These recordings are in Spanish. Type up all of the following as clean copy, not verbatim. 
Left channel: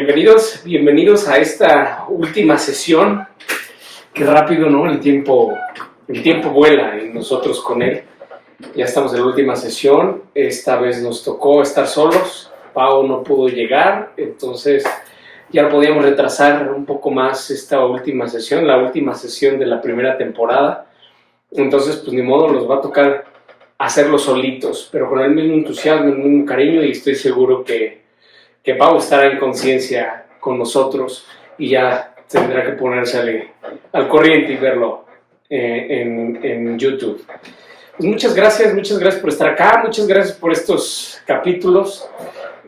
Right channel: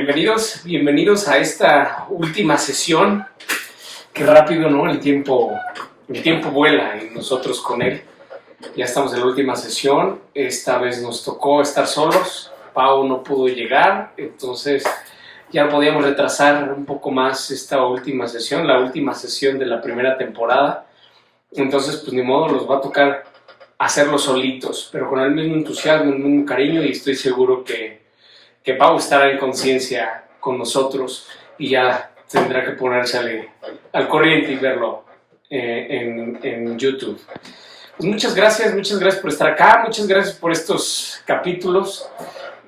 bienvenidos a esta última sesión. Qué rápido, ¿no? El tiempo vuela y nosotros con él. Ya estamos en la última sesión. Esta vez nos tocó estar solos. Pau no pudo llegar, entonces ya podíamos retrasar un poco más esta última sesión, la última sesión de la primera temporada. Entonces, pues ni modo, nos va a tocar hacerlo solitos, pero con el mismo entusiasmo, el mismo cariño, y estoy seguro que Pau estará en conciencia con nosotros y ya tendrá que ponerse al corriente y verlo en YouTube. Pues muchas gracias por estar acá, muchas gracias por estos capítulos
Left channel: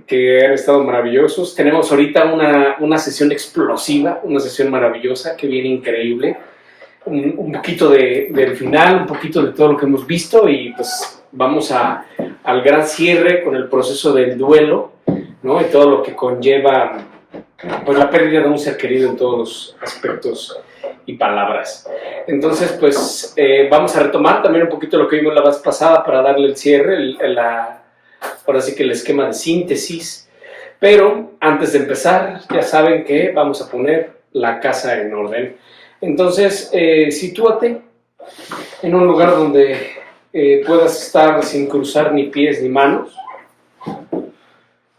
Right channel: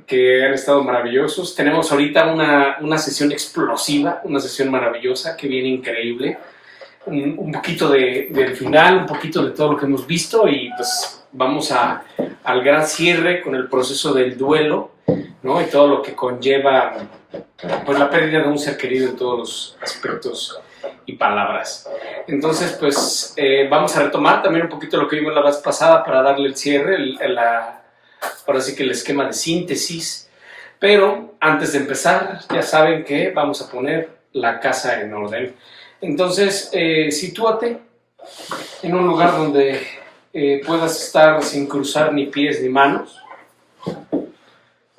que han estado maravillosos. Tenemos ahorita una sesión explosiva, una sesión maravillosa que viene increíble. Un poquito del final, un poquito de todo lo que hemos visto y pues vamos al gran cierre con el proceso del duelo, ¿no? Y todo lo que conlleva pues la pérdida de un ser querido en todos los aspectos y palabras. Entonces, pues vamos a retomar también un poquito lo que vimos la vez pasada para darle el cierre, ahora sí que el esquema de síntesis. Pero antes de empezar, ya saben que vamos a poner la casa en orden. Entonces, sitúate en un lugar donde puedas estar sin cruzar ni pies ni manos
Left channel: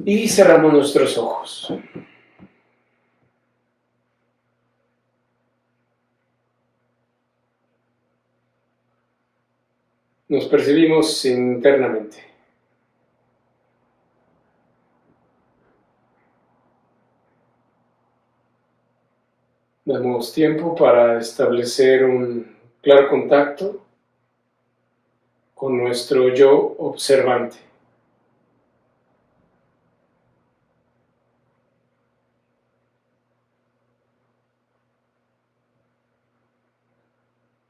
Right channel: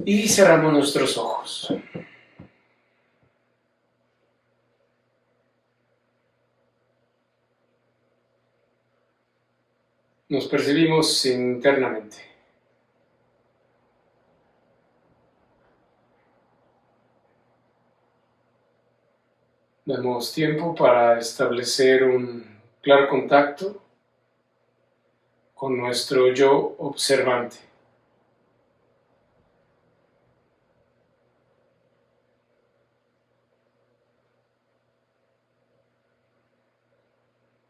y cerramos nuestros ojos. Nos percibimos internamente. Damos tiempo para establecer un claro contacto con nuestro yo observante.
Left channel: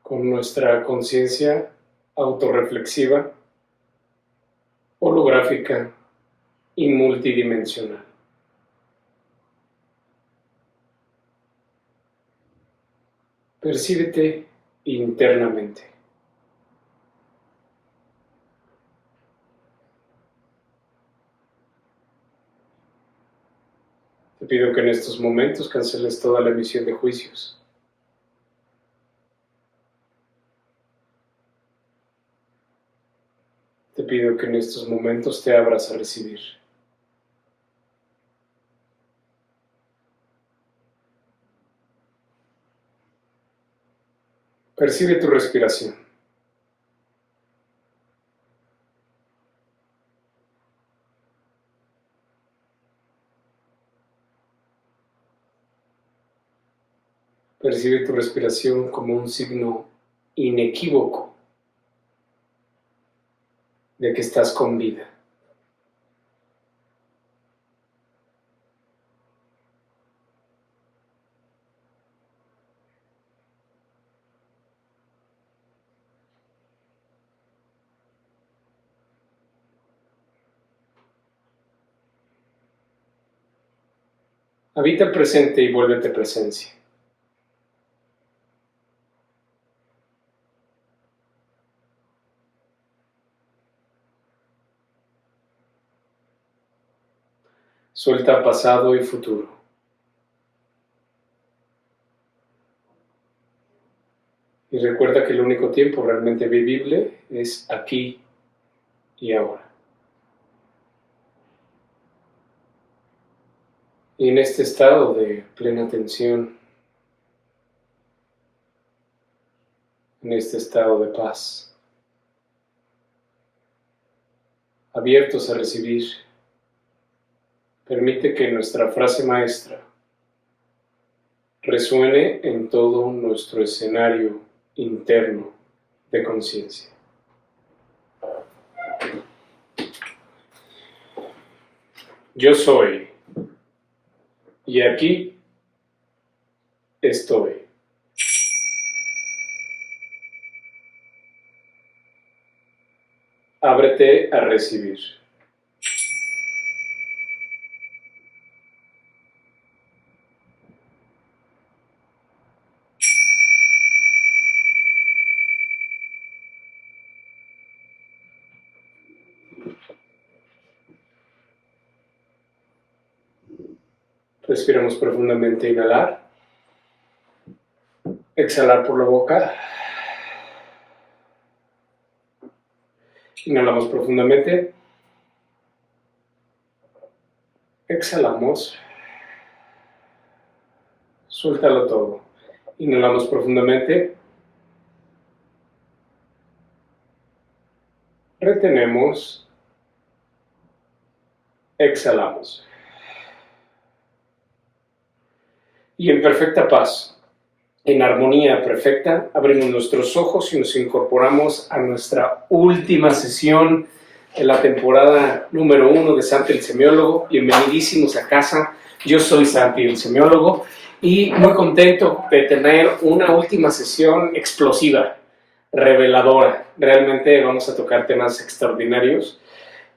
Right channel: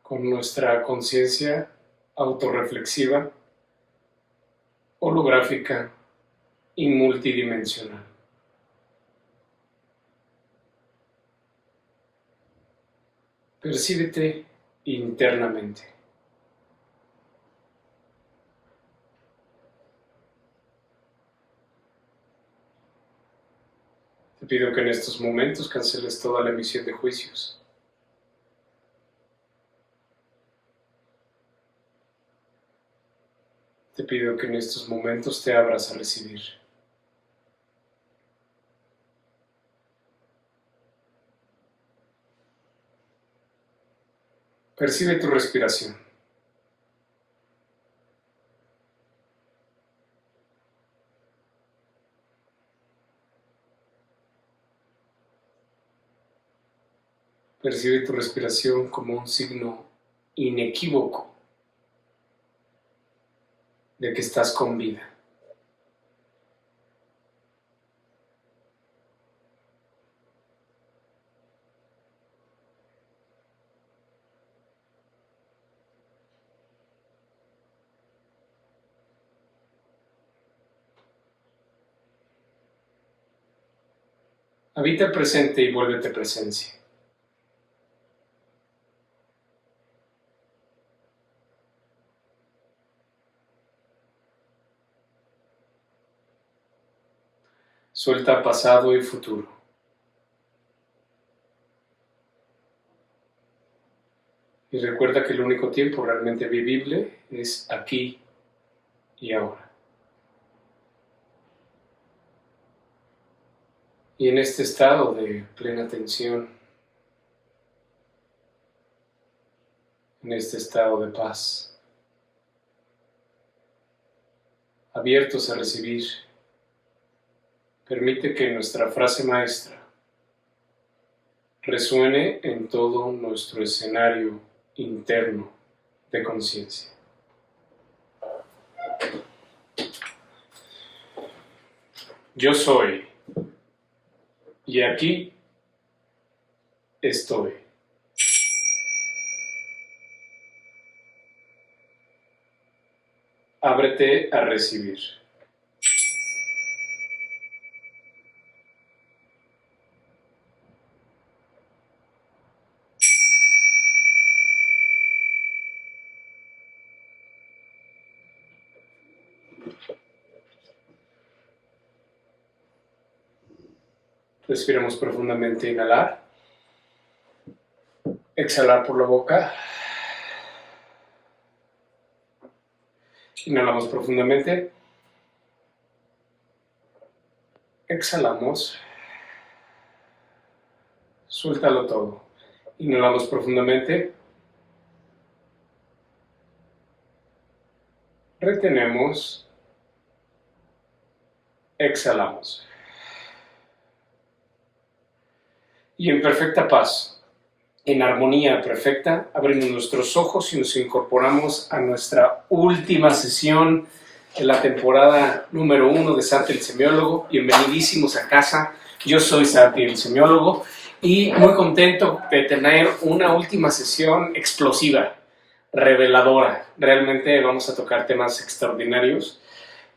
Con nuestra conciencia autorreflexiva, holográfica y multidimensional. Percíbete internamente. Te pido que en estos momentos canceles toda la emisión de juicios. Te pido que en estos momentos te abras a recibir. Percibe tu respiración. Percibe tu respiración como un signo inequívoco de que estás con vida. Habita el presente y vuélvete presencia. Suelta pasado y futuro. Y recuerda que el único tiempo realmente vivible es aquí y ahora. Y en este estado de plena atención, en este estado de paz, abiertos a recibir, permite que nuestra frase maestra resuene en todo nuestro escenario interno de conciencia. Yo soy, y aquí estoy. Ábrete a recibir. Respiramos profundamente, inhalar. Exhalar por la boca. Inhalamos profundamente. Exhalamos. Suéltalo todo. Inhalamos profundamente. Retenemos. Exhalamos. Y en perfecta paz, en armonía perfecta, abrimos nuestros ojos y nos incorporamos a nuestra última sesión de la temporada número 1 de Santi el Semiólogo. Bienvenidísimos a casa. Yo soy Santi el Semiólogo y muy contento de tener una última sesión explosiva, reveladora. Realmente vamos a tocar temas extraordinarios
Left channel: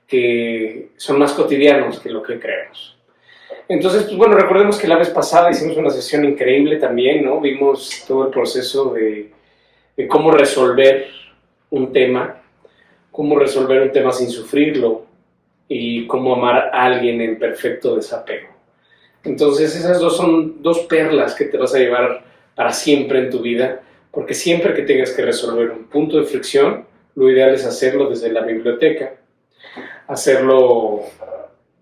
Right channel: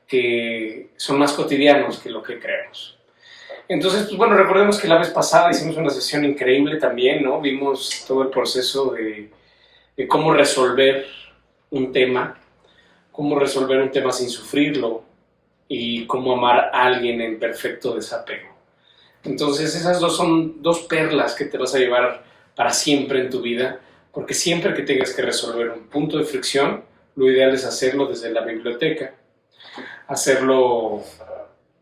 que son más cotidianos que lo que creemos. Entonces, pues bueno, recordemos que la vez pasada hicimos una sesión increíble también, ¿no? Vimos todo el proceso de cómo resolver un tema sin sufrirlo y cómo amar a alguien en perfecto desapego. Entonces, esas son dos perlas que te vas a llevar para siempre en tu vida, porque siempre que tengas que resolver un punto de fricción, lo ideal es hacerlo desde la biblioteca, hacerlo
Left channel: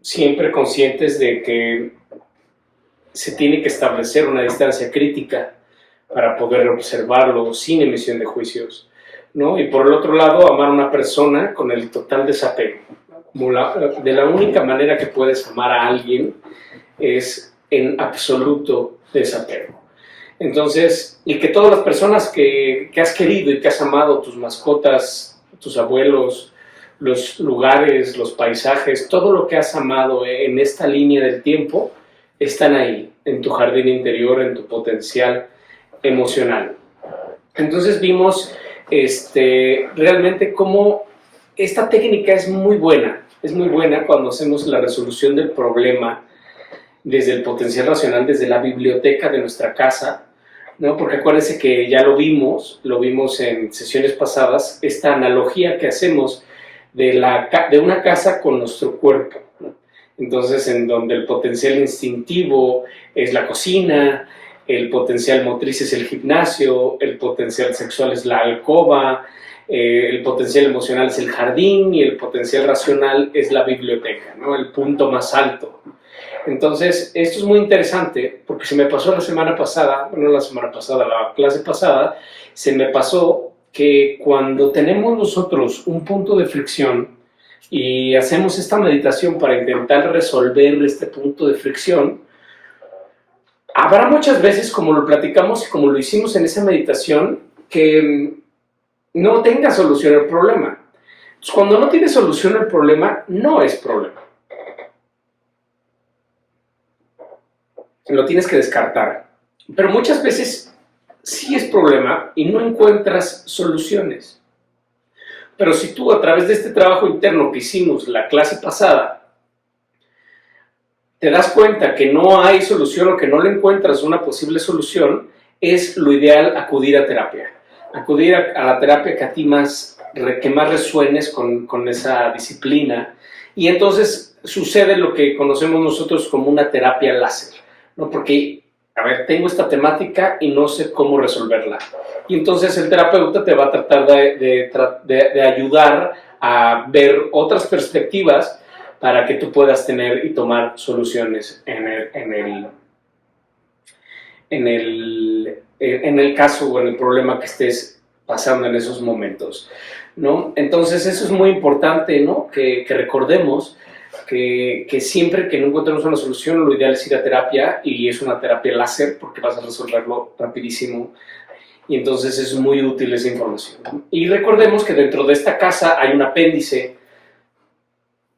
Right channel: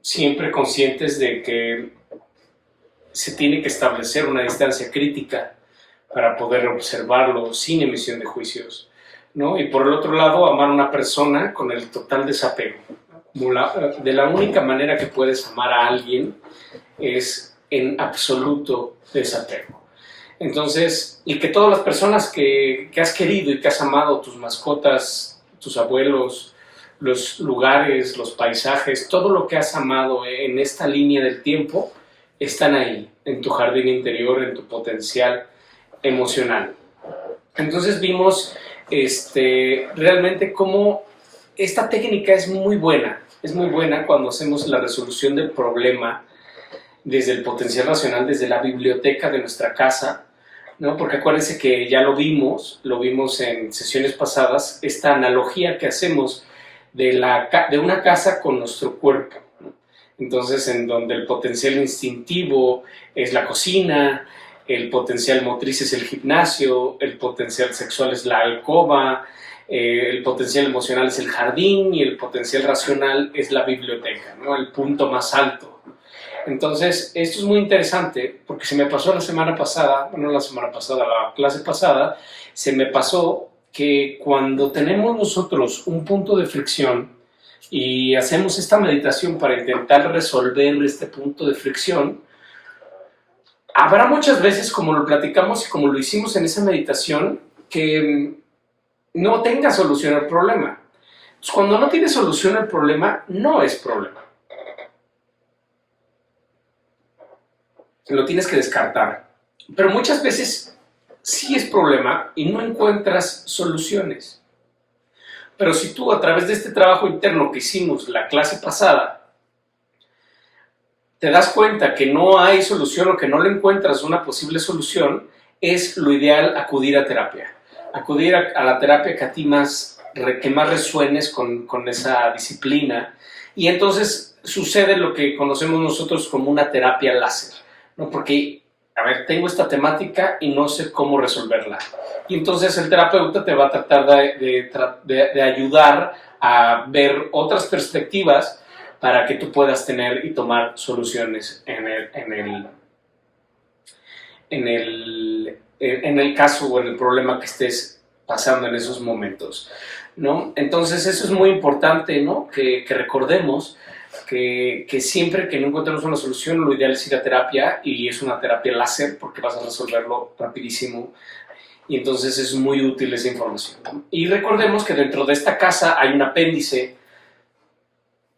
siempre conscientes de que se tiene que establecer una distancia crítica para poder observarlo sin emisión de juicios, ¿no? Y por el otro lado, amar a una persona con el total desapego. De la única manera que puedes amar a alguien es en absoluto desapego. Entonces, y que todas las personas que has querido y que has amado, tus mascotas, tus abuelos, los lugares, los paisajes, todo lo que has amado en esta línea del tiempo, están ahí, en tu jardín interior, en tu potencial emocional. Entonces vimos realmente cómo esta técnica es muy buena cuando hacemos la resolución del problema desde el potencial racional, desde la biblioteca de nuestra casa, ¿no? Porque acuérdense que ya lo vimos en sesiones pasadas, esta analogía que hacemos de una casa con nuestro cuerpo, ¿no? Entonces, en donde el potencial instintivo es la cocina, el potencial motriz es el gimnasio, el potencial sexual es la alcoba, el potencial emocional es el jardín y el potencial racional es la biblioteca, ¿no? El punto más alto. Entonces, esto es muy interesante porque se me pasó la clase pasada, se me pasó que cuando tenemos nosotros un punto de fricción y hacemos esta meditación para intentar resolver este punto de fricción, habrá muchas veces, como lo platicamos y como lo hicimos en esa meditación, que no tenga solución al problema. Entonces, cuando no tiene solución al problema, no es problema. Lo tienes que descartar. Pero muchas veces sí es problema y no encuentras soluciones. Pero si tú, a través de este trabajo interno que hicimos la clase pasada, te das cuenta que no hay solución o que no le encuentras una posible solución, es lo ideal acudir a terapia. Acudir a la terapia que a ti que más resuenes con esa disciplina. Y entonces sucede lo que conocemos nosotros como una terapia láser, ¿no? Porque, a ver, tengo esta temática y no sé cómo resolverla. Y entonces el terapeuta te va a tratar de ayudar a ver otras perspectivas para que tú puedas tener y tomar soluciones en el caso o en el problema que estés pasando en esos momentos, ¿no? Entonces eso es muy importante, ¿no? Que recordemos que siempre que no encontremos una solución, lo ideal es ir a terapia, y es una terapia láser porque vas a resolverlo rapidísimo, y entonces es muy útil esa información. Y recordemos que dentro de esta casa hay un apéndice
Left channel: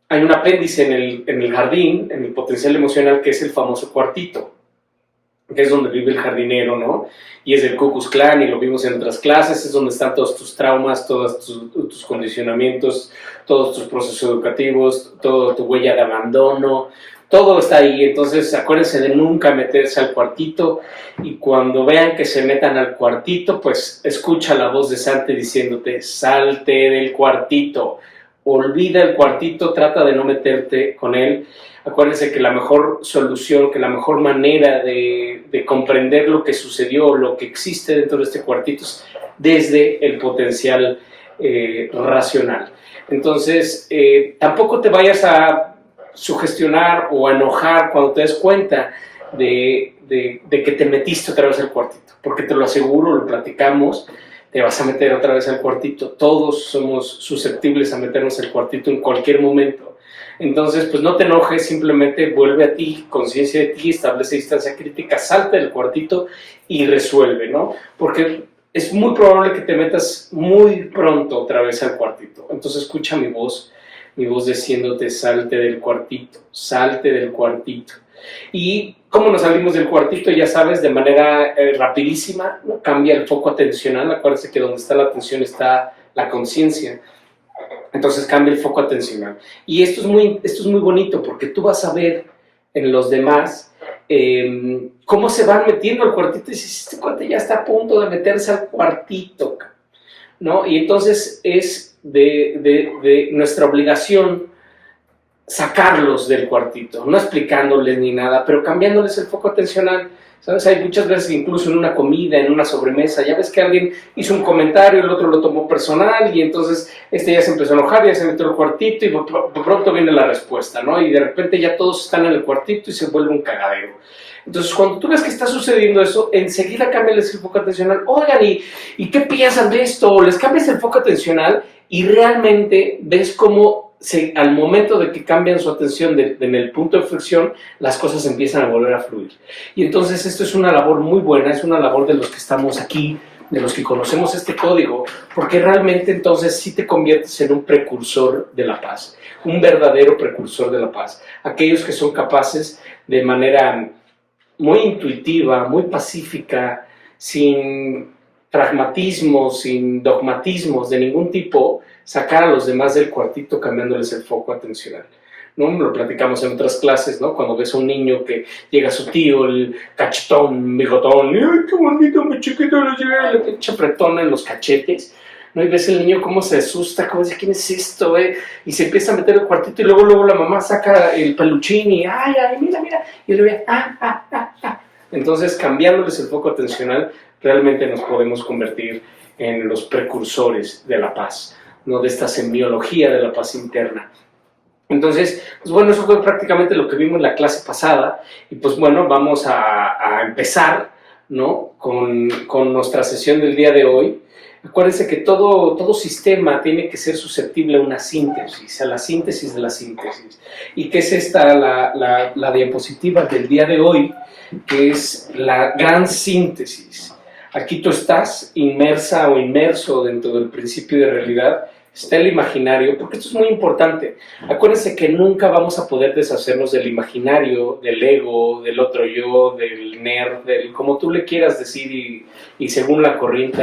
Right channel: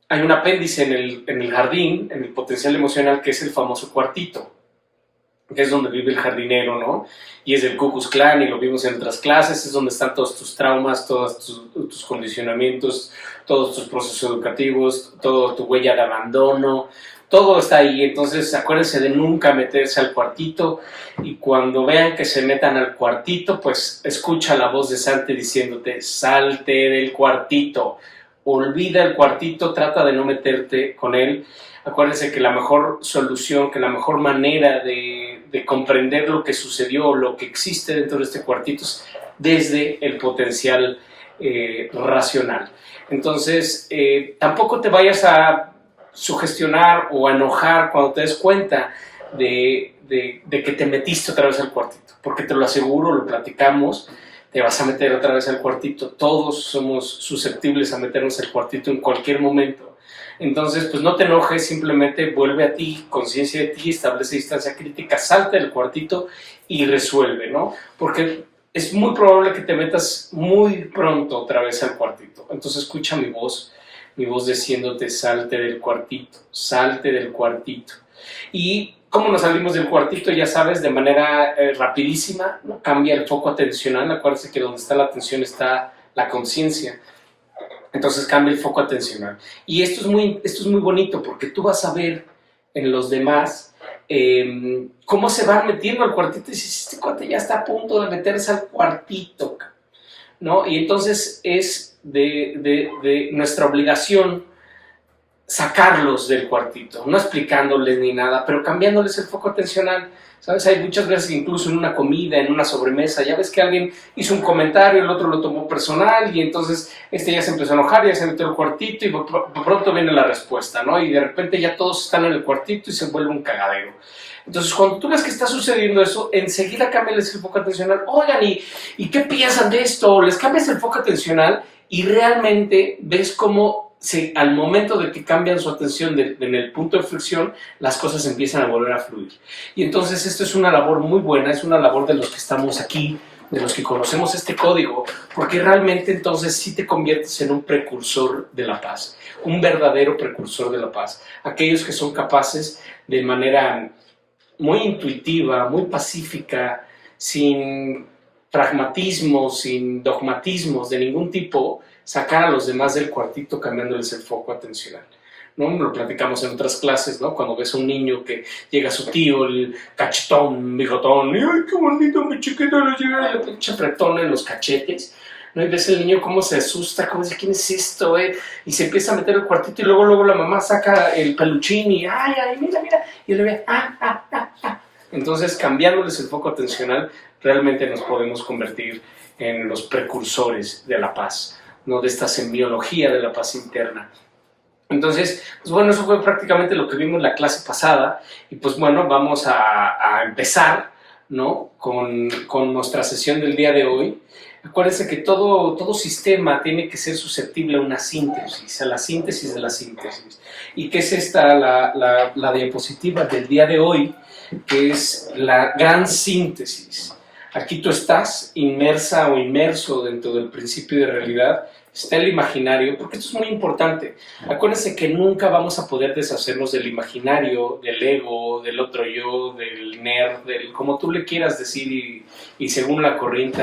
en el jardín, en el potencial emocional, que es el famoso cuartito, que es donde vive el jardinero, ¿no? Y es del Ku Klux Klan, y lo vimos en otras clases, es donde están todos tus traumas, todos tus condicionamientos, todos tus procesos educativos, toda tu huella de abandono, todo está ahí. Entonces acuérdense de nunca meterse al cuartito, y cuando vean que se metan al cuartito, pues escucha la voz de Santi diciéndote: salte del cuartito, olvida el cuartito, trata de no meterte con él. Acuérdense que la mejor solución, que la mejor manera de comprender lo que sucedió, lo que existe dentro de este cuartito es desde el potencial racional. Entonces, tampoco te vayas a sugestionar o a enojar cuando te des cuenta de que te metiste otra vez al cuartito, porque te lo aseguro, lo platicamos, te vas a meter otra vez al cuartito. Todos somos susceptibles a meternos al cuartito en cualquier momento. Entonces, pues no te enojes, simplemente vuelve a ti, conciencia de ti, establece distancia crítica, salte del cuartito y resuelve, ¿no? Porque es muy probable que te metas muy pronto otra vez al cuartito. Entonces escucha mi voz diciéndote salte del cuartito, salte del cuartito. Y cómo nos salimos del cuartito, ya sabes, de manera rapidísima, ¿no? Cambia el foco atencional. Acuérdense que donde está la atención está la conciencia. Entonces cambia el foco atencional. Y esto es muy bonito porque tú vas a ver en los demás cómo se van metiendo al cuartito y dices, este cuate ya está a punto de meterse al cuartito, ¿no? Y entonces es de nuestra obligación sacarlos del cuartito, no explicándoles ni nada, pero cambiándoles el foco atencional. ¿Sabes? Hay muchas veces, incluso en una comida, en una sobremesa, ya ves que alguien hizo un comentario, el otro lo tomó personal y entonces ya se empezó a enojar, ya se metió al cuartito y de pronto viene la respuesta, ¿no? Y de repente ya todos están en el cuartito y se vuelve un cagadero. Entonces, cuando tú ves que está sucediendo eso, enseguida cámbiales el foco atencional. Oigan, ¿y qué piensan de esto? Les cambias el foco atencional y realmente ves cómo al momento de que cambian su atención en el punto de fricción, las cosas empiezan a volver a fluir. Y entonces esto es una labor muy buena, es una labor de los que estamos aquí, de los que conocemos este código, porque realmente entonces sí te conviertes en un precursor de la paz, un verdadero precursor de la paz. Aquellos que son capaces de manera muy intuitiva, muy pacífica, sin pragmatismos, sin dogmatismos de ningún tipo, sacar a los demás del cuartito cambiándoles el foco atencional, ¿no? Lo platicamos en otras clases, ¿no? Cuando ves a un niño que llega su tío, el cachetón, bigotón, ¡ay, qué bonito, mi chiquito! Le llega la pinche apretona en los cachetes, ¿no? Y ves el niño cómo se asusta, cómo dice, ¿quién es esto, Y se empieza a meter al cuartito y luego la mamá saca el peluchín y, ¡ay, mira! Y le ve, ¡ah! Entonces, cambiándoles el foco atencional, realmente nos podemos convertir en los precursores de la paz, ¿no? De esta semiología de la paz interna. Entonces, pues bueno, eso fue prácticamente lo que vimos en la clase pasada y pues bueno, vamos a empezar, ¿no? con nuestra sesión del día de hoy. Acuérdense que todo sistema tiene que ser susceptible a una síntesis, a la síntesis de la síntesis. ¿Y qué es esta, la diapositiva del día de hoy? Que es la gran síntesis. Aquí tú estás inmersa o inmerso dentro del principio de realidad, está el imaginario, porque esto es muy importante. Acuérdense que nunca vamos a poder deshacernos del imaginario, del ego, del otro yo, del nerd, como tú le quieras decir y según la corriente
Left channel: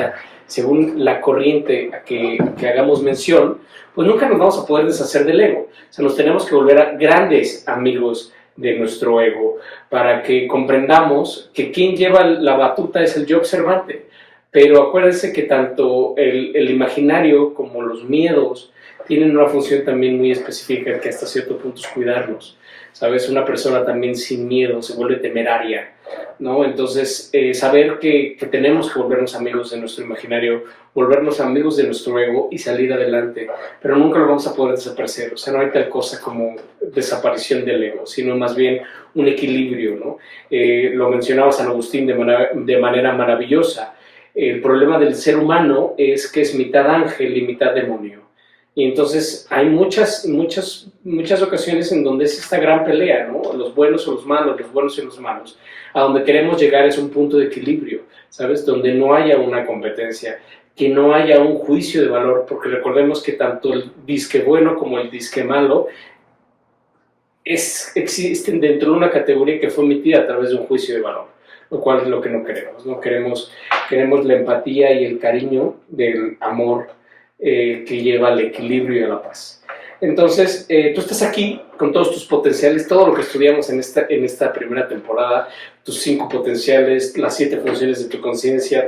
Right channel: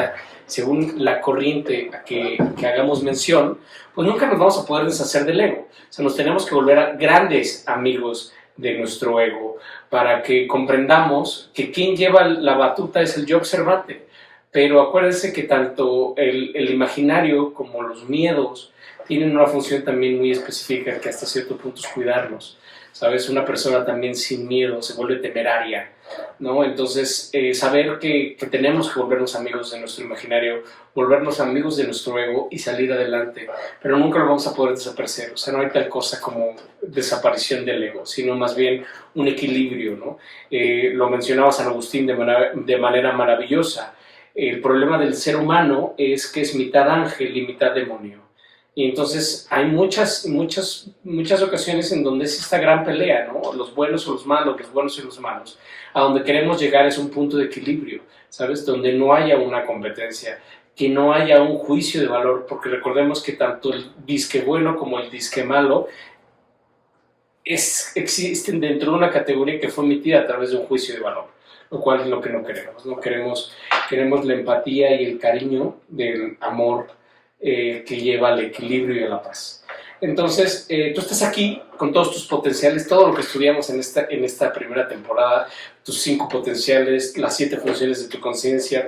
a que hagamos mención, pues nunca nos vamos a poder deshacer del ego. O sea, nos tenemos que volver a grandes amigos de nuestro ego para que comprendamos que quien lleva la batuta es el yo observante. Pero acuérdense que tanto el imaginario como los miedos tienen una función también muy específica que hasta cierto punto es cuidarnos. ¿Sabes? Una persona también sin miedo se vuelve temeraria, ¿no? Entonces, saber que tenemos que volvernos amigos de nuestro imaginario, volvernos amigos de nuestro ego y salir adelante, pero nunca lo vamos a poder desaparecer. O sea, no hay tal cosa como desaparición del ego, sino más bien un equilibrio, ¿no? Lo mencionaba San Agustín de manera maravillosa. El problema del ser humano es que es mitad ángel y mitad demonio. Y entonces hay muchas ocasiones en donde es esta gran pelea, ¿no? Los buenos o los malos, los buenos y los malos. A donde queremos llegar es un punto de equilibrio, ¿sabes? Donde no haya una competencia, que no haya un juicio de valor, porque recordemos que tanto el disque bueno como el disque malo existen dentro de una categoría que fue emitida a través de un juicio de valor, lo cual es lo que no queremos, ¿no? Queremos la empatía y el cariño del amor que lleva al equilibrio y a la paz. Entonces, tú estás aquí con todos tus potenciales, todo lo que estudiamos en esta primera temporada, tus 5 potenciales, las 7 funciones de tu conciencia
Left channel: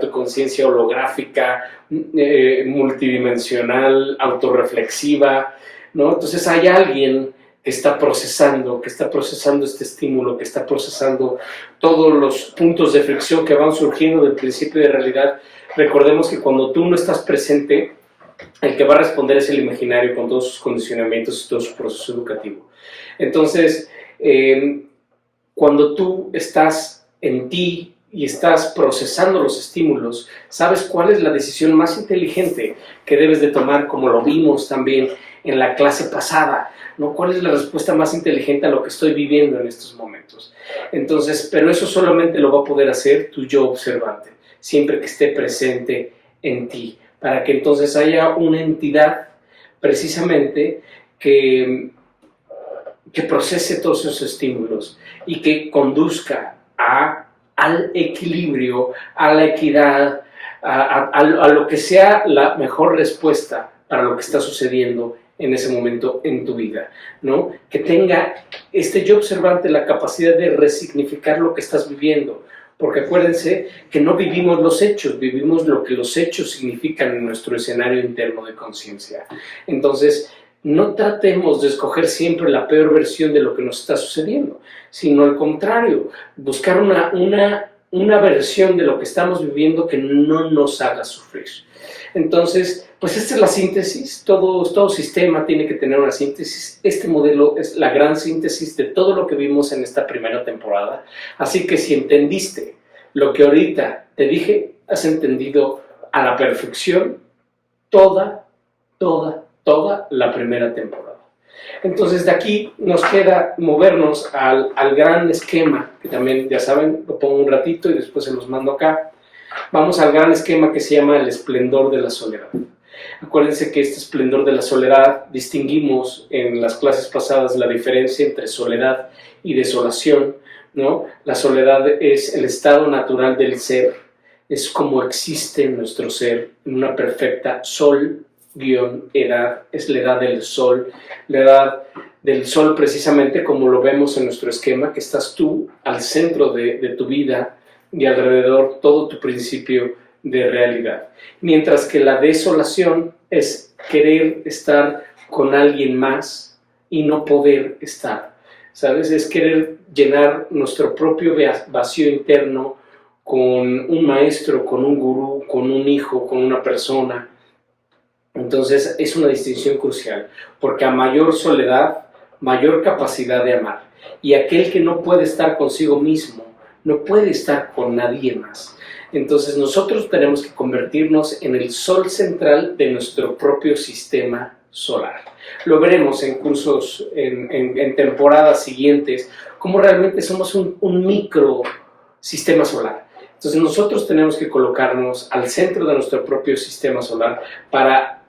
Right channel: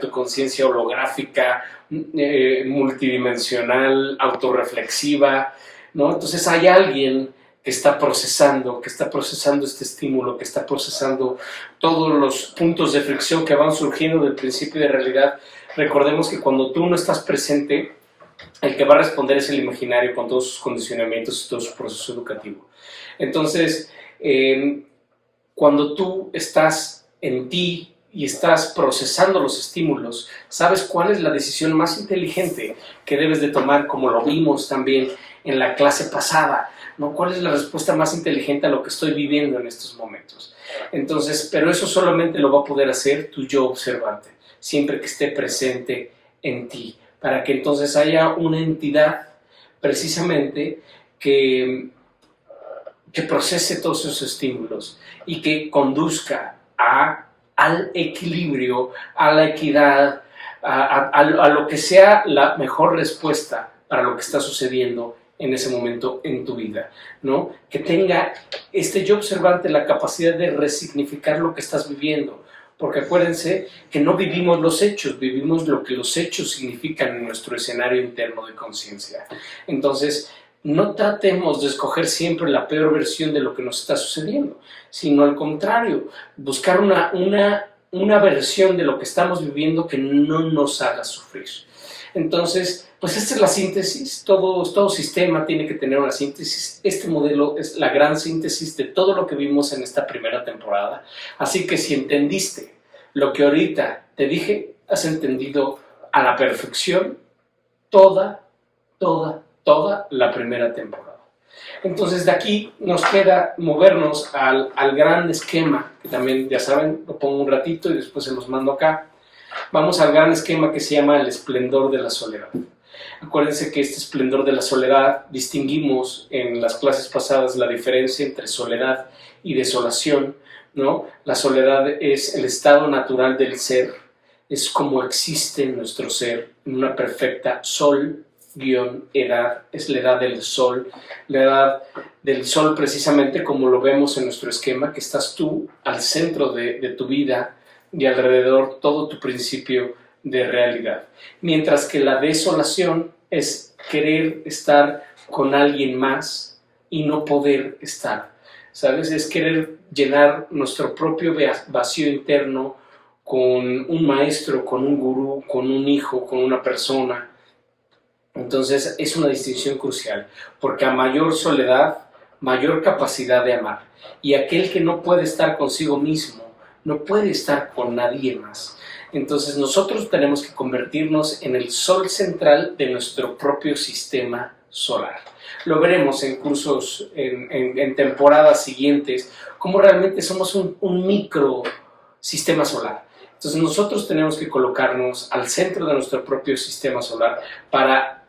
holográfica, multidimensional, autorreflexiva, ¿no? Entonces hay alguien que está procesando este estímulo, que está procesando todos los puntos de fricción que van surgiendo del principio de realidad. Recordemos que cuando tú no estás presente, el que va a responder es el imaginario con todos sus condicionamientos y todo su proceso educativo. Entonces, cuando tú estás en ti y estás procesando los estímulos, sabes cuál es la decisión más inteligente que debes de tomar, como lo vimos también en la clase pasada, ¿no? ¿Cuál es la respuesta más inteligente a lo que estoy viviendo en estos momentos? Entonces, pero eso solamente lo va a poder hacer tu yo observante, siempre que esté presente en ti, para que entonces haya una entidad precisamente que procese todos esos estímulos y que conduzca al equilibrio, a la equidad, a lo que sea la mejor respuesta para lo que está sucediendo en ese momento en tu vida, ¿no? Que tenga este yo observante la capacidad de resignificar lo que estás viviendo, porque acuérdense que no vivimos los hechos, vivimos lo que los hechos significan en nuestro escenario interno de conciencia. Entonces, no tratemos de escoger siempre la peor versión de lo que nos está sucediendo, sino al contrario, buscar una versión de lo que estamos viviendo que no nos haga sufrir. Entonces, pues esta es la síntesis, todo sistema tiene que tener una síntesis. Este modelo es la gran síntesis de todo lo que vimos en esta primera temporada. Así que si entendiste lo que ahorita te dije, has entendido a la perfección toda la primera temporada. Entonces de aquí nos queda movernos al gran esquema, que también ya saben, lo pongo un ratito y después se los mando acá. Vamos al gran esquema que se llama el esplendor de la soledad. Acuérdense que este esplendor de la soledad, distinguimos en las clases pasadas la diferencia entre soledad y desolación, ¿no? La soledad es el estado natural del ser, es como existe nuestro ser en una perfecta sol-edad, es la edad del sol, la edad del sol precisamente como lo vemos en nuestro esquema, que estás tú al centro de tu vida y alrededor todo tu principio de realidad. Mientras que la desolación es querer estar con alguien más y no poder estar, ¿sabes? Es querer llenar nuestro propio vacío interno con un maestro, con un gurú, con un hijo, con una persona. Entonces es una distinción crucial, porque a mayor soledad, mayor capacidad de amar. Y aquel que no puede estar consigo mismo, no puede estar con nadie más. Entonces nosotros tenemos que convertirnos en el sol central de nuestro propio sistema solar. Lo veremos en cursos, en temporadas siguientes, cómo realmente somos un micro sistema solar. Entonces nosotros tenemos que colocarnos al centro de nuestro propio sistema solar para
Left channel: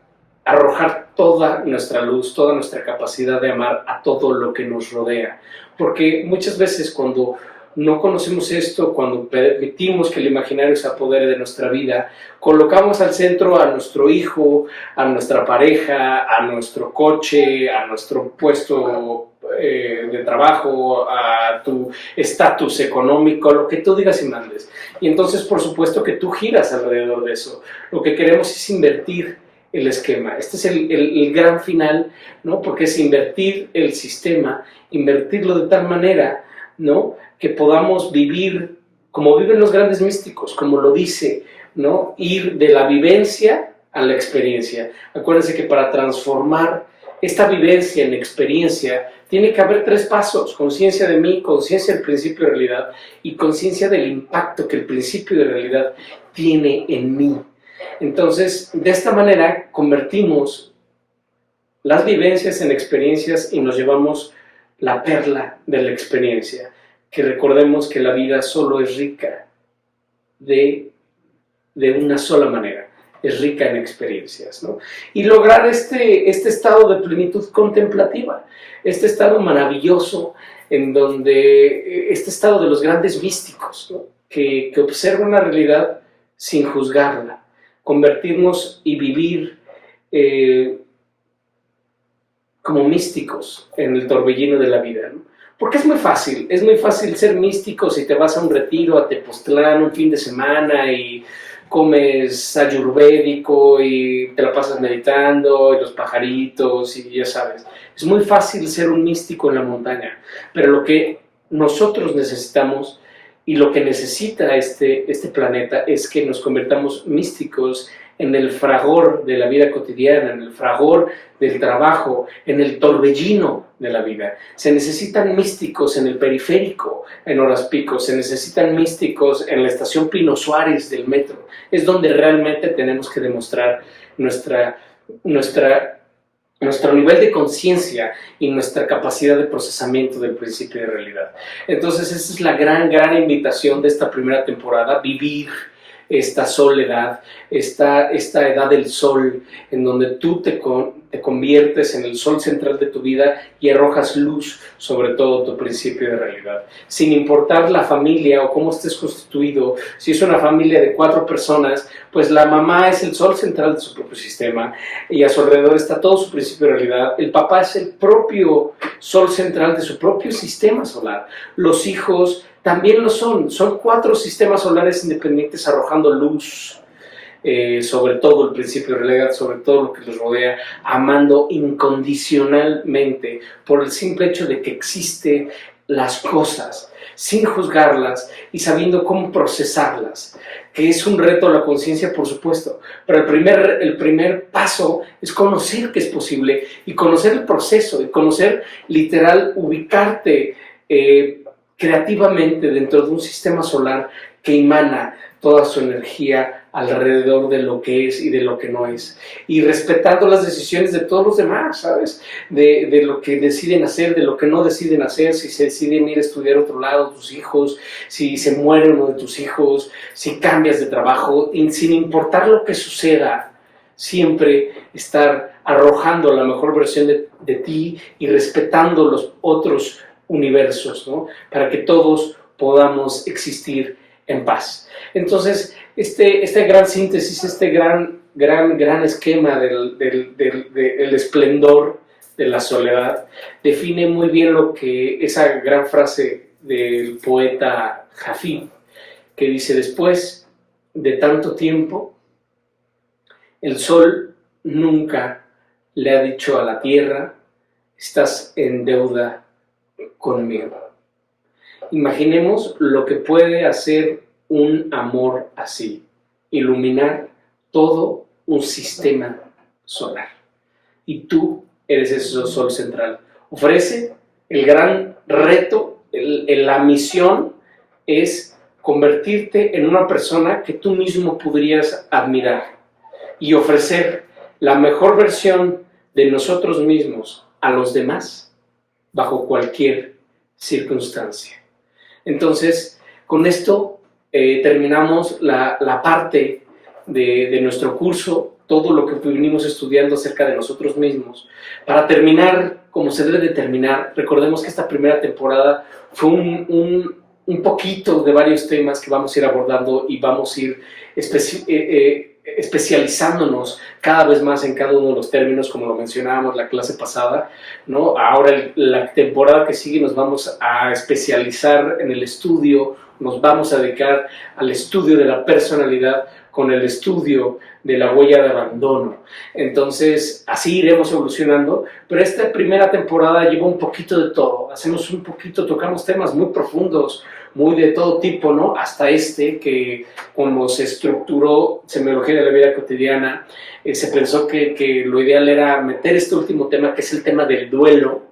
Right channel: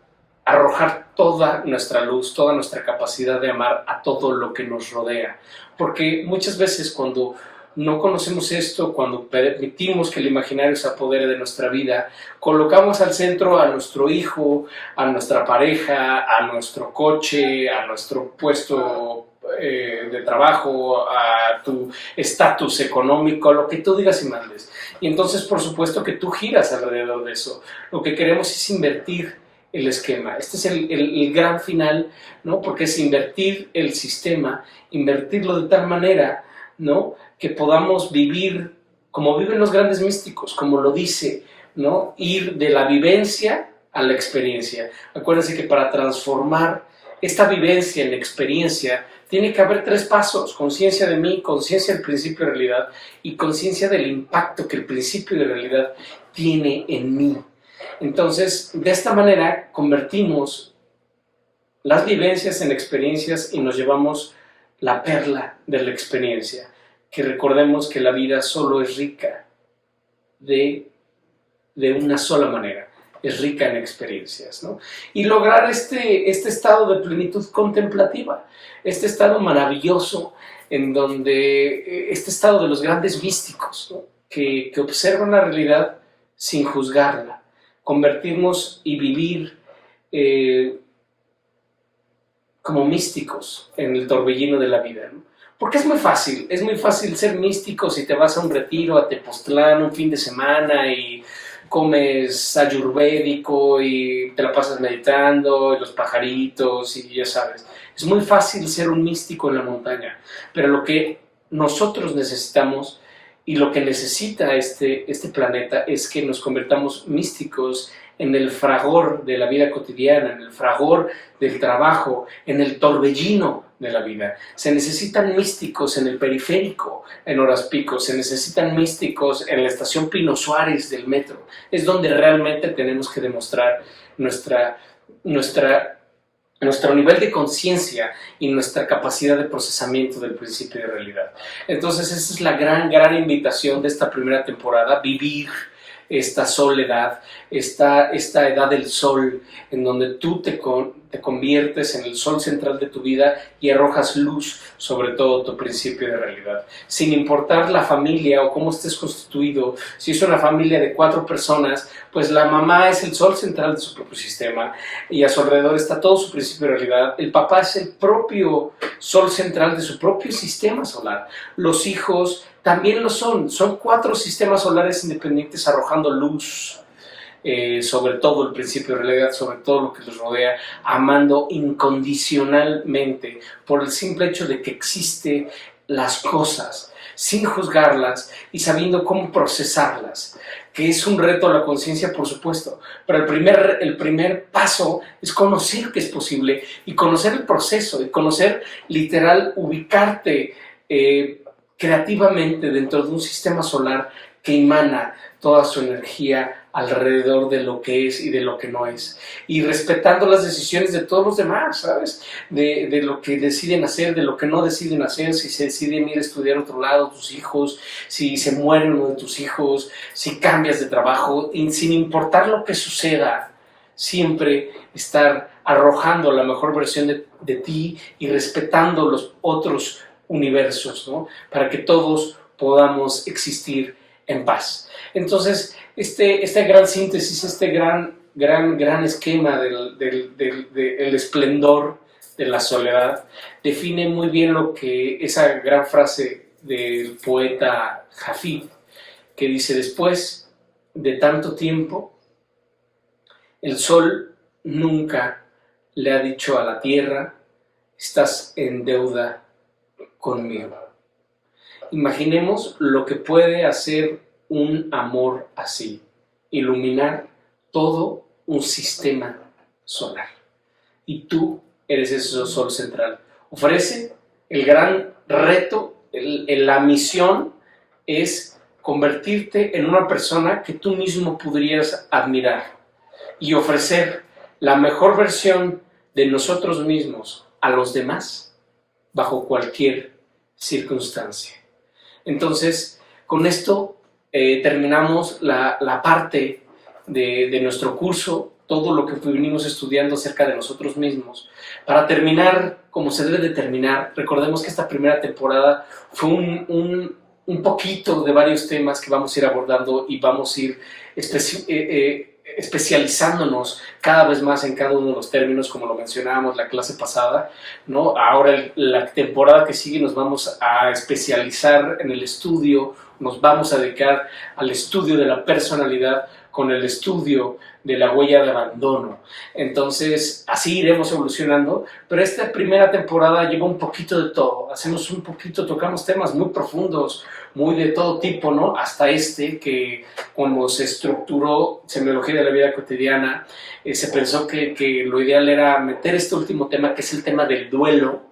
arrojar toda nuestra luz, toda nuestra capacidad de amar a todo lo que nos rodea. Porque muchas veces cuando no conocemos esto, cuando permitimos que el imaginario se apodere de nuestra vida, colocamos al centro a nuestro hijo, a nuestra pareja, a nuestro coche, a nuestro puesto de trabajo, a tu estatus económico, lo que tú digas y mandes. Y entonces, por supuesto que tú giras alrededor de eso. Lo que queremos es invertir el esquema. Este es el gran final, ¿no? Porque es invertir el sistema, invertirlo de tal manera, ¿no?, que podamos vivir como viven los grandes místicos, como lo dice, ¿no?, ir de la vivencia a la experiencia. Acuérdense que para transformar esta vivencia en experiencia tiene que haber 3 pasos: conciencia de mí, conciencia del principio de realidad y conciencia del impacto que el principio de realidad tiene en mí. Entonces, de esta manera convertimos las vivencias en experiencias y nos llevamos la perla de la experiencia. Que recordemos que la vida solo es rica de una sola manera, es rica en experiencias, ¿no? Y lograr este estado de plenitud contemplativa, este estado maravilloso en donde, este estado de los grandes místicos, ¿no?, que observan la realidad sin juzgarla, convertirnos y vivir como místicos en el torbellino de la vida, ¿no? Porque es muy fácil ser místico si te vas a un retiro a Tepoztlán un fin de semana y comes ayurvédico y te la pasas meditando y los pajaritos y ya sabes. Es muy fácil ser un místico en la montaña, pero lo que nosotros necesitamos y lo que necesita este planeta es que nos convertamos místicos en el fragor de la vida cotidiana, en el fragor del trabajo, en el torbellino de la vida. Se necesitan místicos en el periférico, en horas pico, se necesitan místicos en la estación Pino Suárez del metro. Es donde realmente tenemos que demostrar nuestro nivel de conciencia y nuestra capacidad de procesamiento del principio de realidad. Entonces esa es la gran invitación de esta primera temporada, vivir esta soledad, esta edad del sol, en donde tú te conviertes en el sol central de tu vida y arrojas luz sobre todo tu principio de realidad. Sin importar la familia o cómo estés constituido, si es una familia de 4 personas, pues la mamá es el sol central de su propio sistema y a su alrededor está todo su principio de realidad. El papá es el propio sol central de su propio sistema solar. Los hijos también lo son 4 sistemas solares independientes arrojando luz sobre todo el principio de realidad, sobre todo lo que los rodea, amando incondicionalmente por el simple hecho de que existen las cosas, sin juzgarlas y sabiendo cómo procesarlas, que es un reto a la conciencia, por supuesto, pero el primer paso es conocer que es posible y conocer el proceso y conocer, literal, ubicarte creativamente dentro de un sistema solar que emana toda su energía alrededor de lo que es y de lo que no es, y respetando las decisiones de todos los demás, ¿sabes? De lo que deciden hacer, de lo que no deciden hacer, si se deciden ir a estudiar a otro lado tus hijos, si se muere uno de tus hijos, si cambias de trabajo, y sin importar lo que suceda, siempre estar arrojando la mejor versión de ti y respetando los otros universos, ¿no? Para que todos podamos existir en paz. Entonces, esta gran síntesis, este gran esquema del esplendor de la soledad, define muy bien lo que esa gran frase del poeta Hafid, que dice: después de tanto tiempo, el sol nunca le ha dicho a la tierra, estás en deuda conmigo. Imaginemos lo que puede hacer un amor así, iluminar todo un sistema solar. Y tú eres ese sol central. Ofrece el gran reto, la misión es convertirte en una persona que tú mismo podrías admirar y ofrecer la mejor versión de nosotros mismos a los demás bajo cualquier circunstancia. Entonces, con esto terminamos la parte de nuestro curso, todo lo que venimos estudiando acerca de nosotros mismos. Para terminar, como se debe de terminar, recordemos que esta primera temporada fue un poquito de varios temas que vamos a ir abordando y vamos a ir especializándonos cada vez más en cada uno de los términos, como lo mencionábamos la clase pasada, ¿no? Ahora la temporada que sigue nos vamos a especializar en el estudio, nos vamos a dedicar al estudio de la personalidad con el estudio de la huella de abandono. Entonces, así iremos evolucionando, pero esta primera temporada lleva un poquito de todo. Hacemos un poquito, tocamos temas muy profundos, muy de todo tipo, ¿no? Hasta que cuando se estructuró Semiología de la Vida Cotidiana, se pensó que lo ideal era meter este último tema, que es el tema del duelo,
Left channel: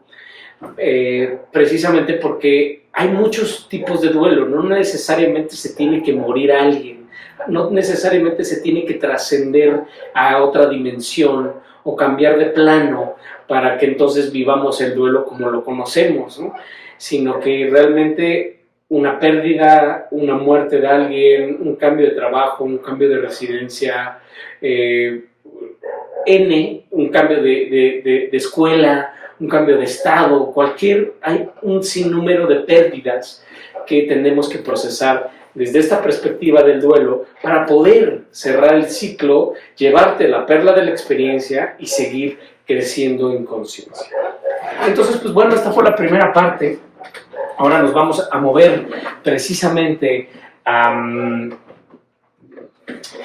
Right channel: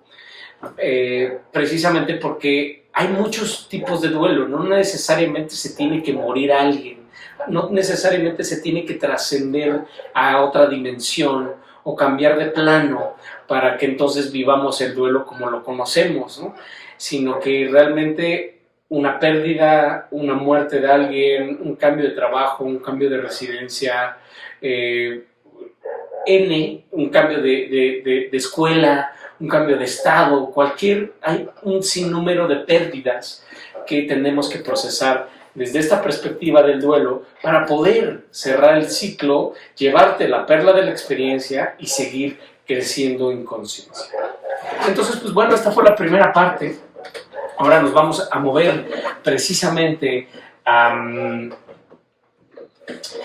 precisamente porque hay muchos tipos de duelo. No necesariamente se tiene que morir alguien, no necesariamente se tiene que trascender a otra dimensión o cambiar de plano para que entonces vivamos el duelo como lo conocemos, ¿no? Sino que realmente una pérdida, una muerte de alguien, un cambio de trabajo, un cambio de residencia, un cambio de escuela, un cambio de estado, hay un sinnúmero de pérdidas que tenemos que procesar desde esta perspectiva del duelo para poder cerrar el ciclo, llevarte la perla de la experiencia y seguir creciendo en conciencia. Entonces, pues bueno, esta fue la primera parte. Ahora nos vamos a mover precisamente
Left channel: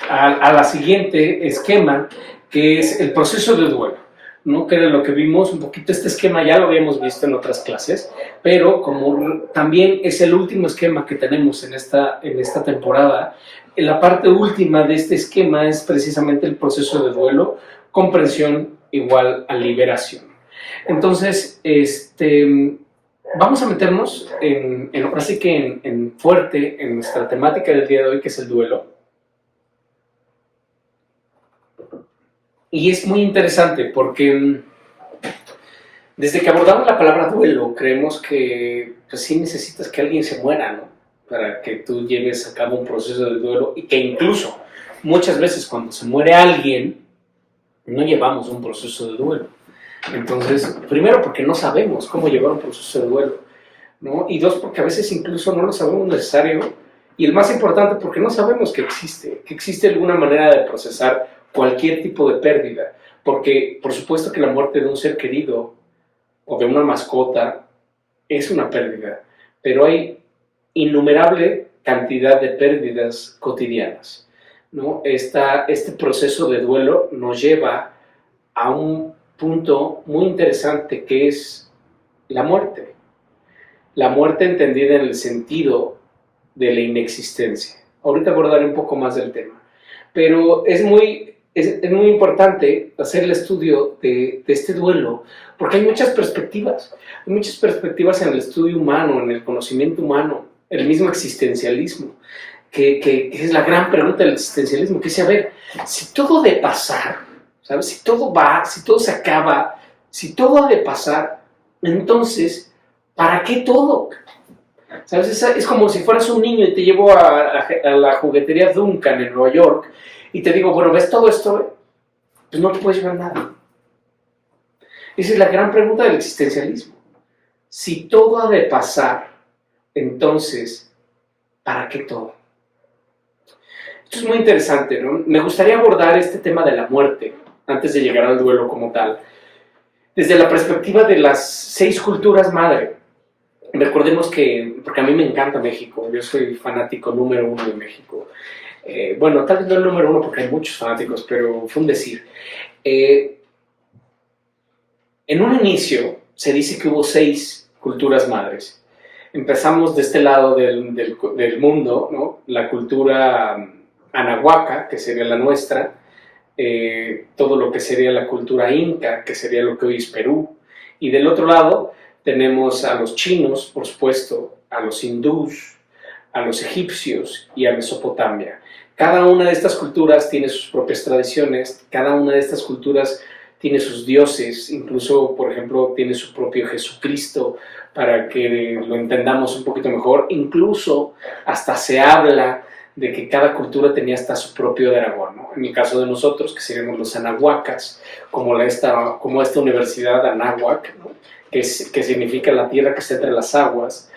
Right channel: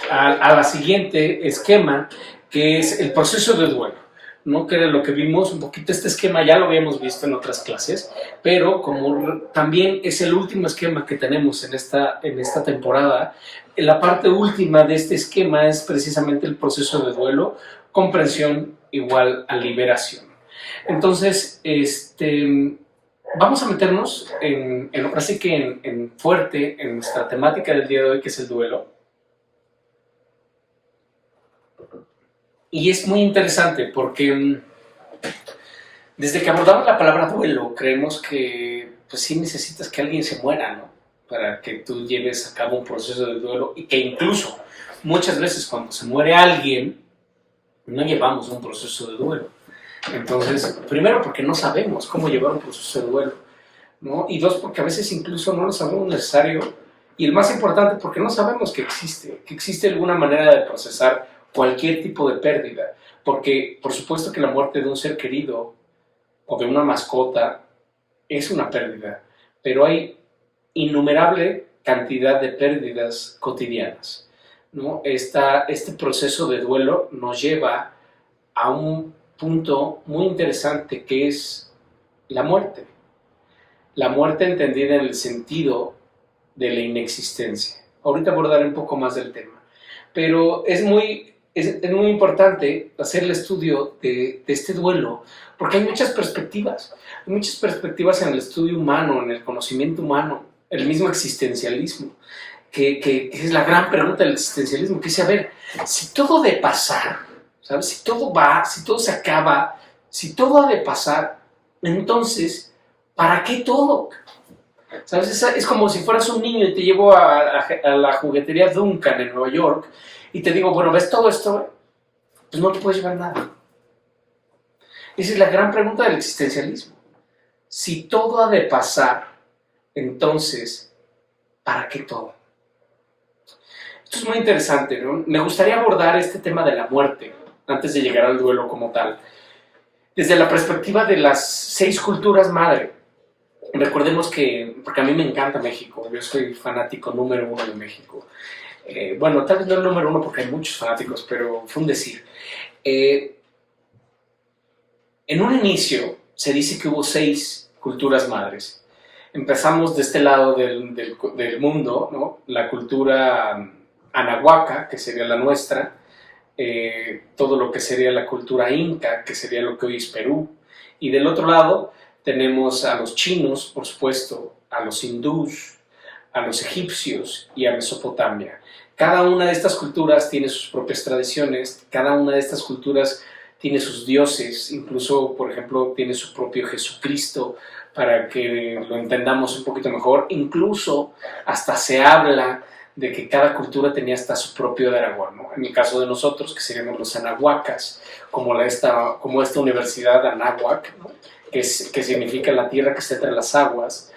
a la siguiente esquema, que es el proceso de duelo, ¿no? Que era lo que vimos un poquito. Este esquema ya lo habíamos visto en otras clases, pero como también es el último esquema que tenemos en esta temporada, la parte última de este esquema es precisamente el proceso de duelo, comprensión igual a liberación. Entonces, vamos a meternos ahora sí que en fuerte en nuestra temática del día de hoy, que es el duelo. Y es muy interesante porque desde que abordamos la palabra duelo, creemos que pues sí necesitas que alguien se muera, ¿no? Para que tú lleves a cabo un proceso de duelo, y que incluso muchas veces cuando se muere alguien, no llevamos un proceso de duelo. Entonces, primero porque no sabemos cómo llevar un proceso de duelo, ¿no? Y dos, porque a veces incluso no lo sabemos necesario. Y el más importante, porque no sabemos que existe alguna manera de procesar cualquier tipo de pérdida. Porque, por supuesto que la muerte de un ser querido o de una mascota es una pérdida, pero hay innumerable cantidad de pérdidas cotidianas, ¿no? Este proceso de duelo nos lleva a un punto muy interesante, que es la muerte. La muerte entendida en el sentido de la inexistencia. Ahorita abordaré un poco más del tema, pero es muy importante hacer el estudio de este duelo, porque hay muchas perspectivas. Hay muchas perspectivas en el estudio humano, en el conocimiento humano, el mismo existencialismo, que es la gran pregunta del existencialismo, que es, a ver, si todo ha de pasar, ¿sabes? Si todo va, si todo se acaba, si todo ha de pasar, entonces, ¿para qué todo? ¿Sabes? Es como si fueras un niño y te llevo a la juguetería Duncan en Nueva York y te digo, bueno, ¿ves todo esto? Pues no te puedes llevar nada. Esa es la gran pregunta del existencialismo. Si todo ha de pasar, entonces, ¿para qué todo? Esto es muy interesante, ¿no? Me gustaría abordar este tema de la muerte, antes de llegar al duelo como tal, desde la perspectiva de las 6 culturas madre. Recordemos que, porque a mí me encanta México, yo soy fanático número 1 de México. Bueno, tal vez no el número 1 porque hay muchos fanáticos, pero fue un decir. En un inicio se dice que hubo 6 culturas madres. Empezamos de este lado del mundo, ¿no? La cultura anahuaca, que sería la nuestra, todo lo que sería la cultura inca, que sería lo que hoy es Perú, y del otro lado tenemos a los chinos, por supuesto, a los hindús, a los egipcios y a Mesopotamia. Cada una de estas culturas tiene sus propias tradiciones, cada una de estas culturas tiene sus dioses, incluso, por ejemplo, tiene su propio Jesucristo, para que lo entendamos un poquito mejor. Incluso hasta se habla de que cada cultura tenía hasta su propio dragón, ¿no? En el caso de nosotros, que seríamos los anahuacas, como esta universidad Anáhuac, ¿no? que significa la tierra que está entre las aguas.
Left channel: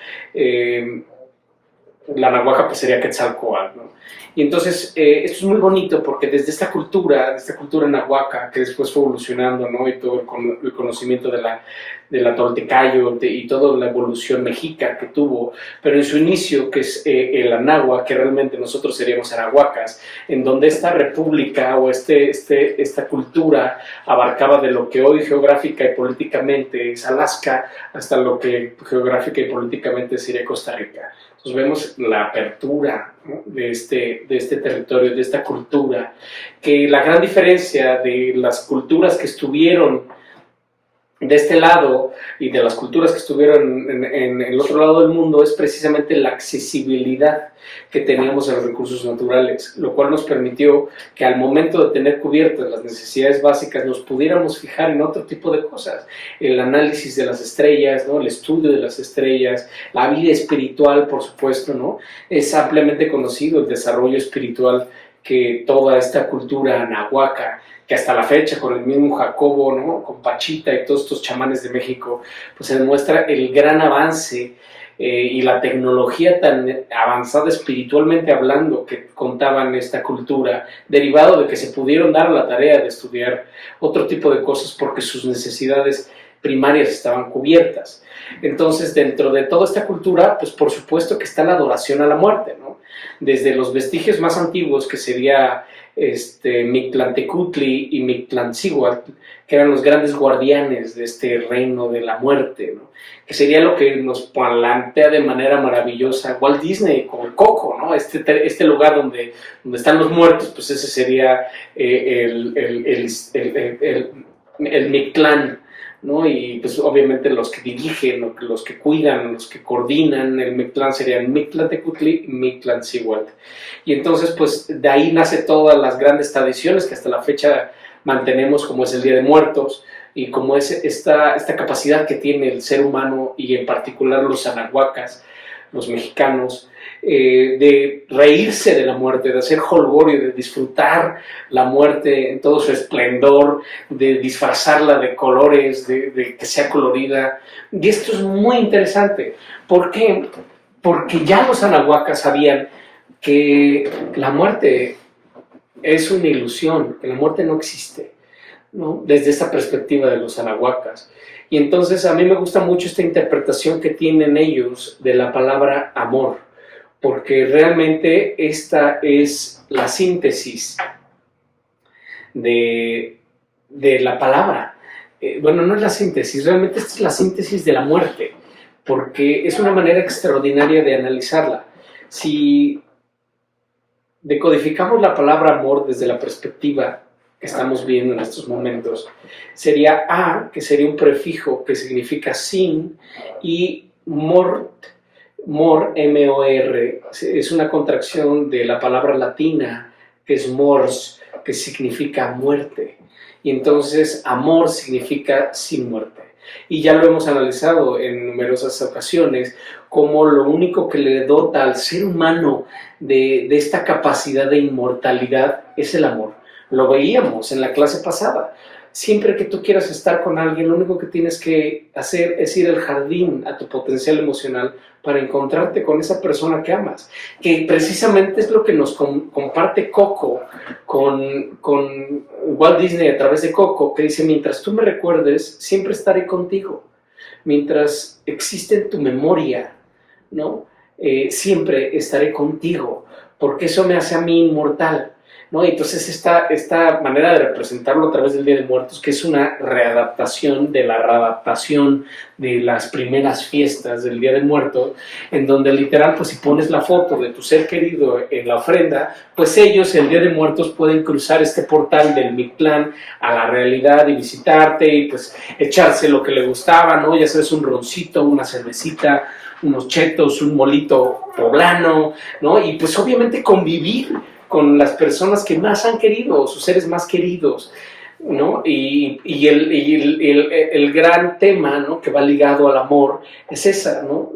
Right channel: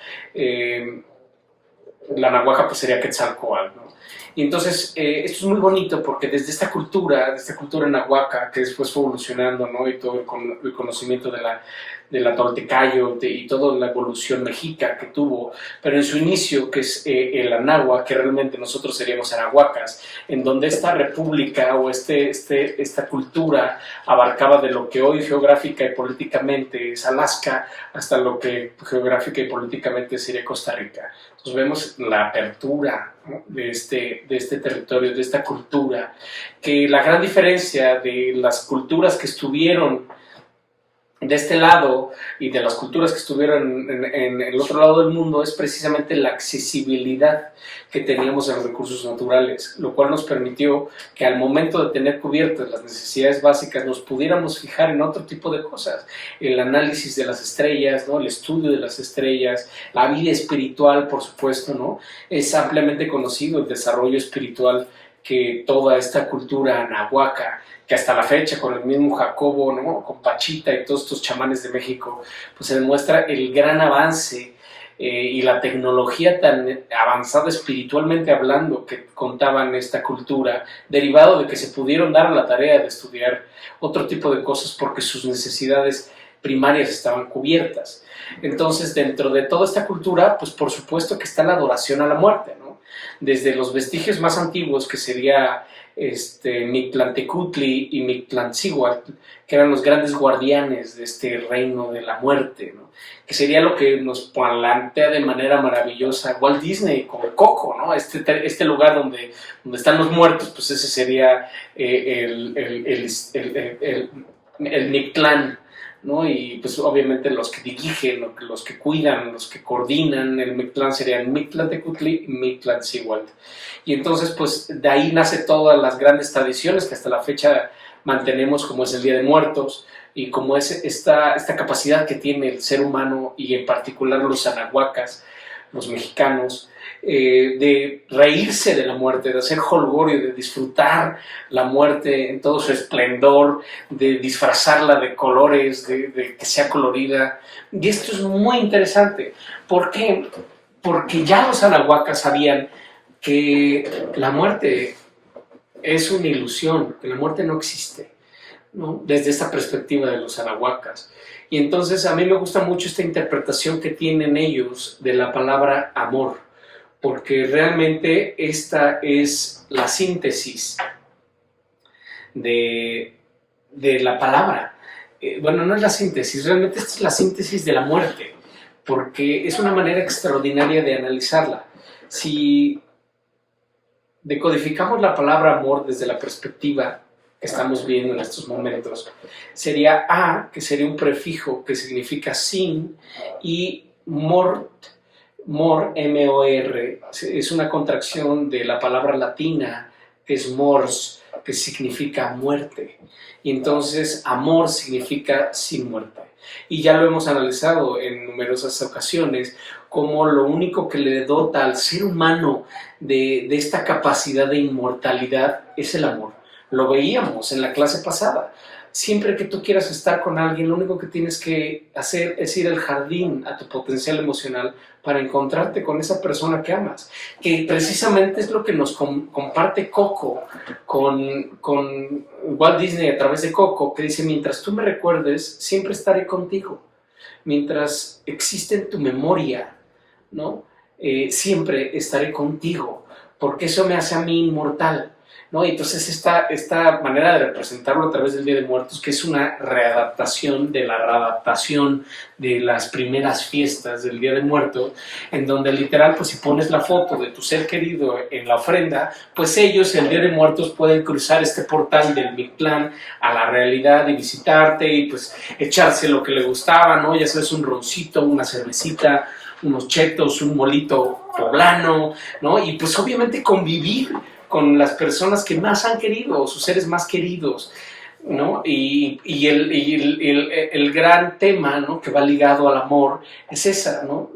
La anahuaca pues sería Quetzalcóatl, ¿no? Y entonces esto es muy bonito, porque desde esta cultura anahuaca, que después fue evolucionando, ¿no? Y todo el conocimiento de la Toltecayo y toda la evolución mexica que tuvo, pero en su inicio, que es el anáhuac, que realmente nosotros seríamos anahuacas, en donde esta república o esta cultura abarcaba de lo que hoy geográfica y políticamente es Alaska, hasta lo que geográfica y políticamente sería Costa Rica. Entonces vemos la apertura, ¿no? de este territorio, de esta cultura, que la gran diferencia de las culturas que estuvieron de este lado y de las culturas que estuvieron en el otro lado del mundo es precisamente la accesibilidad que teníamos a los recursos naturales, lo cual nos permitió que al momento de tener cubiertas las necesidades básicas nos pudiéramos fijar en otro tipo de cosas, el análisis de las estrellas, ¿no? El estudio de las estrellas, la vida espiritual, por supuesto, ¿no? Es ampliamente conocido el desarrollo espiritual que toda esta cultura anahuaca, que hasta la fecha con el mismo Jacobo, ¿no? Con Pachita y todos estos chamanes de México, pues se demuestra el gran avance y la tecnología tan avanzada espiritualmente hablando que contaban esta cultura, derivado de que se pudieron dar la tarea de estudiar otro tipo de cosas porque sus necesidades primarias estaban cubiertas. Entonces, dentro de toda esta cultura, pues por supuesto que está la adoración a la muerte, ¿no? desde los vestigios más antiguos, que sería Mictlantecutli y Mictlantzíhuatl, que eran los grandes guardianes de este reino de la muerte, ¿no? Que sería lo que nos plantea de manera maravillosa Walt Disney con el Coco, ¿no? Este lugar donde están los muertos, pues ese sería el Mictlán, ¿no? Y pues obviamente los que dirigen, los que cuidan, los que coordinan el Mictlán serían Mictlantecutli y Mictlantzíhuatl. Y entonces pues de ahí nace todas las grandes tradiciones que hasta la fecha mantenemos, como es el Día de Muertos y como es esta capacidad que tiene el ser humano y en particular los anahuacas, los mexicanos, de reírse de la muerte, de hacer jolgorio, de disfrutar la muerte en todo su esplendor, de disfrazarla de colores, de que sea colorida. Y esto es muy interesante. ¿Por qué? Porque ya los anahuacas sabían que la muerte es una ilusión, que la muerte no existe, ¿no? Desde esta perspectiva de los anahuacas. Y entonces a mí me gusta mucho esta interpretación que tienen ellos de la palabra amor, porque realmente esta es la síntesis de la palabra. Bueno, no es la síntesis, realmente esta es la síntesis de la muerte, porque es una manera extraordinaria de analizarla. Si decodificamos la palabra amor desde la perspectiva que estamos viendo en estos momentos, sería a, que sería un prefijo que significa sin, y mort, M-O-R, es una contracción de la palabra latina que es mors, que significa muerte. Y entonces amor significa sin muerte. Y ya lo hemos analizado en numerosas ocasiones, como lo único que le dota al ser humano de esta capacidad de inmortalidad es el amor. Lo veíamos en la clase pasada. Siempre que tú quieras estar con alguien, lo único que tienes que hacer es ir al jardín, a tu potencial emocional, para encontrarte con esa persona que amas. Que precisamente es lo que nos comparte Coco con Walt Disney a través de Coco, que dice: mientras tú me recuerdes, siempre estaré contigo. Mientras existe en tu memoria, ¿no? Siempre estaré contigo, porque eso me hace a mí inmortal, ¿no? Y entonces esta manera de representarlo a través del Día de Muertos, que es una readaptación de la readaptación de las primeras fiestas del Día de Muertos, en donde literal, pues si pones la foto de tu ser querido en la ofrenda, pues ellos el Día de Muertos pueden cruzar este portal del Mictlán a la realidad y visitarte y pues echarse lo que le gustaba, ¿no? Ya sabes, un roncito, una cervecita, unos chetos, un molito poblano, ¿no? Y pues obviamente convivir con las personas que más han querido, sus seres más queridos, ¿no? Y el gran tema, ¿no?, que va ligado al amor es esa, ¿no?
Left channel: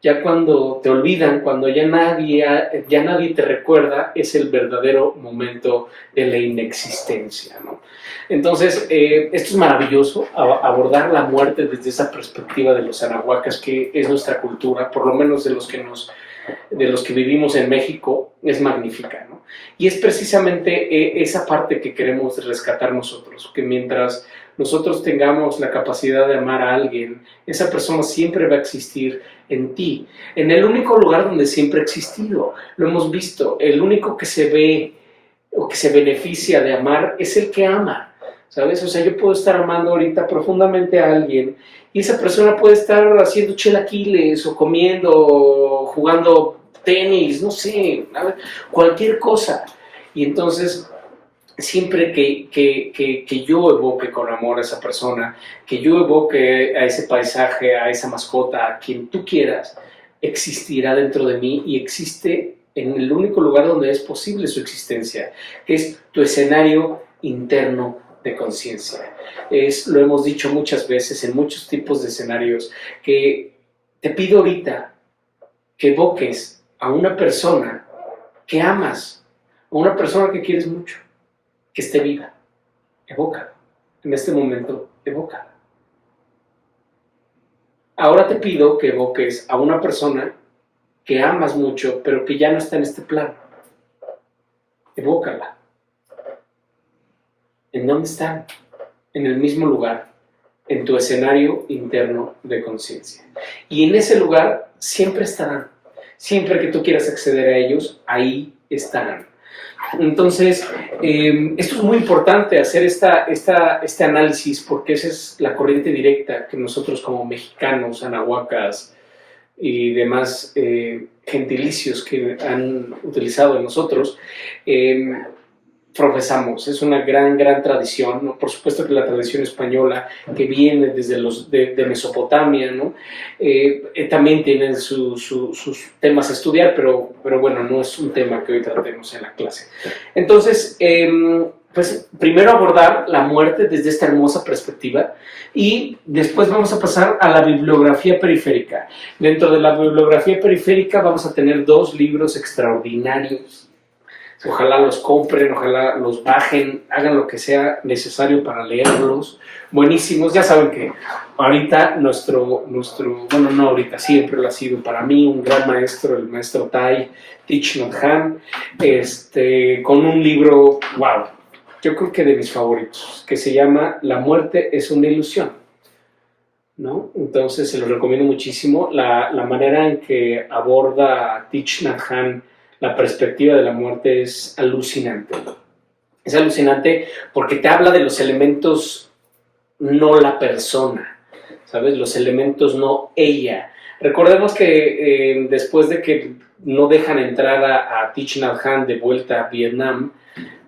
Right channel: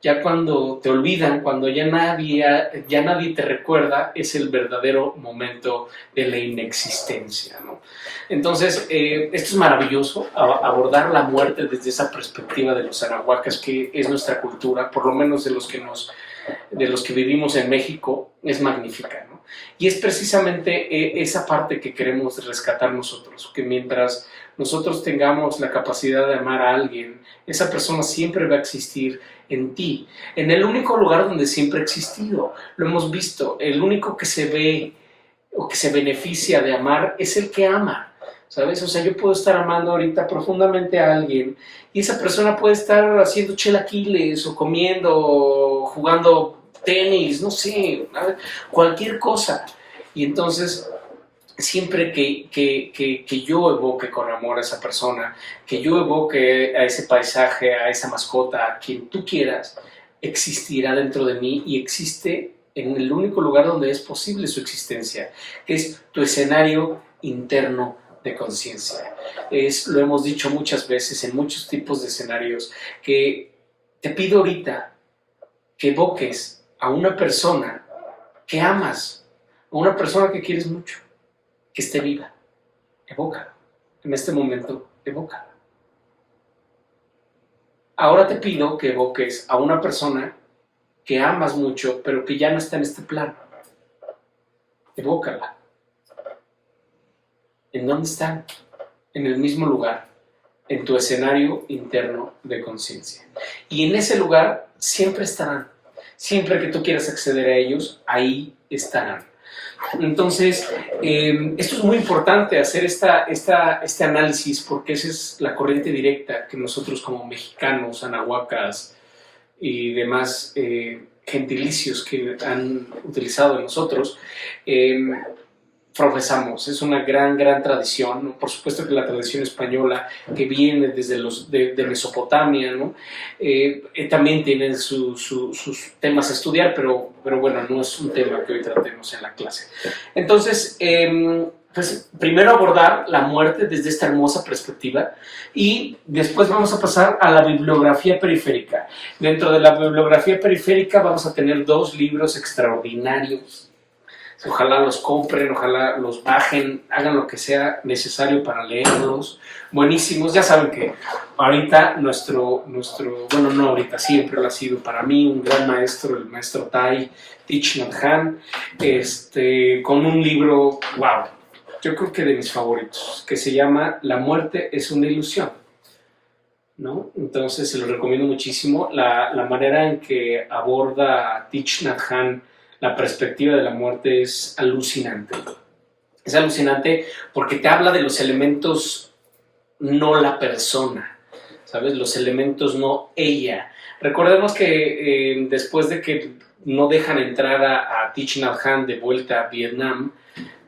Ya cuando te olvidan, cuando ya nadie te recuerda, es el verdadero momento de la inexistencia, ¿no? Entonces, esto es maravilloso, abordar la muerte desde esa perspectiva de los anahuacas, que es nuestra cultura, por lo menos de los que vivimos en México, es magnífica, ¿no? Y es precisamente esa parte que queremos rescatar nosotros, que mientras nosotros tengamos la capacidad de amar a alguien, esa persona siempre va a existir en ti, en el único lugar donde siempre ha existido. Lo hemos visto, el único que se ve o que se beneficia de amar es el que ama, ¿sabes? O sea, yo puedo estar amando ahorita profundamente a alguien y esa persona puede estar haciendo chilaquiles o comiendo o jugando tenis, no sé, cualquier cosa. Y entonces, siempre que yo evoque con amor a esa persona, que yo evoque a ese paisaje, a esa mascota, a quien tú quieras, existirá dentro de mí y existe en el único lugar donde es posible su existencia, que es tu escenario interno de conciencia. Lo hemos dicho muchas veces en muchos tipos de escenarios, que te pido ahorita que evoques a una persona que amas, a una persona que quieres mucho, que esté viva. Evócalo. En este momento, evócala. Ahora te pido que evoques a una persona que amas mucho, pero que ya no está en este plano. Evócala. ¿En dónde están? En el mismo lugar, en tu escenario interno de conciencia. Y en ese lugar siempre estarán. Siempre que tú quieras acceder a ellos, ahí estarán. Entonces, esto es muy importante, hacer este análisis, porque esa es la corriente directa que nosotros como mexicanos, anahuacas y demás gentilicios que han utilizado en nosotros, profesamos. Es una gran tradición, ¿no? Por supuesto que la tradición española, que viene desde de Mesopotamia, ¿no? También tienen sus temas a estudiar, pero bueno, no es un tema que hoy tratemos en la clase. Entonces, pues primero abordar la muerte desde esta hermosa perspectiva y después vamos a pasar a la bibliografía periférica. Dentro de la bibliografía periférica vamos a tener 2 libros extraordinarios. Ojalá los compren, ojalá los bajen, hagan lo que sea necesario para leerlos. Buenísimos. Ya saben que ahorita bueno, no ahorita, siempre lo ha sido para mí un gran maestro, el maestro Thich Nhat Hanh, con un libro, wow, yo creo que de mis favoritos, que se llama La muerte es una ilusión, ¿no? Entonces se lo recomiendo muchísimo. La manera en que aborda Thich Nhat Hanh la perspectiva de la muerte es alucinante. Es alucinante porque te habla de los elementos, no la persona, ¿sabes? Los elementos, no ella. Recordemos que después de que no dejan entrar a Thich Nhat Hanh de vuelta a Vietnam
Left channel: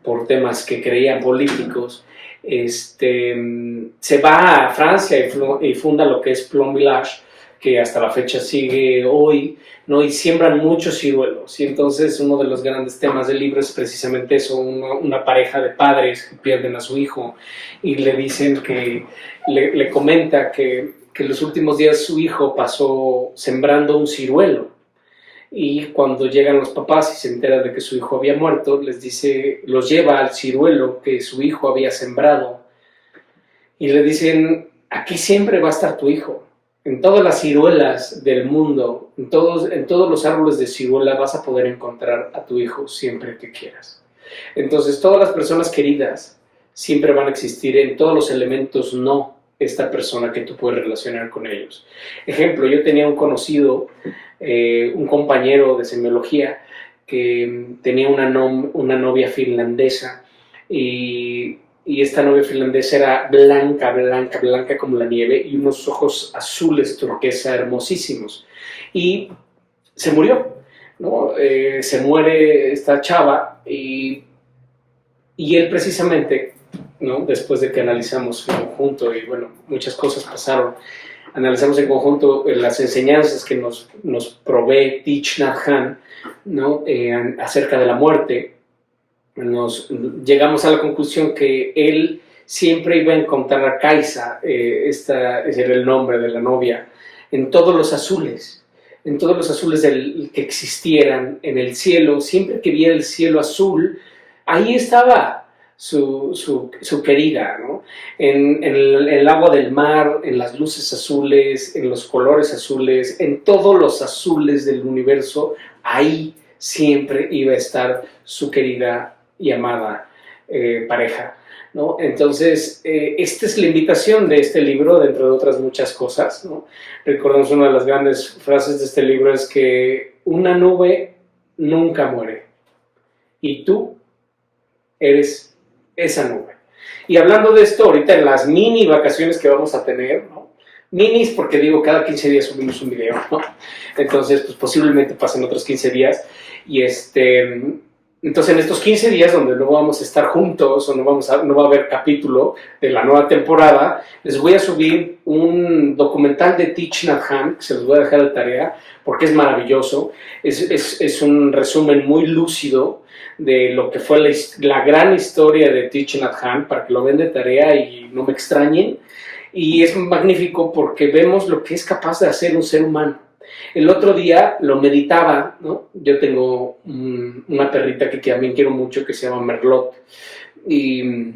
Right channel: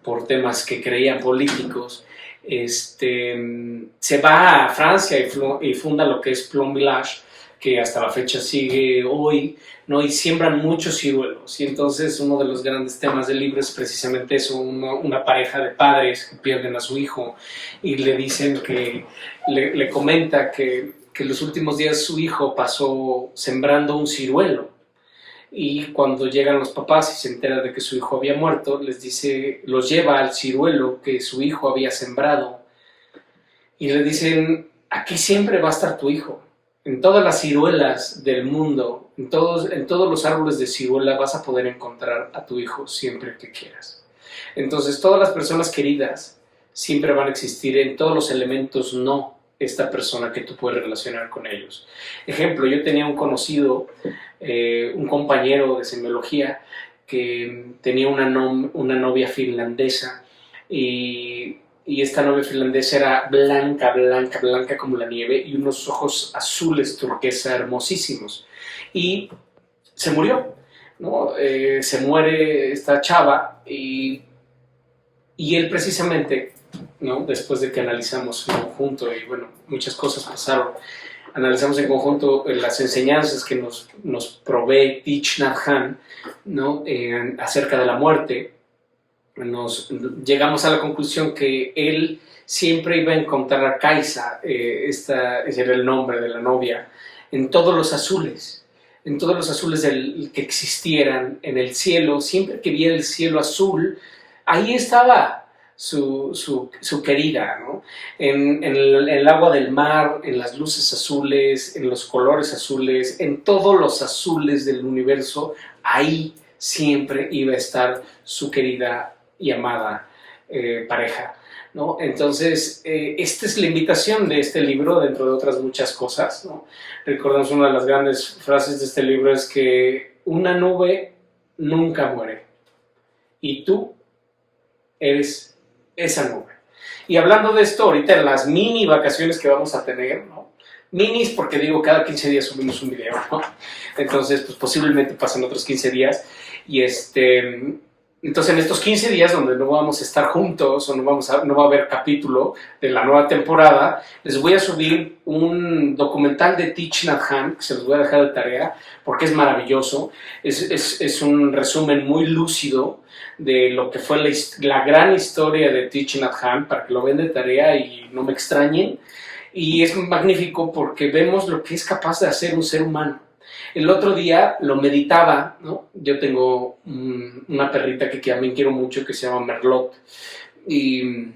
por temas que creían políticos, se va a Francia y funda lo que es Plum Village, que hasta la fecha sigue hoy, ¿no? Y siembran muchos ciruelos. Y entonces uno de los grandes temas del libro es precisamente eso, una pareja de padres que pierden a su hijo y le dicen que, le comenta que los últimos días su hijo pasó sembrando un ciruelo. Y cuando llegan los papás y se entera de que su hijo había muerto, les dice, los lleva al ciruelo que su hijo había sembrado. Y le dicen, aquí siempre va a estar tu hijo. En todas las ciruelas del mundo, en todos los árboles de ciruela vas a poder encontrar a tu hijo siempre que quieras. Entonces, todas las personas queridas siempre van a existir en todos los elementos, no esta persona que tú puedes relacionar con ellos. Ejemplo, yo tenía un conocido, un compañero de semiología que tenía una novia finlandesa y esta novia finlandesa era blanca como la nieve y unos ojos azules turquesa hermosísimos. Y se murió, ¿no? Se muere esta chava y él precisamente, ¿no? Después de que analizamos en conjunto y bueno, muchas cosas pasaron, analizamos en conjunto las enseñanzas que nos provee Thich Nhat Hanh, ¿no? Acerca de la muerte. Llegamos a la conclusión que él siempre iba a encontrar a Kaisa, ese era el nombre de la novia, en todos los azules que existieran en el cielo. Siempre que viera el cielo azul, ahí estaba su querida, ¿no? En el agua del mar, en las luces azules, en los colores azules, en todos los azules del universo, ahí siempre iba a estar su querida y amada pareja, ¿no? Entonces, esta es la invitación de este libro, dentro de otras muchas cosas, ¿no? Recordamos una de las grandes frases de este libro es que una nube nunca muere y tú eres esa nube. Y hablando de esto, ahorita en las mini vacaciones que vamos a tener, ¿no? Minis porque digo, cada 15 días subimos un video, ¿no? Entonces, pues posiblemente pasen otros 15 días y entonces, en estos 15 días donde no vamos a estar juntos o no va a haber capítulo de la nueva temporada, les voy a subir un documental de Thich Nhat Hanh, que se los voy a dejar de tarea porque es maravilloso. Es un resumen muy lúcido de lo que fue la gran historia de Thich Nhat Hanh, para que lo vean de tarea y no me extrañen. Y es magnífico porque vemos lo que es capaz de hacer un ser humano. El otro día lo meditaba, ¿no? Yo tengo una perrita que también quiero mucho, que se llama Merlot. Y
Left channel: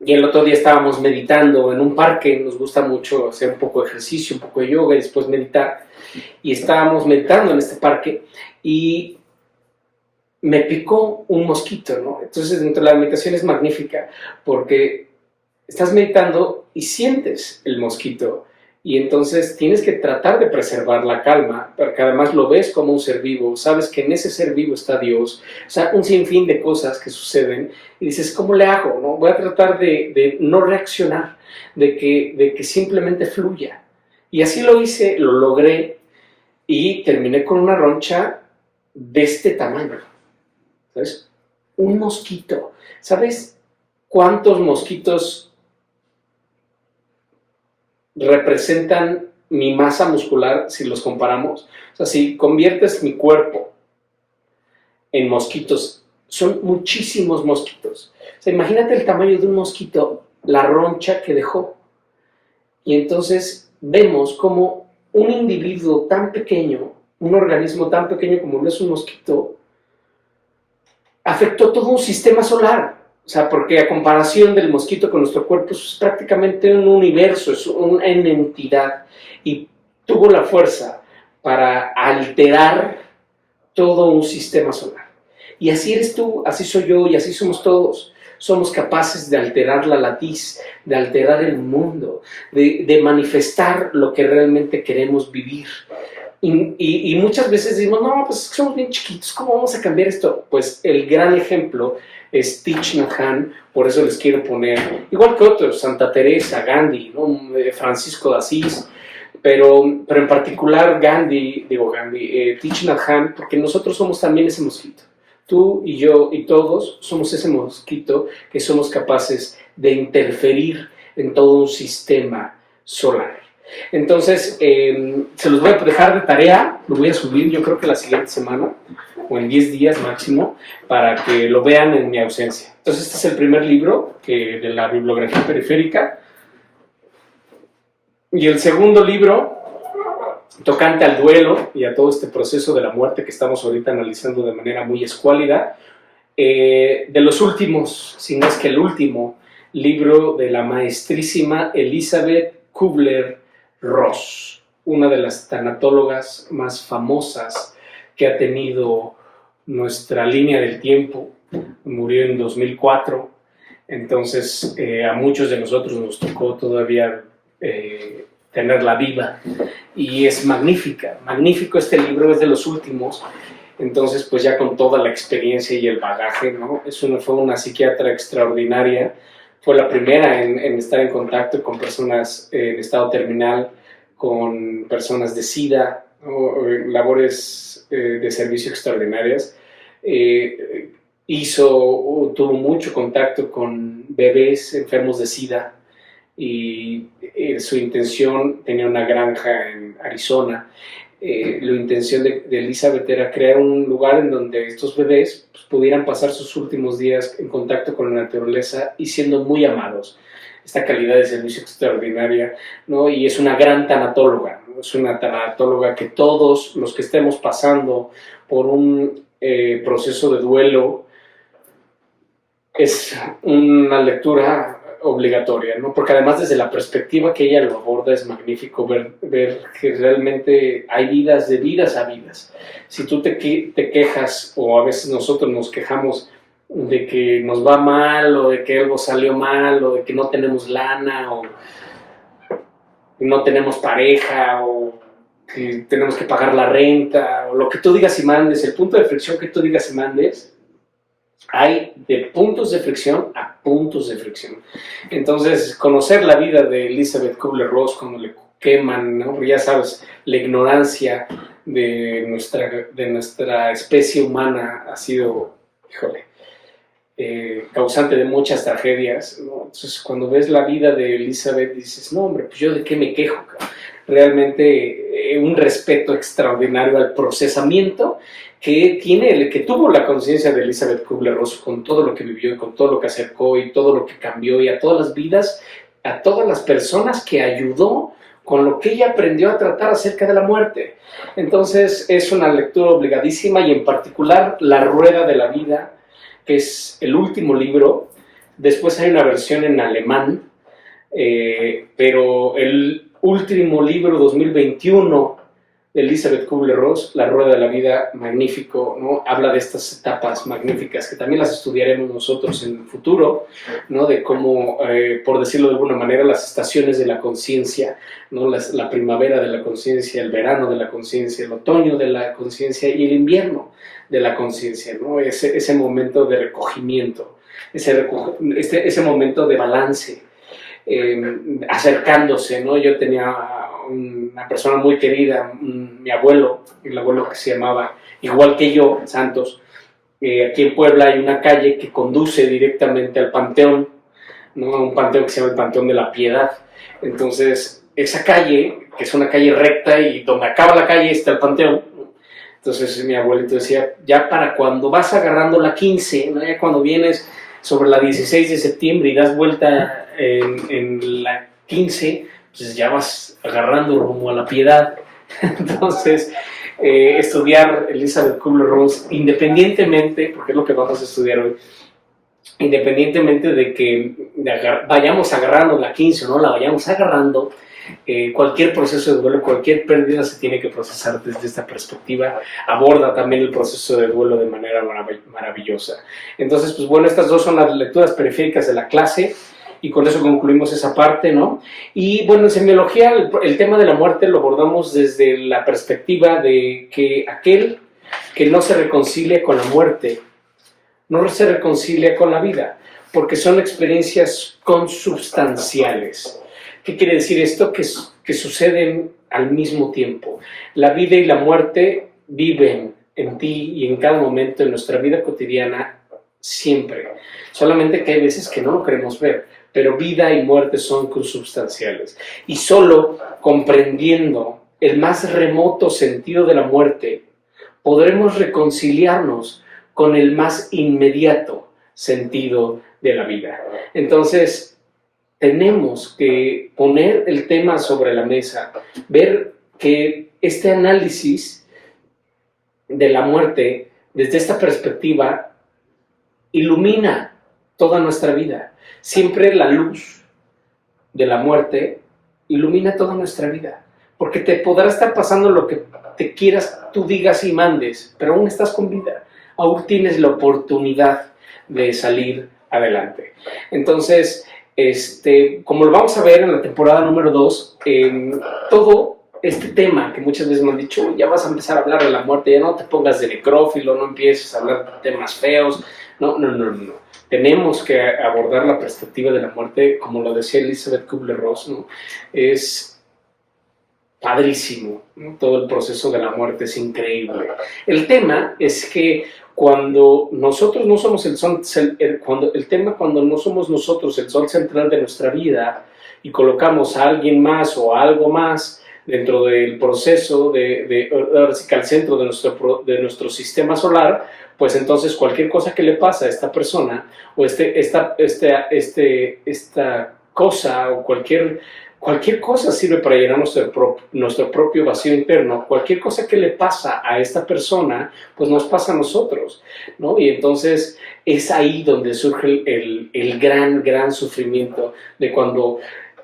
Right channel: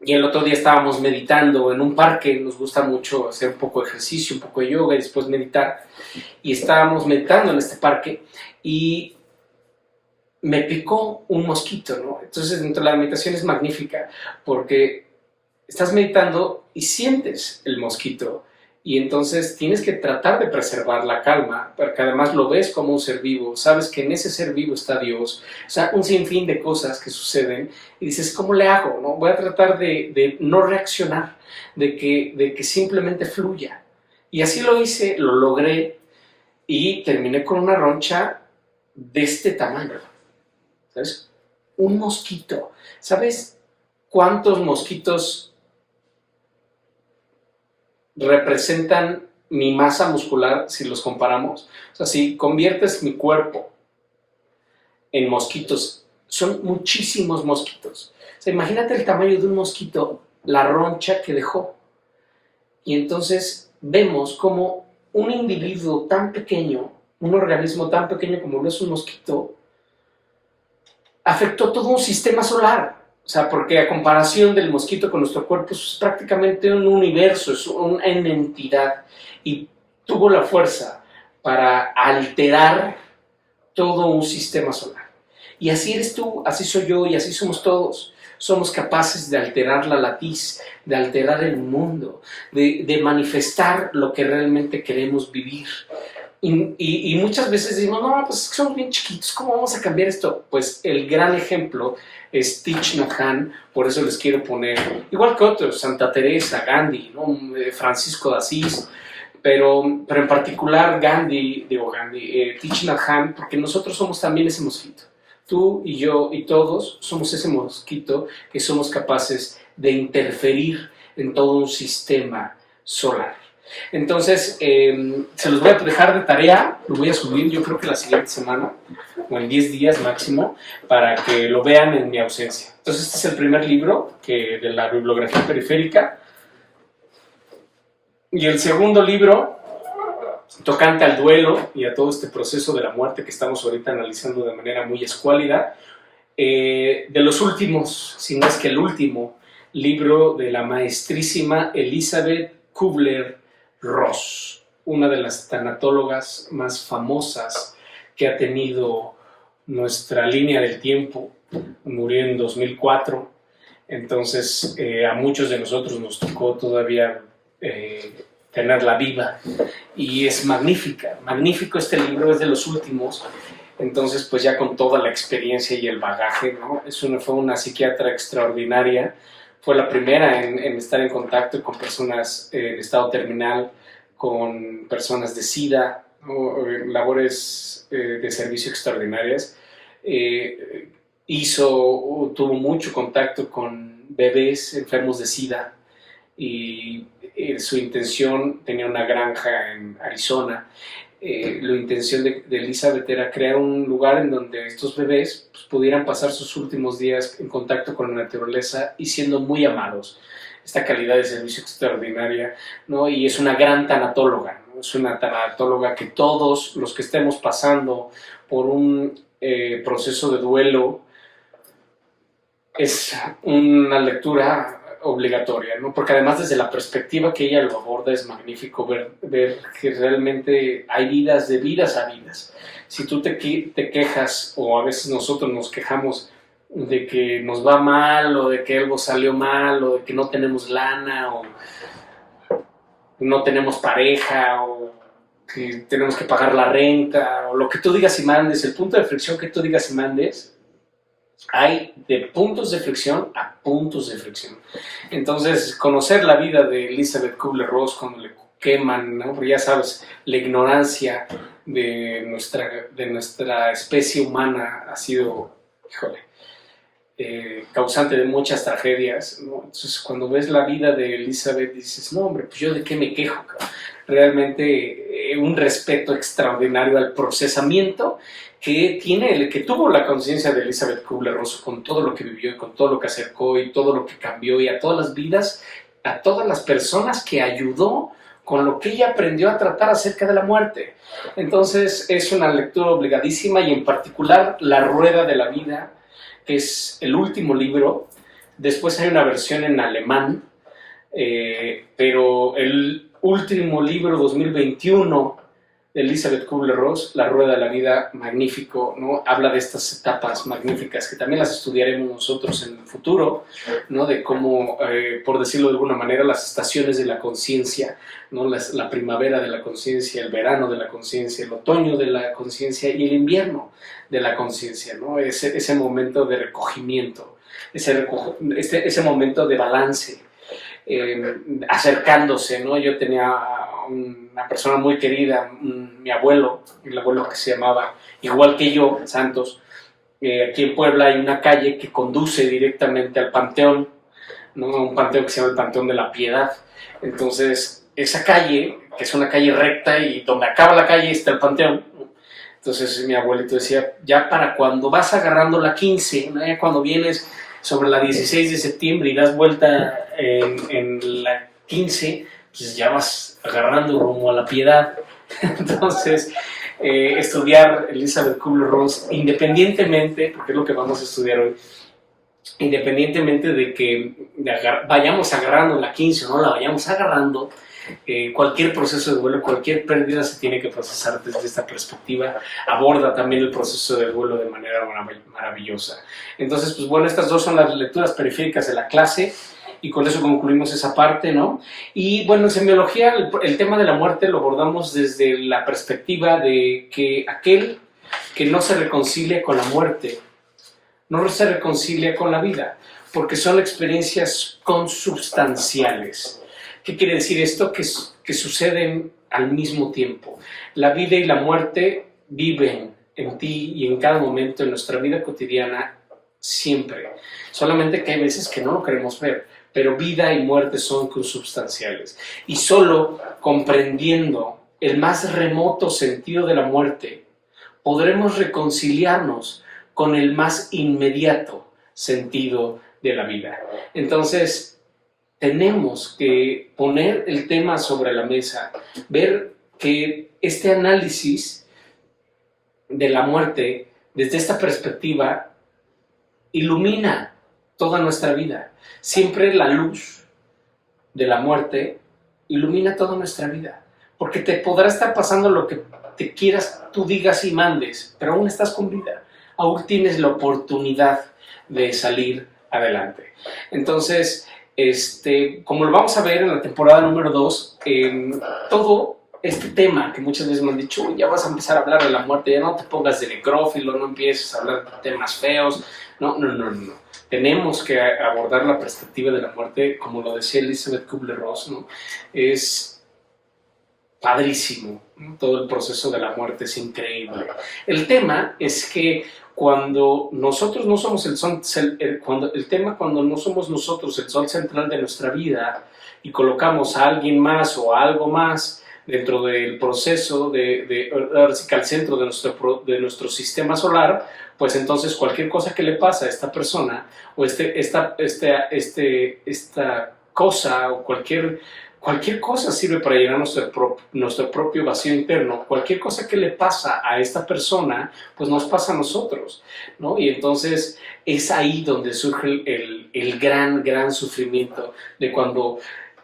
el otro día estábamos meditando en un parque. Nos gusta mucho hacer un poco de ejercicio, un poco de yoga y después meditar. Y estábamos meditando en este parque y me picó un mosquito, ¿no? Entonces, dentro de la meditación es magnífica porque estás meditando y sientes el mosquito Y entonces tienes que tratar de preservar la calma, porque además lo ves como un ser vivo, sabes que en ese ser vivo está Dios, o sea, un sinfín de cosas que suceden, y dices, ¿cómo le hago? ¿No? Voy a tratar de no reaccionar, de que simplemente fluya. Y así lo hice, lo logré, y terminé con una roncha de este tamaño, ¿sabes? Un mosquito. ¿Sabes cuántos mosquitos representan mi masa muscular si los comparamos? O sea, si conviertes mi cuerpo en mosquitos, son muchísimos mosquitos. O sea, imagínate el tamaño de un mosquito, la roncha que dejó. Y entonces vemos como un individuo tan pequeño, un organismo tan pequeño como lo es un mosquito, afectó todo un sistema solar. O sea, porque a comparación del mosquito con nuestro cuerpo es prácticamente un universo, es una entidad, y tuvo la fuerza para alterar todo un sistema solar. Y así eres tú, así soy yo y así somos todos. Somos capaces de alterar la latiz, de alterar el mundo, de manifestar lo que realmente queremos vivir. Y muchas veces decimos, no, pues es que somos bien chiquitos, ¿cómo vamos a cambiar esto? Pues el gran ejemplo es Thich Nhat Hanh, por eso les quiero poner, igual que otros, Santa Teresa, Gandhi, ¿no? Francisco de Asís, pero en particular Thich Nhat Hanh, porque nosotros somos también ese mosquito. Tú y yo y todos somos ese mosquito que somos capaces de interferir en todo un sistema solar. Entonces, se los voy a dejar de tarea, lo voy a subir yo creo que la siguiente semana, o en 10 días máximo, para que lo vean en mi ausencia. Entonces, este es el primer libro de la bibliografía periférica. Y el segundo libro, tocante al duelo y a todo este proceso de la muerte que estamos ahorita analizando de manera muy escuálida, de los últimos, si no es que el último, libro de la maestrísima Elizabeth Kubler-Ross, una de las tanatólogas más famosas que ha tenido nuestra línea del tiempo. Murió en 2004, entonces a muchos de nosotros nos tocó todavía tenerla viva, y es magnífico este libro, es de los últimos. Entonces, pues ya con toda la experiencia y el bagaje, ¿no? Fue una psiquiatra extraordinaria, fue la primera en estar en contacto con personas en estado terminal, con personas de SIDA, ¿no? Labores de servicio extraordinarias. Tuvo mucho contacto con bebés enfermos de SIDA, y su intención, tenía una granja en Arizona. La intención de Elizabeth era crear un lugar en donde estos bebés pues, pudieran pasar sus últimos días en contacto con la naturaleza y siendo muy amados. Esta calidad de servicio extraordinaria, ¿no? Y es una gran tanatóloga, ¿no? Es una tanatóloga que todos los que estemos pasando por un proceso de duelo, es una lectura obligatoria, ¿no? Porque además desde la perspectiva que ella lo aborda es magnífico ver que realmente hay vidas de vidas a vidas. Si tú te quejas, o a veces nosotros nos quejamos de que nos va mal, o de que algo salió mal, o de que no tenemos lana, o no tenemos pareja, o que tenemos que pagar la renta, o lo que tú digas y mandes, el punto de fricción que tú digas y mandes, hay de puntos de fricción a puntos de fricción. Entonces, conocer la vida de Elizabeth Kubler-Ross cuando le queman, ¿no? Ya sabes, la ignorancia de nuestra especie humana ha sido, causante de muchas tragedias, ¿no? Entonces, cuando ves la vida de Elizabeth, dices, no, hombre, pues yo de qué me quejo. Realmente un respeto extraordinario al procesamiento que tuvo la conciencia de Elizabeth Kubler-Ross con todo lo que vivió, con todo lo que acercó y todo lo que cambió, y a todas las vidas, a todas las personas que ayudó con lo que ella aprendió a tratar acerca de la muerte. Entonces es una lectura obligadísima, y en particular La Rueda de la Vida, que es el último libro. Después hay una versión en alemán, pero el último libro, 2021, de Elizabeth Kubler-Ross, La Rueda de la Vida, magnífico, ¿no? Habla de estas etapas magníficas que también las estudiaremos nosotros en el futuro, ¿no? De cómo, por decirlo de alguna manera, las estaciones de la conciencia, ¿no? La primavera de la conciencia, el verano de la conciencia, el otoño de la conciencia y el invierno de la conciencia, ¿no? Ese momento de recogimiento, ese momento de balance, acercándose, ¿no? Yo tenía una persona muy querida, mi abuelo, el abuelo que se llamaba igual que yo, Santos. Aquí en Puebla hay una calle que conduce directamente al panteón, ¿no? Un panteón que se llama el Panteón de la Piedad. Entonces, esa calle, que es una calle recta y donde acaba la calle está el panteón, ¿no? Entonces mi abuelito decía, ya para cuando vas agarrando la 15, ¿no? Ya cuando vienes sobre la 16 de septiembre y das vuelta en la 15, pues ya vas agarrando rumbo a la Piedad. Entonces, estudiar Elizabeth Kubler-Ross, independientemente, porque es lo que vamos a estudiar hoy, independientemente de que vayamos agarrando la 15 o no la vayamos agarrando, cualquier proceso de duelo, cualquier pérdida se tiene que procesar desde esta perspectiva. Aborda también el proceso de duelo de manera maravillosa. Entonces, pues bueno, estas dos son las lecturas periféricas de la clase y con eso concluimos esa parte, ¿no? Y bueno, en semiología el tema de la muerte lo abordamos desde la perspectiva de que aquel que no se reconcilia con la muerte no se reconcilia con la vida, porque son experiencias consubstanciales. ¿Qué quiere decir esto? Que suceden al mismo tiempo. La vida y la muerte viven en ti y en cada momento en nuestra vida cotidiana, siempre. Solamente que hay veces que no lo queremos ver, pero vida y muerte son consubstanciales. Y solo comprendiendo el más remoto sentido de la muerte, podremos reconciliarnos con el más inmediato sentido de la vida. Entonces, tenemos que poner el tema sobre la mesa, ver que este análisis de la muerte desde esta perspectiva ilumina toda nuestra vida. Siempre la luz de la muerte ilumina toda nuestra vida, porque te podrá estar pasando lo que te quieras, tú digas y mandes, pero aún estás con vida, aún tienes la oportunidad de salir adelante. Entonces, como lo vamos a ver en la temporada número 2, todo este tema que muchas veces me han dicho, ya vas a empezar a hablar de la muerte, ya no te pongas de necrófilo, no empieces a hablar de temas feos, no. Tenemos que abordar la perspectiva de la muerte, como lo decía Elizabeth Kubler-Ross, ¿no? Es padrísimo, ¿no? Todo el proceso de la muerte es increíble. El tema es que cuando nosotros no somos cuando no somos nosotros el sol central de nuestra vida y colocamos a alguien más o a algo más dentro del proceso ahora sí que al centro de nuestro sistema solar, pues entonces cualquier cosa que le pasa a esta persona o esta cosa o cualquier cosa sirve para llenar nuestro propio vacío interno. Cualquier cosa que le pasa a esta persona, pues nos pasa a nosotros, ¿no? Y entonces es ahí donde surge el gran sufrimiento de cuando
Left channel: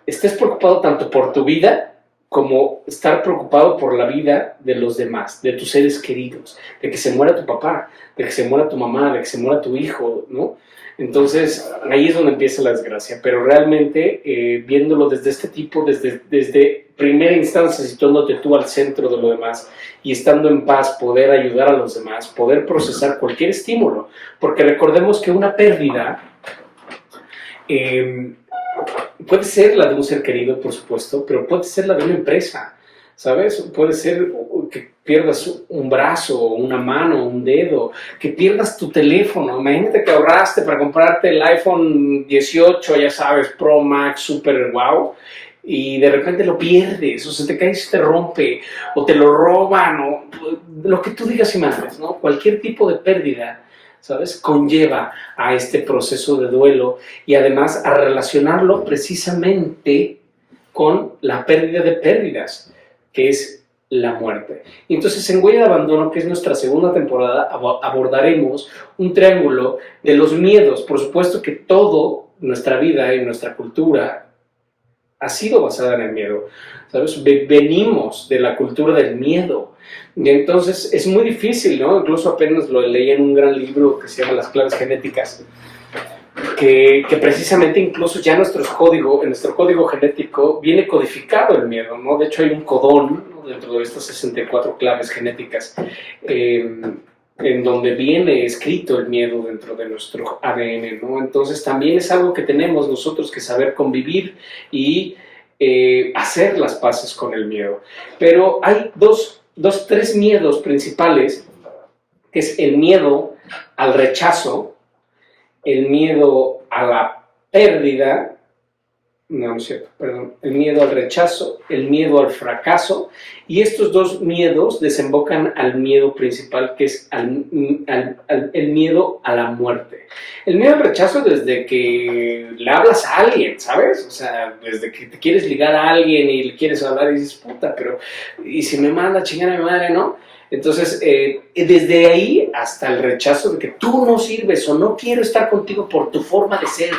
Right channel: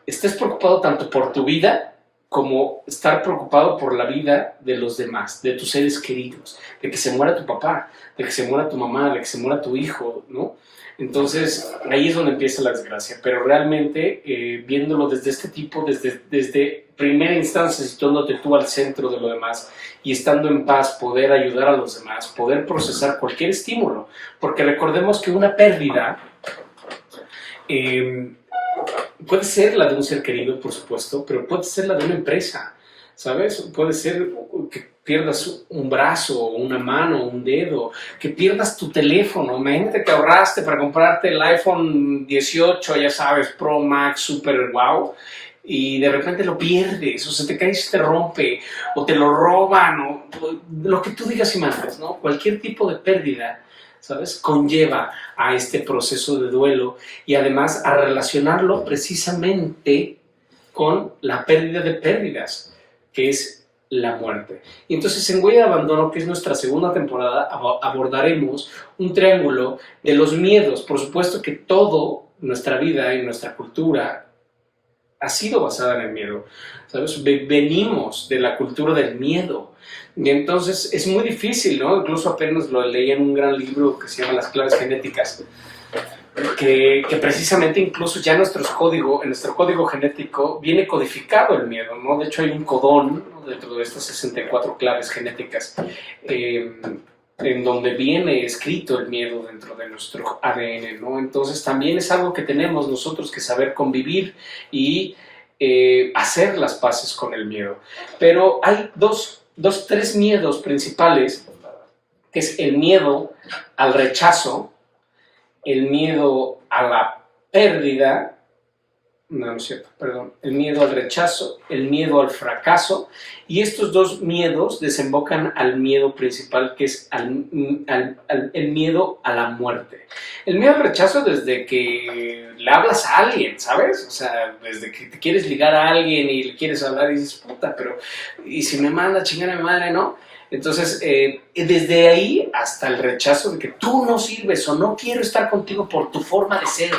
estés preocupado tanto por tu vida como estar preocupado por la vida de los demás, de tus seres queridos, de que se muera tu papá, de que se muera tu mamá, de que se muera tu hijo, ¿no? Entonces, ahí es donde empieza la desgracia, pero realmente viéndolo desde este tipo, desde primera instancia, situándote tú al centro de lo demás y estando en paz, poder ayudar a los demás, poder procesar cualquier estímulo, porque recordemos que una pérdida puede ser la de un ser querido, por supuesto, pero puede ser la de una empresa, ¿sabes? Puede ser que pierdas un brazo, una mano, un dedo, que pierdas tu teléfono. Imagínate que ahorraste para comprarte el iPhone 18, ya sabes, Pro Max, super wow, y de repente lo pierdes, o se te cae y se te rompe, o te lo roban, o lo que tú digas y mandes, ¿no? Cualquier tipo de pérdida, ¿sabes?, conlleva a este proceso de duelo y además a relacionarlo precisamente con la pérdida de pérdidas, que es la muerte. Y entonces en Huella de Abandono, que es nuestra segunda temporada, abordaremos un triángulo de los miedos. Por supuesto que todo nuestra vida y nuestra cultura ha sido basada en el miedo, ¿sabes? Venimos de la cultura del miedo. Y entonces es muy difícil, ¿no? Incluso apenas lo leí en un gran libro que se llama Las claves genéticas, que precisamente incluso ya en nuestro código genético viene codificado el miedo, ¿no? De hecho hay un codón, ¿no?, dentro de estas 64 claves genéticas, en donde viene escrito el miedo dentro de nuestro ADN, ¿no? Entonces también es algo que tenemos nosotros que saber convivir y hacer las paces con el miedo. Pero hay tres miedos principales, que es el miedo al rechazo, el miedo a la pérdida, no es cierto, perdón, el miedo al rechazo, el miedo al fracaso, y estos dos miedos desembocan al miedo principal, que es el miedo a la muerte. El miedo al rechazo desde que le hablas a alguien, ¿sabes? O sea, desde que te quieres ligar a alguien y le quieres hablar y dices, puta, pero ¿y si me manda a chingar a mi madre, no? Entonces, desde ahí hasta el rechazo de que tú no sirves o no quiero estar contigo por tu forma de ser,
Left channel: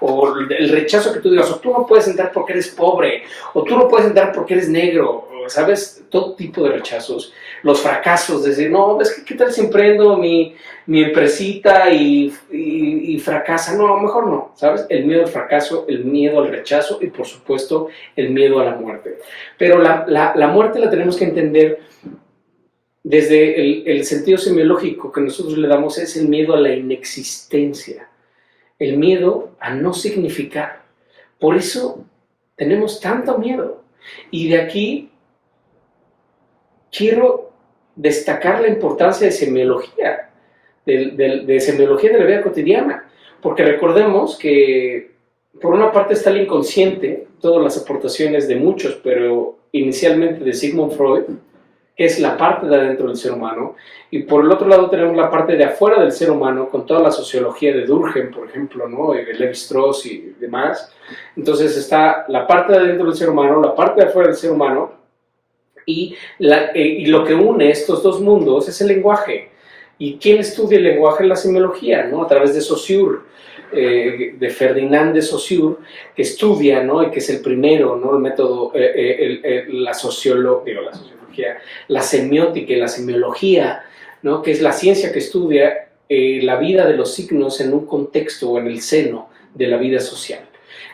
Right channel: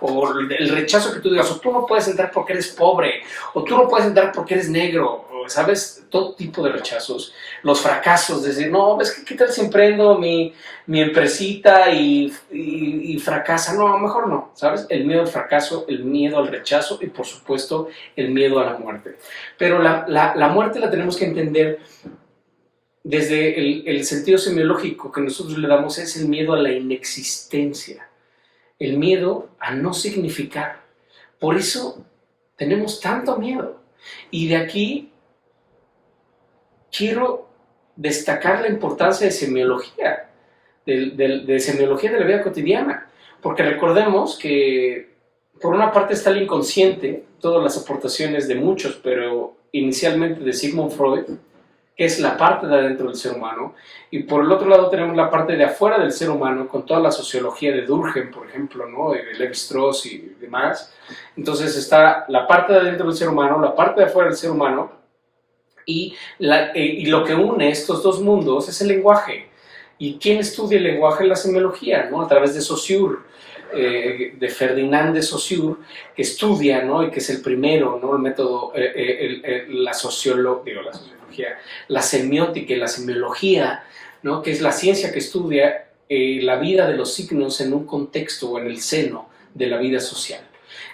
o el rechazo que tú digas, o tú no puedes entrar porque eres pobre, o tú no puedes entrar porque eres negro, ¿sabes? Todo tipo de rechazos. Los fracasos, decir, no, es que ¿qué tal si emprendo mi empresita y fracasa? No, mejor no, ¿sabes? El miedo al fracaso, el miedo al rechazo y, por supuesto, el miedo a la muerte. Pero la muerte la tenemos que entender desde el sentido semiológico que nosotros le damos, es el miedo a la inexistencia, el miedo a no significar. Por eso tenemos tanto miedo. Y de aquí quiero destacar la importancia de semiología, de semiología de la vida cotidiana, porque recordemos que por una parte está el inconsciente, todas las aportaciones de muchos, pero inicialmente de Sigmund Freud, que es la parte de adentro del ser humano, y por el otro lado tenemos la parte de afuera del ser humano, con toda la sociología de Durkheim, por ejemplo, ¿no?, de Levi-Strauss y demás. Entonces está la parte de adentro del ser humano, la parte de afuera del ser humano, y lo que une estos dos mundos es el lenguaje. ¿Y quién estudia el lenguaje? La semiología, ¿no?, a través de Saussure, de Ferdinand de Saussure, que estudia, ¿no?, y que es el primero, ¿no?, el método, la sociología, la semiótica y la semiología, ¿no?, que es la ciencia que estudia la vida de los signos en un contexto o en el seno de la vida social.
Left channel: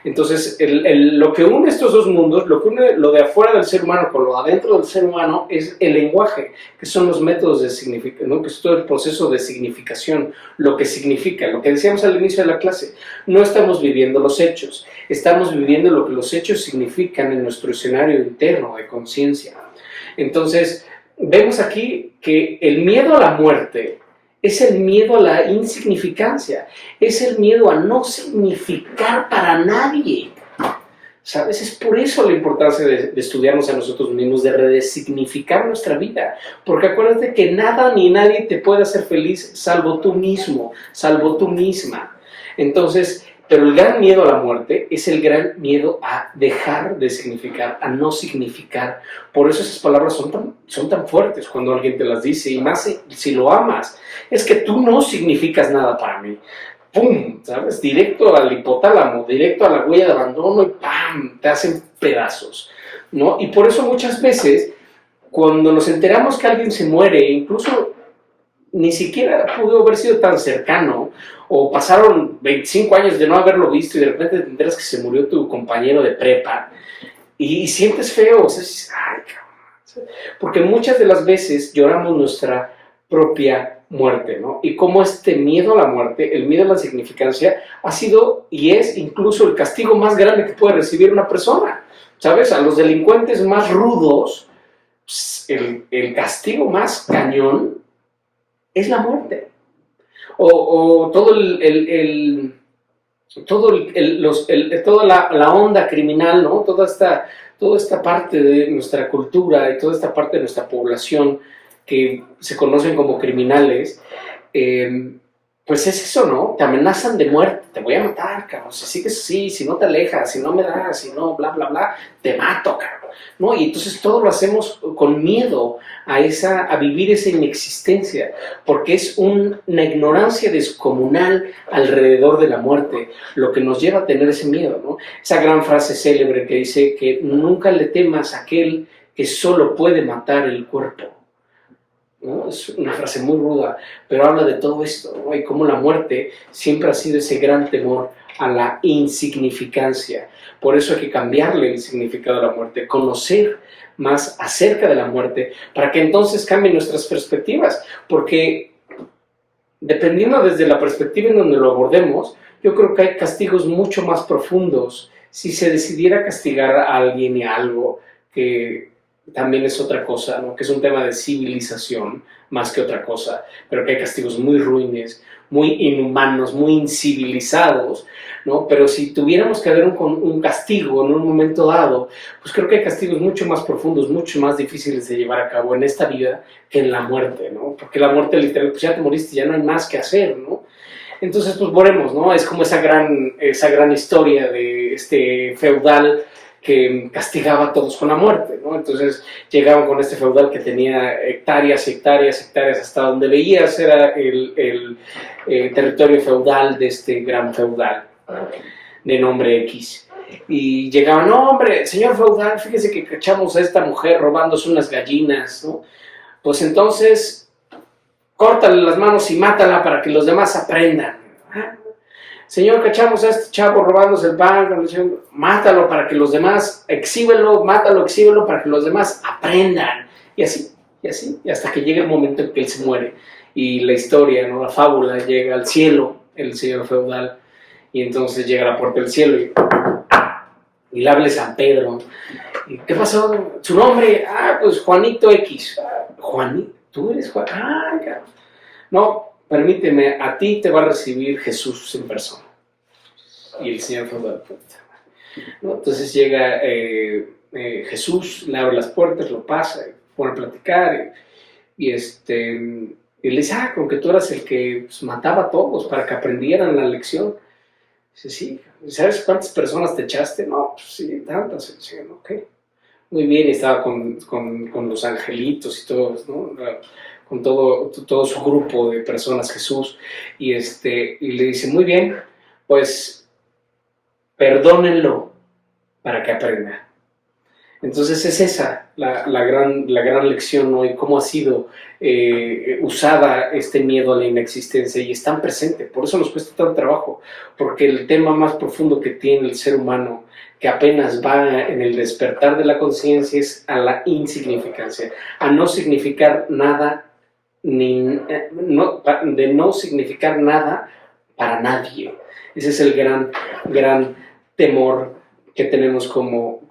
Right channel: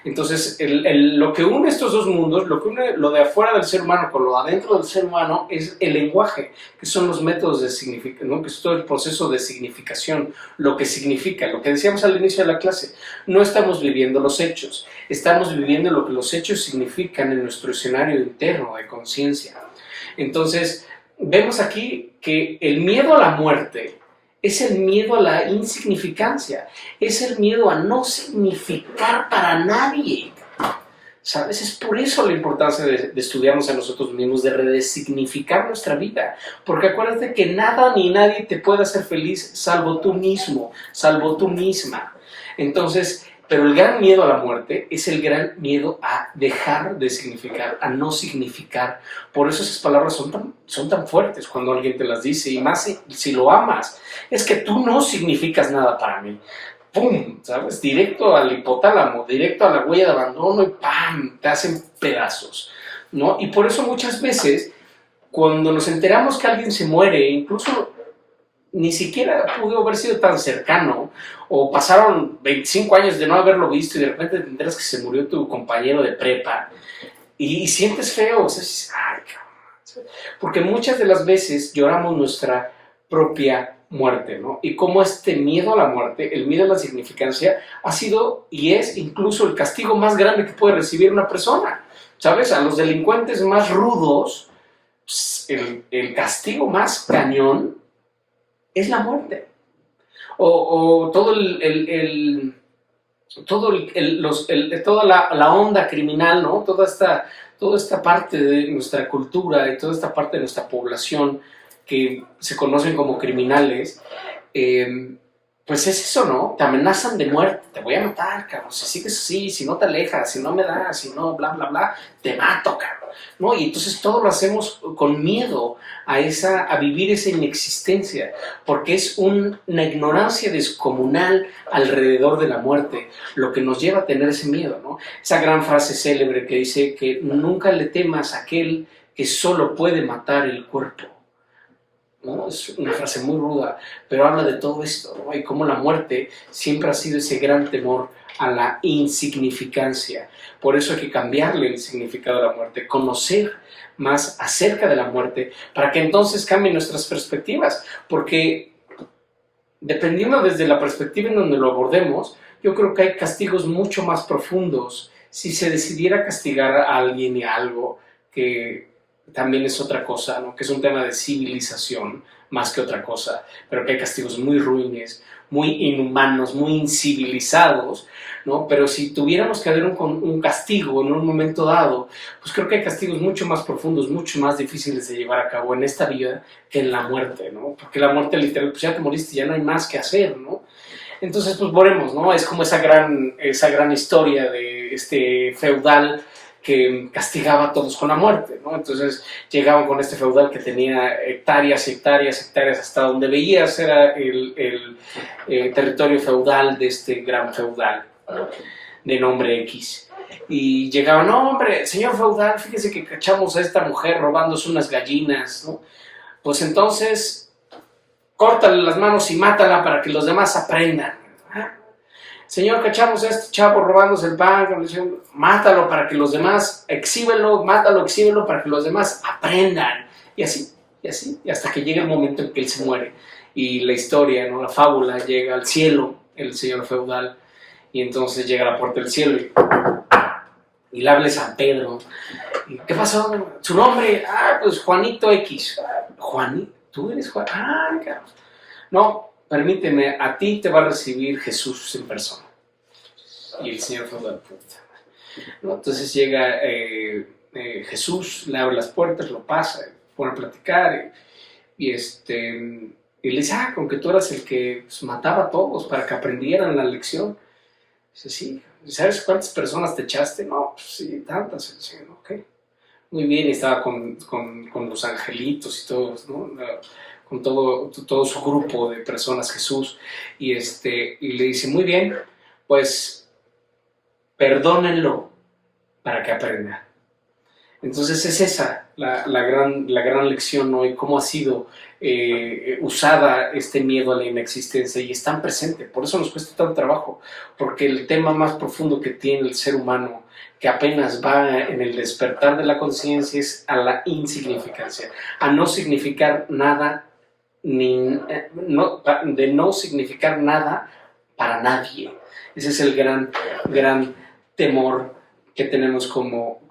Entonces, lo que une estos dos mundos, lo que une lo de afuera del ser humano con lo de adentro del ser humano, es el lenguaje, que son los métodos de significación, ¿no?, que es todo el proceso de significación, lo que significa, lo que decíamos al inicio de la clase. No estamos viviendo los hechos, estamos viviendo lo que los hechos significan en nuestro escenario interno de conciencia. Entonces, vemos aquí que el miedo a la muerte es el miedo a la insignificancia, es el miedo a no significar para nadie, ¿sabes? Es por eso la importancia de estudiarnos a nosotros mismos, de redesignificar nuestra vida, porque acuérdate que nada ni nadie te puede hacer feliz salvo tú mismo, salvo tú misma. Entonces, pero el gran miedo a la muerte es el gran miedo a dejar de significar, a no significar. Por eso esas palabras son tan fuertes cuando alguien te las dice, y más si lo amas. Es que tú no significas nada para mí. ¡Pum! ¿Sabes? Directo al hipotálamo, directo a la huella de abandono y ¡pam! Te hacen pedazos, ¿no? Y por eso muchas veces, cuando nos enteramos que alguien se muere, incluso ni siquiera pudo haber sido tan cercano, o pasaron 25 años de no haberlo visto y de repente te enteras que se murió tu compañero de prepa y sientes feo, o sea, dices, ay, cabrón, porque muchas de las veces lloramos nuestra propia muerte, ¿no? Y como este miedo a la muerte, el miedo a la insignificancia, ha sido y es incluso el castigo más grande que puede recibir una persona, ¿sabes? A los delincuentes más rudos, el castigo más cañón es la muerte. O toda la onda criminal, ¿no? Toda esta parte de nuestra cultura y toda esta parte de nuestra población que se conocen como criminales, pues es eso, ¿no? Te amenazan de muerte, te voy a matar, cabrón, si sigues así, si no te alejas, si no me das, si no, bla, bla, bla, te mato, cabrón. ¿no? Y entonces todo lo hacemos con miedo a vivir esa inexistencia, porque es una ignorancia descomunal alrededor de la muerte lo que nos lleva a tener ese miedo, ¿no? Esa gran frase célebre que dice que nunca le temas a aquel que solo puede matar el cuerpo, ¿no? Es una frase muy ruda, pero habla de todo esto, ¿no? Y cómo la muerte siempre ha sido ese gran temor a la insignificancia. Por eso hay que cambiarle el significado a la muerte, conocer más acerca de la muerte, para que entonces cambien nuestras perspectivas, porque dependiendo desde la perspectiva en donde lo abordemos, yo creo que hay castigos mucho más profundos si se decidiera castigar a alguien y a algo que también es otra cosa, ¿no? Que es un tema de civilización más que otra cosa, pero que hay castigos muy ruines, muy inhumanos, muy incivilizados, ¿no? Pero si tuviéramos que haber un castigo en un momento dado, pues creo que hay castigos mucho más profundos, mucho más difíciles de llevar a cabo en esta vida que en la muerte, ¿no? Porque la muerte literal, pues ya te moriste, ya no hay más que hacer, ¿no? Entonces, pues volvemos, ¿no? Es como esa gran historia de este feudal que castigaba a todos con la muerte, ¿no? Entonces llegaban con este feudal que tenía hectáreas, hectáreas, hectáreas, hasta donde veías era el territorio feudal de este gran feudal, ¿no? De nombre X. Y llegaban, no hombre, señor feudal, fíjese que cachamos a esta mujer robándose unas gallinas, ¿no? Pues entonces, córtale las manos y mátala para que los demás aprendan. ¿Ah? Señor, cachamos a este chavo robándose el pan, mátalo para que los demás, exhíbelo, mátalo, exhíbelo para que los demás aprendan. Y así, y hasta que llega el momento en que él se muere. Y la historia, ¿no? La fábula, llega al cielo, el señor feudal, y entonces llega a la puerta del cielo y le habla San Pedro. ¿Y qué pasó? ¿Su nombre? Ah, pues Juanito X. ¿Juanito? ¿Tú eres Juan? Ah, cabrón. No, permíteme, a ti te va a recibir Jesús en persona. Y el Señor feudal, ¿no? Entonces llega Jesús, le abre las puertas, lo pasa, pone a platicar y le dice, con que tú eras el que pues, mataba a todos para que aprendieran la lección. Dice, sí. ¿Sabes cuántas personas te echaste? No, pues sí, tantas. Dice, ok. Muy bien, y estaba con los angelitos y todos, ¿no? Con todo su grupo de personas, Jesús, y le dice, muy bien, pues perdónenlo para que aprenda. Entonces es esa la gran lección, ¿no? Y cómo ha sido usada este miedo a la inexistencia y es tan presente. Por eso nos cuesta tanto trabajo, porque el tema más profundo que tiene el ser humano, que apenas va en el despertar de la conciencia, es a la insignificancia, a no significar nada, de no significar nada para nadie. Ese es el gran temor que tenemos como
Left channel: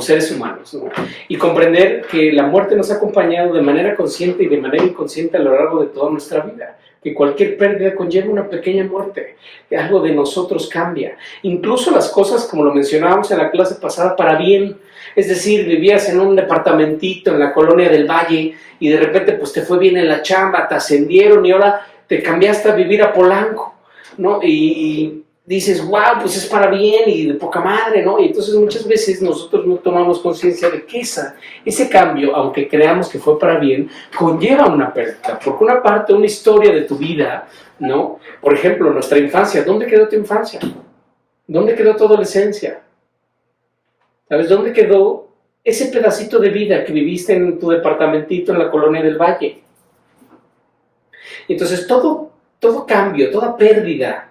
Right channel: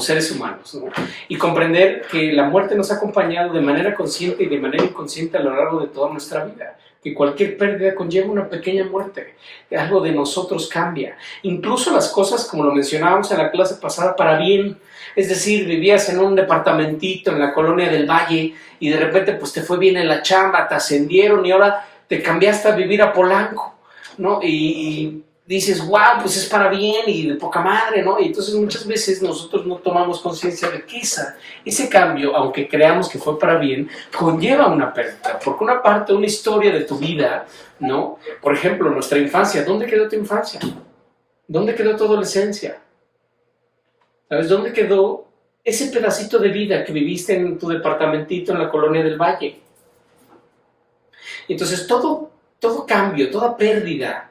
seres humanos, ¿no? Y comprender que la muerte nos ha acompañado de manera consciente y de manera inconsciente a lo largo de toda nuestra vida, que cualquier pérdida conlleva una pequeña muerte, que algo de nosotros cambia, incluso las cosas, como lo mencionábamos en la clase pasada, para bien. Es decir, vivías en un departamentito en la colonia del Valle y de repente pues te fue bien en la chamba, te ascendieron y ahora te cambiaste a vivir a Polanco, ¿no? Y dices, wow, pues es para bien y de poca madre, ¿no? Y entonces muchas veces nosotros no tomamos conciencia de que ese cambio, aunque creamos que fue para bien, conlleva una pérdida, porque una parte, una historia de tu vida, ¿no? Por ejemplo, nuestra infancia, ¿dónde quedó tu infancia? ¿Dónde quedó tu adolescencia? ¿Sabes? ¿Dónde quedó ese pedacito de vida que viviste en tu departamentito en la colonia del Valle? Entonces todo cambio, toda pérdida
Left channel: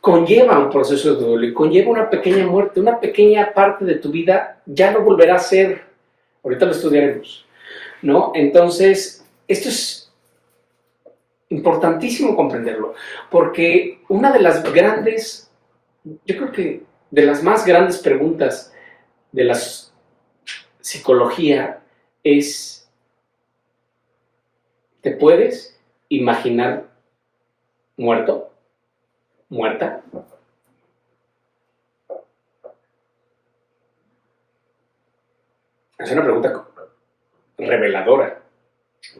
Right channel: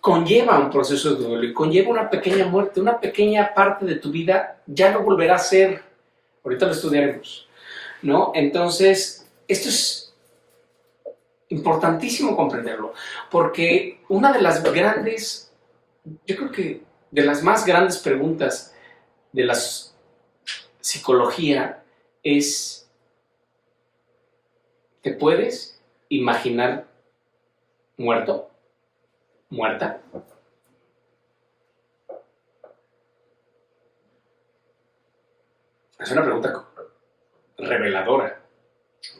conlleva un proceso de duelo y conlleva una pequeña muerte, una pequeña parte de tu vida ya no volverá a ser. Ahorita lo estudiaremos, ¿no? Entonces, esto es importantísimo comprenderlo, porque una de las grandes, yo creo que de las más grandes preguntas de la psicología es, ¿te puedes imaginar muerto? ¿Muerta? Es una pregunta reveladora.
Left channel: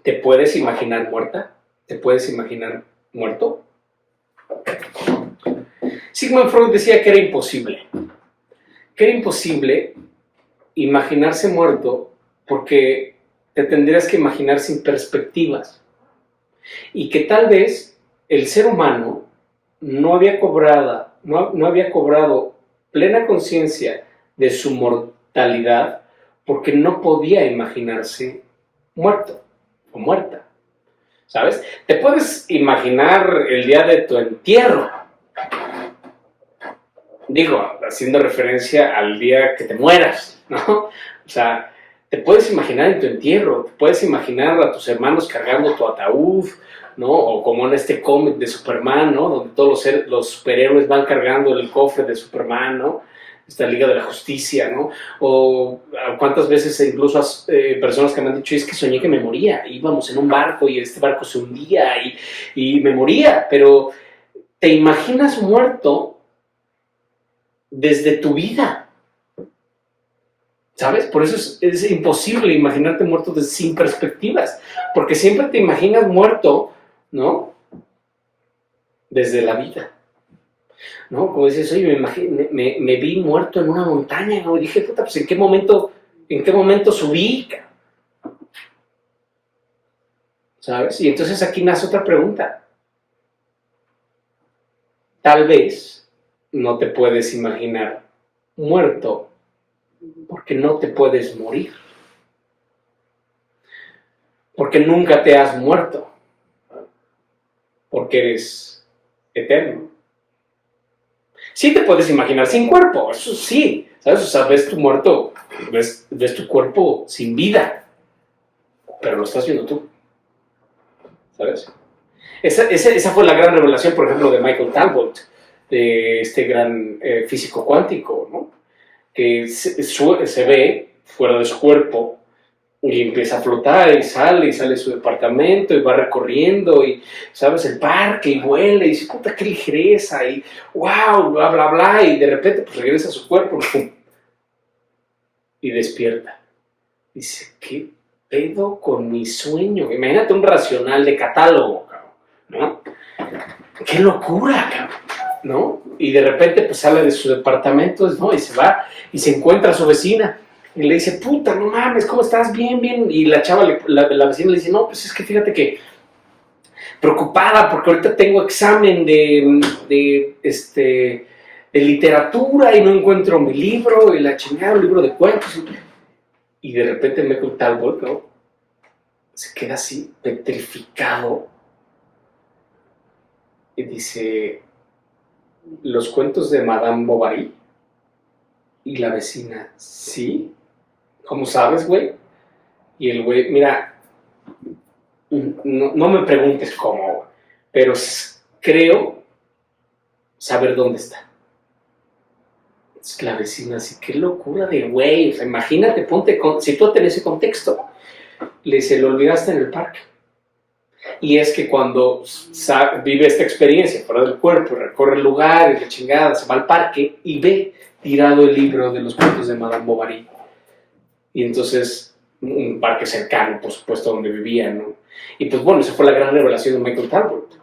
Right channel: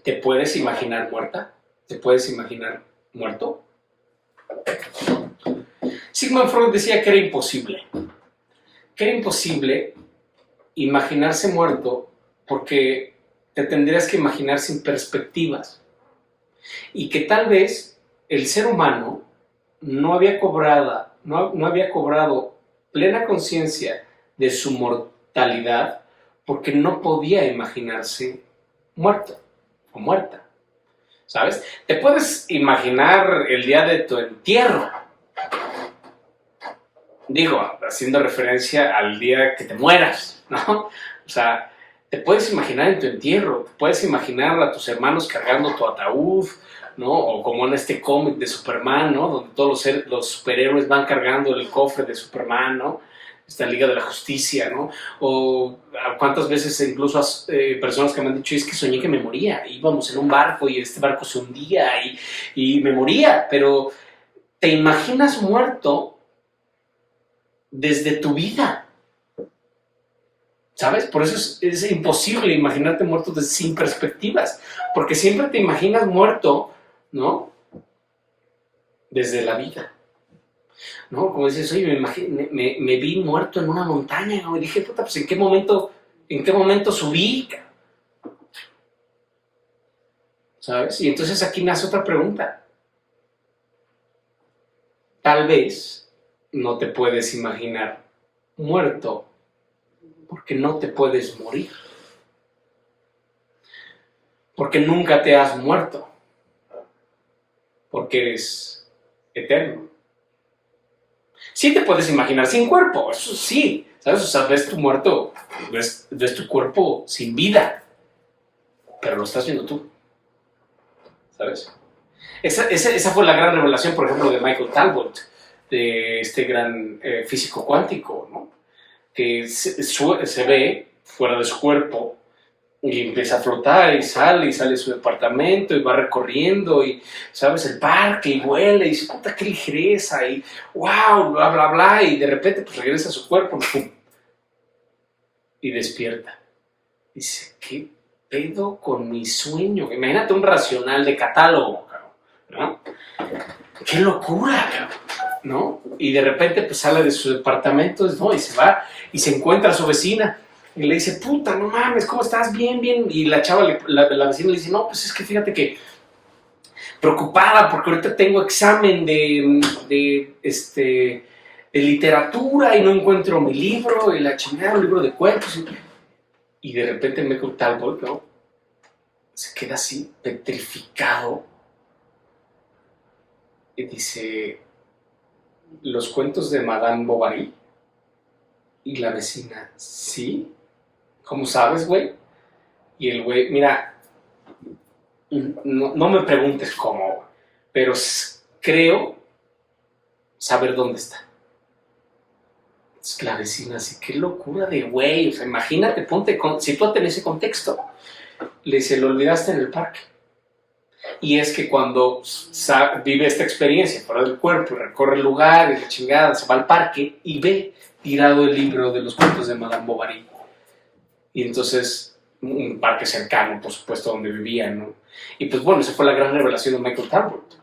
¿Te puedes imaginar muerta? ¿Te puedes imaginar muerto? Sigmund Freud decía que era imposible. que era imposible imaginarse muerto porque te tendrías que imaginar sin perspectivas y que tal vez el ser humano no había cobrado plena conciencia de su mortalidad porque no podía imaginarse muerto o muerta, ¿sabes? Te puedes imaginar el día de tu entierro, digo, haciendo referencia al día que te mueras, ¿no? O sea, te puedes imaginar en tu entierro, te puedes imaginar a tus hermanos cargando tu ataúd, ¿no? O como en este cómic de Superman, ¿no? Donde todos los superhéroes van cargando el cofre de Superman, ¿no? Esta Liga de la Justicia, ¿no? O cuántas veces incluso personas que me han dicho, es que soñé que me moría, íbamos en un barco y este barco se hundía y me moría, pero te imaginas muerto desde tu vida, ¿sabes? Por eso es imposible imaginarte muerto sin perspectivas, porque siempre te imaginas muerto, ¿no? Desde la vida, ¿no? Como dices, oye, me vi muerto en una montaña, ¿no? Y dije, puta, pues ¿en qué momento subí? ¿Sabes? Y entonces aquí nace otra pregunta. Tal vez no te puedes imaginar muerto porque no te puedes morir. Porque nunca te has muerto. Porque eres eterno. Sí te puedes imaginar sin cuerpo, eso sí, ¿sabes? O sea, ves tu muerto, ves tu cuerpo sin vida, pero lo estás viendo tú, ¿sabes? Esa fue la gran revelación, por ejemplo, de Michael Talbot, de este gran físico cuántico, ¿no? Que se ve fuera de su cuerpo y empieza a flotar y sale de su departamento y va recorriendo y, ¿sabes? El parque y vuela y dice, puta, qué ligereza y wow, bla, bla, bla, y de repente pues regresa a su cuerpo ¡pum! Y despierta. Dice, ¿qué pedo con mi sueño? Imagínate un racional de catálogo, ¿no? ¡Qué locura, cabrón! ¿No? Y de repente pues sale de su departamento, ¿no? Y se va y se encuentra a su vecina y le dice, puta, no mames, ¿cómo estás? Bien, bien. Y la chava, la vecina le dice, no, pues es que fíjate que preocupada porque ahorita tengo examen de literatura y no encuentro mi libro y la chingada, un libro de cuentos. Y de repente Michael Talbot, ¿no? Se queda así, petrificado y dice, los cuentos de Madame Bovary. Y la vecina, ¿sí? ¿Cómo sabes, güey? Y el güey, mira, no me preguntes cómo, pero creo saber dónde está. La vecina, así, qué locura de güey. O sea, imagínate, sitúate en ese contexto. Le dice, lo olvidaste en el parque. Y es que cuando vive esta experiencia fuera del cuerpo, recorre el lugar y la chingada, se va al parque y ve tirado el libro de los cuentos de Madame Bovary. Y entonces, un parque cercano, por supuesto, donde vivía, ¿no? Y pues bueno, esa fue la gran revelación de Michael Talbot.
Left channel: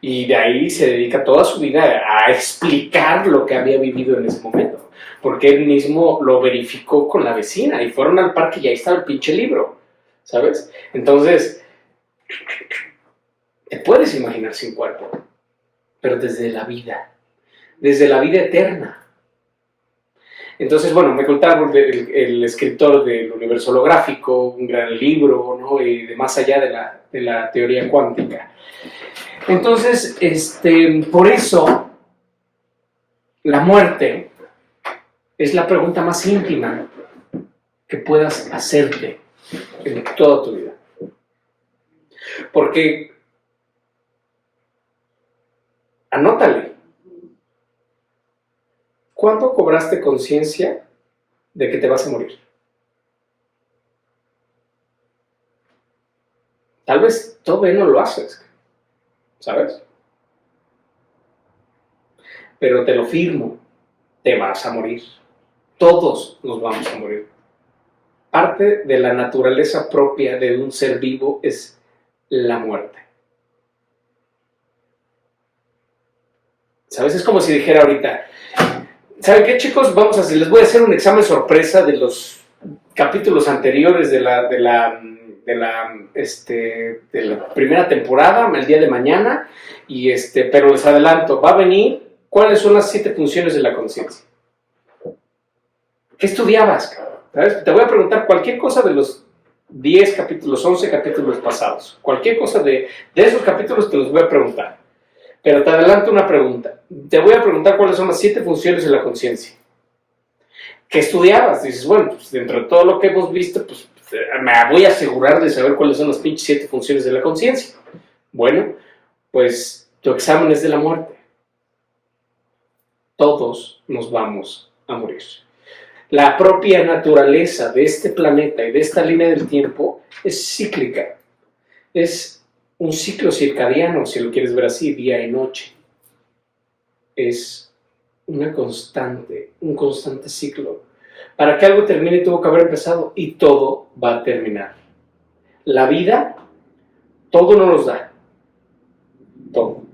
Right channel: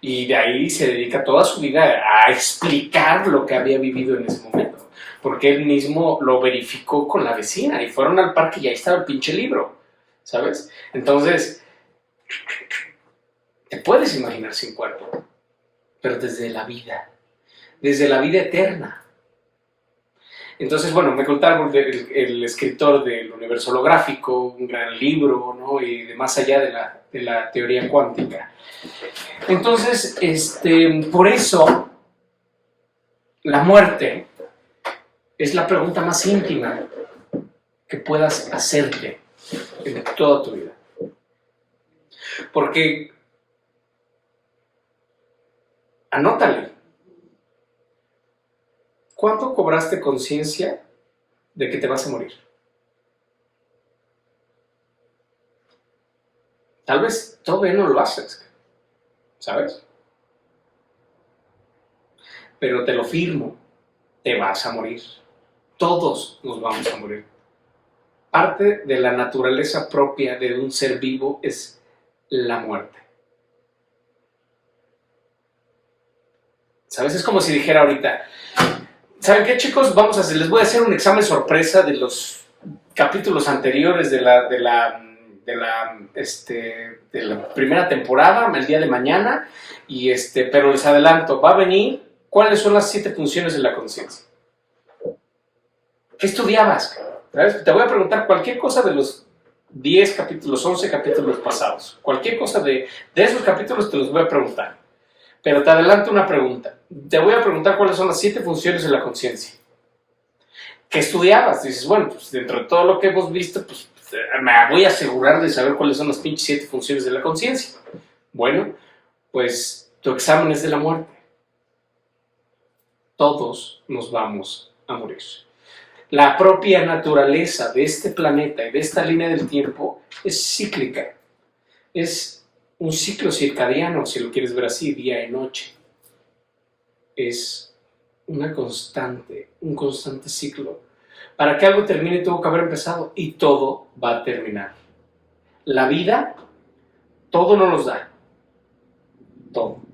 Y de ahí se dedica toda su vida a explicar lo que había vivido en ese momento. Porque él mismo lo verificó con la vecina y fueron al parque y ahí estaba el pinche libro, ¿sabes? Entonces, te puedes imaginar sin cuerpo, pero desde la vida eterna. Entonces, bueno, Michael Talbot, el escritor del universo holográfico, un gran libro, ¿no? Y de más allá de la teoría cuántica. Entonces, por eso, la muerte es la pregunta más íntima que puedas hacerte en toda tu vida. Porque, anótale, ¿cuándo cobraste conciencia de que te vas a morir? Tal vez todavía no lo haces, ¿sabes? Pero te lo firmo, te vas a morir. Todos nos vamos a morir. Parte de la naturaleza propia de un ser vivo es la muerte. ¿Sabes? Es como si dijera ahorita, ¿Saben qué, chicos? Les voy a hacer un examen sorpresa de los capítulos anteriores de la primera temporada, el día de mañana, pero les adelanto, va a venir cuáles son las 7 funciones de la conciencia. ¿Qué estudiabas, cabrón? ¿Sabes? Te voy a preguntar cualquier cosa de los 10 capítulos, 11 capítulos pasados. Cualquier cosa de esos capítulos te los voy a preguntar. Pero te adelanto una pregunta. Te voy a preguntar cuáles son las 7 funciones de la conciencia. ¿Qué estudiabas? Dices, bueno, pues dentro de todo lo que hemos visto, pues me voy a asegurar de saber cuáles son las pinches 7 funciones de la conciencia. Bueno, pues tu examen es de la muerte. Todos nos vamos a morir. La propia naturaleza de este planeta y de esta línea del tiempo es cíclica. Es un ciclo circadiano, si lo quieres ver así, día y noche. Es un constante ciclo. Para que algo termine tuvo que haber empezado y todo va a terminar. La vida, todo no nos da. Todo.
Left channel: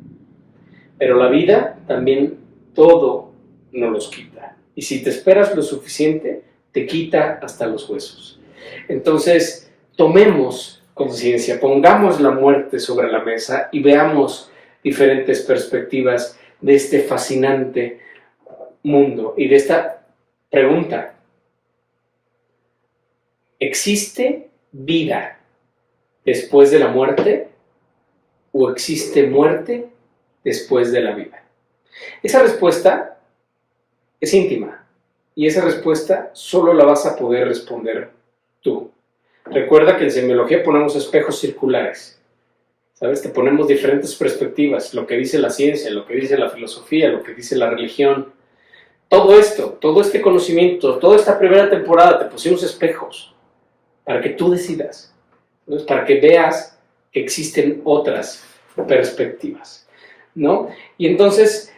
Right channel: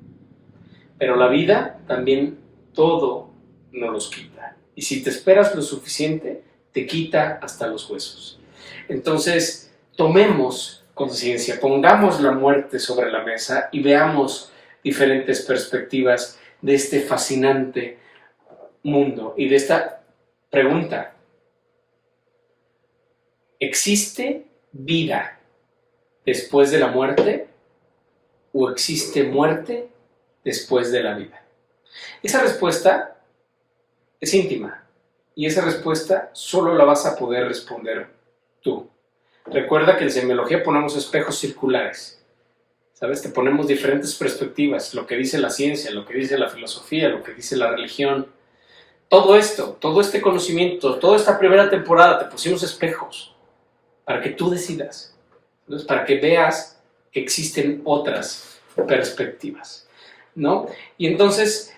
Pero la vida también todo nos los quita. Y si te esperas lo suficiente, te quita hasta los huesos. Entonces, tomemos conciencia, pongamos la muerte sobre la mesa y veamos diferentes perspectivas de este fascinante mundo y de esta pregunta. ¿Existe vida después de la muerte o existe muerte después de la vida? Esa respuesta es íntima y esa respuesta solo la vas a poder responder tú. Recuerda que en semiología ponemos espejos circulares, ¿sabes? Te ponemos diferentes perspectivas, lo que dice la ciencia, lo que dice la filosofía, lo que dice la religión. Todo esto, todo este conocimiento, toda esta primera temporada te pusimos espejos para que tú decidas, ¿sabes? Para que veas que existen otras perspectivas, ¿no? Y entonces,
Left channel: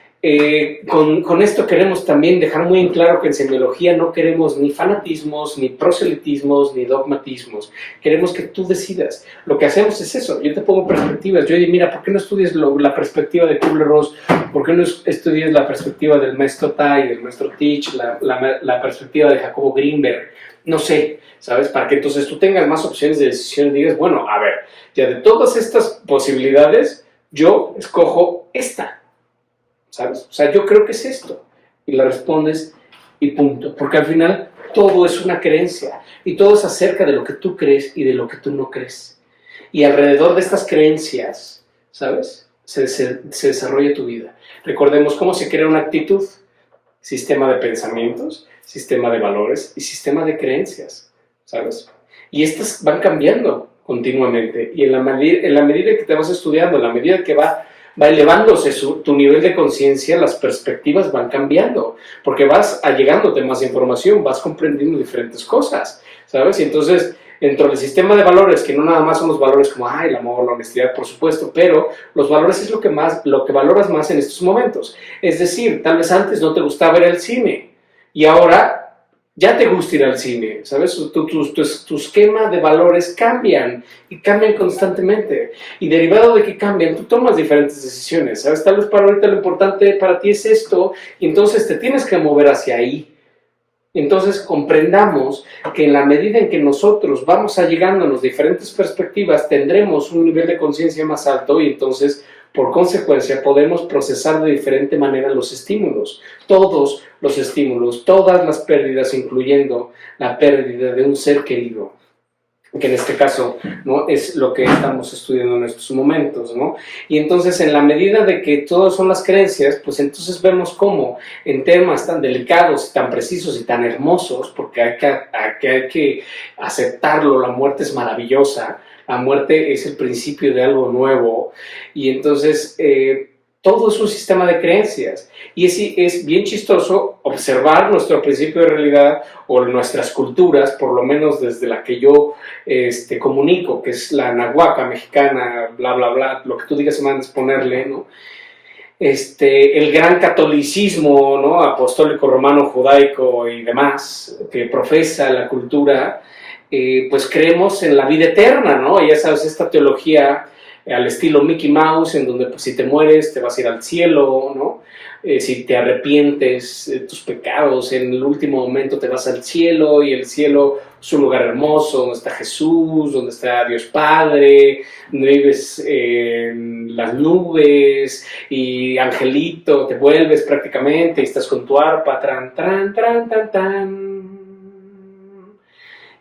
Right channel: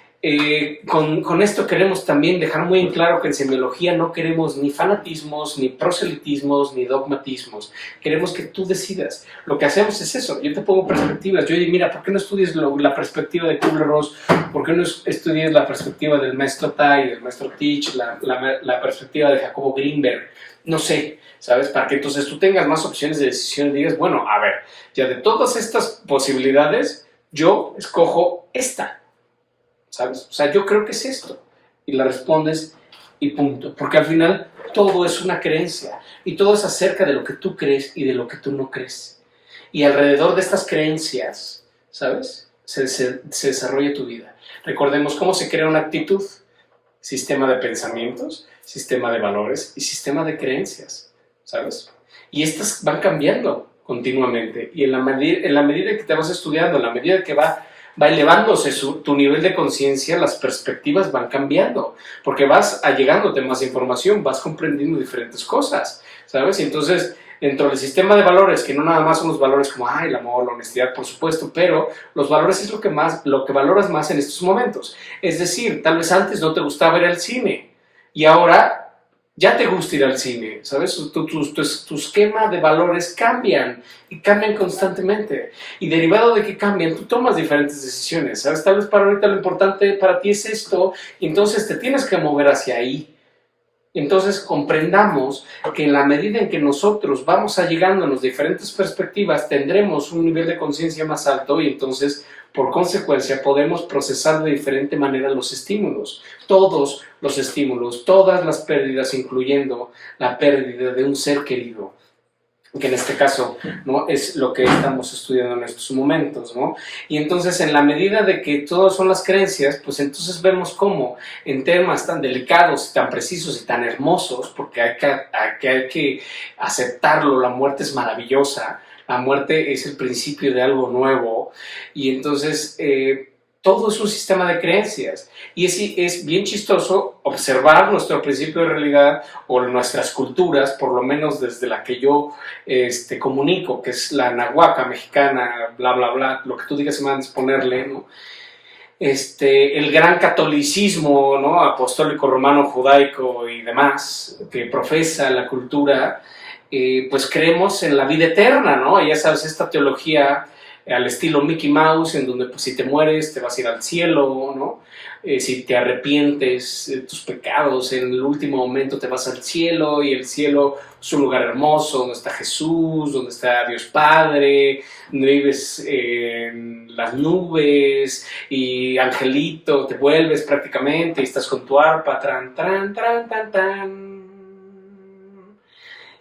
con esto queremos también dejar muy en claro que en semiología no queremos ni fanatismos, ni proselitismos, ni dogmatismos. Queremos que tú decidas. Lo que hacemos es eso. Yo te pongo perspectivas. Yo digo, mira, ¿por qué no estudias la perspectiva de Kubler-Ross? ¿Por qué no estudias la perspectiva del maestro Tai, del maestro Teach, la perspectiva de Jacobo Greenberg? No sé, ¿sabes? Para que entonces tú tengas más opciones de decisión y digas, bueno, a ver, ya de todas estas posibilidades, yo escojo esta. ¿Sabes? O sea, yo creo que es esto. Y la respondes y punto. Porque al final todo es una creencia. Y todo es acerca de lo que tú crees y de lo que tú no crees. Y alrededor de estas creencias, ¿sabes? Se desarrolla tu vida. Recordemos cómo se crea una actitud. Sistema de pensamientos, sistema de valores y sistema de creencias, ¿sabes? Y estas van cambiando continuamente. Y en la medida que te vas estudiando, en la medida que va elevándose tu nivel de conciencia, las perspectivas van cambiando, porque vas allegándote más información, vas comprendiendo diferentes cosas, ¿sabes? Y entonces, dentro del sistema de valores, que no nada más son los valores como, el amor, la honestidad, por supuesto, pero los valores es lo que valoras más en estos momentos. Es decir, tal vez antes no te gustaba ir al cine, y ahora ya te gusta ir al cine, ¿sabes? Tu esquema de valores cambian y cambian constantemente. Y derivado de que cambian, tú tomas diferentes decisiones, ¿sabes? Tal vez para ahorita lo importante para ti es esto, y entonces te tienes que mover hacia ahí. Entonces comprendamos que en la medida en que nosotros vamos allegando en las diferentes perspectivas, tendremos un nivel de conciencia más alto y entonces, por consecuencia, podemos procesar de diferente manera los estímulos. Todos los estímulos, todas las pérdidas, incluyendo la pérdida de un ser querido, que en este caso, ¿no?, es lo que estamos estudiando en estos momentos, ¿no? Y entonces, en la medida de que todas son las creencias, pues entonces vemos cómo en temas tan delicados, tan precisos y tan hermosos, porque hay que aceptarlo, la muerte es maravillosa, la muerte es el principio de algo nuevo, y entonces todo es un sistema de creencias. Y es bien chistoso observar nuestro principio de realidad o nuestras culturas, por lo menos desde la que yo comunico, que es la nahuaca mexicana, bla, bla, bla, lo que tú digas se van a ponerle, ¿no? El gran catolicismo, ¿no?, apostólico, romano, judaico y demás, que profesa la cultura, pues creemos en la vida eterna, ¿no? Y ya sabes, esta teología al estilo Mickey Mouse, en donde pues si te mueres te vas a ir al cielo, ¿no? si te arrepientes de tus pecados, en el último momento te vas al cielo, y el cielo es un lugar hermoso donde está Jesús, donde está Dios Padre, donde vives en las nubes y angelito, te vuelves prácticamente y estás con tu arpa, tran, tran, tran, tan, tan.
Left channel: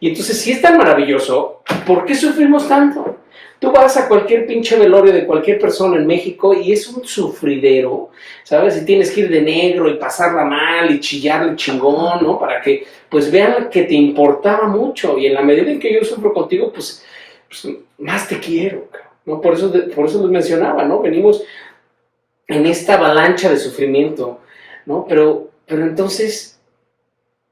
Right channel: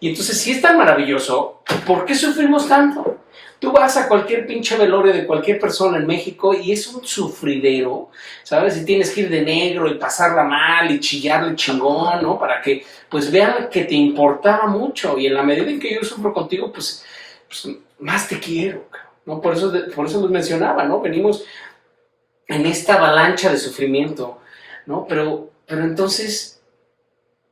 Y entonces, si es tan maravilloso, ¿por qué sufrimos tanto? Tú vas a cualquier pinche velorio de cualquier persona en México y es un sufridero, ¿sabes? Y tienes que ir de negro y pasarla mal y chillarle chingón, ¿no? Para que, pues, vean que te importaba mucho. Y en la medida en que yo sufro contigo, pues más te quiero, ¿no? Por eso les mencionaba, ¿no? Venimos en esta avalancha de sufrimiento, ¿no? Pero entonces,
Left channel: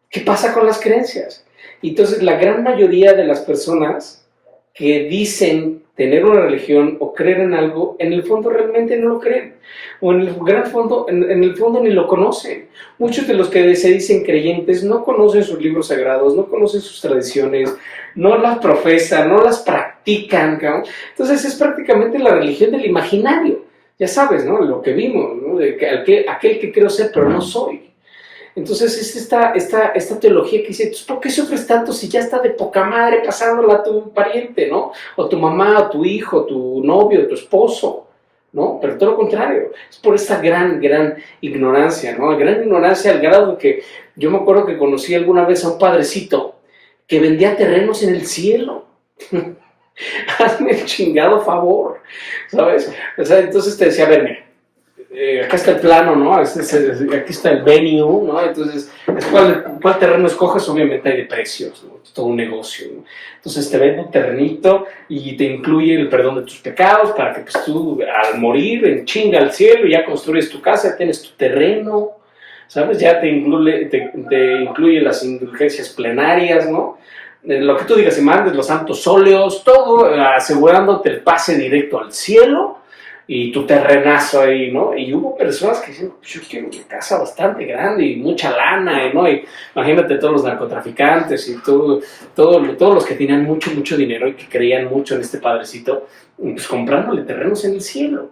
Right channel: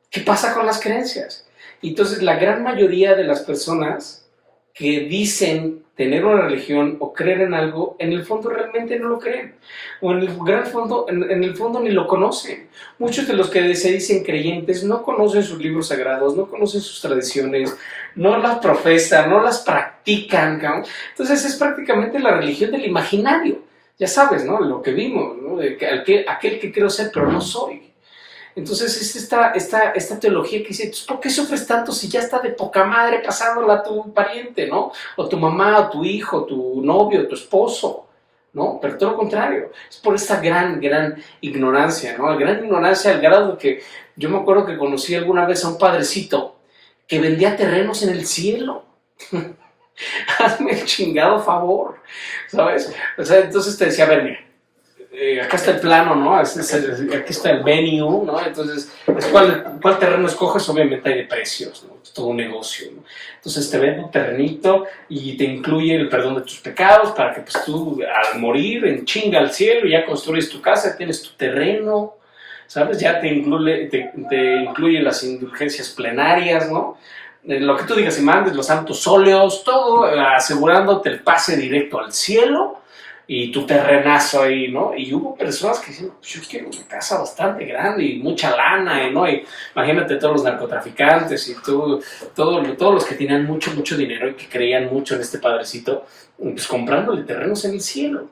¿qué pasa con las creencias? Y entonces la gran mayoría de las personas que dicen tener una religión o creer en algo, en el fondo realmente no lo creen. O en el fondo ni lo conocen. Muchos de los que se dicen creyentes no conocen sus libros sagrados, no conocen sus tradiciones, no las profesan, no las practican, ¿no? Entonces es prácticamente la religión del imaginario. Ya sabes, ¿no? Lo que vimos, ¿no? Aquel que quiero ser, pero no soy. Entonces es esta teología que dice, ¿por qué sufres tanto si ya está de poca madre pasándola a tu pariente, ¿no? O tu mamá, o tu hijo, tu novio, tu esposo, ¿no? Pero todo lo contrario, es por esta gran ignorancia, ¿no? Gran ignorancia al grado de que yo me acuerdo que conocí alguna vez a un padrecito que vendía terrenos en el cielo. Hazme el chingado favor, ¿sabes? O sea, entonces te decía, a ver, mira, acá está el plano, ¿no? Aquí está el venue, ¿no? Entonces, ¿cuál terreno escoges? Obviamente hay de precios, ¿no? Es todo un negocio, ¿no? Entonces te vende un terrenito y te incluye el perdón de tus pecados para que pues tú al morir en chinga al cielo ya construyes tu casa, tienes tu terreno, ¿sabes? Ya te incluye las indulgencias plenarias, ¿no? Lo que tú digas y mandes, los santos óleos, todo asegurándote el pase directo al cielo y tu terrenazo ahí, ¿no? Y hubo personas que decían, pues yo quiero una casa bastante grande y mucha lana, ¿no? Y imagínate todos los narcotraficantes y todos los que tenían mucho dinero y que creían mucho en este padrecito, pues comprándole terrenos en el cielo,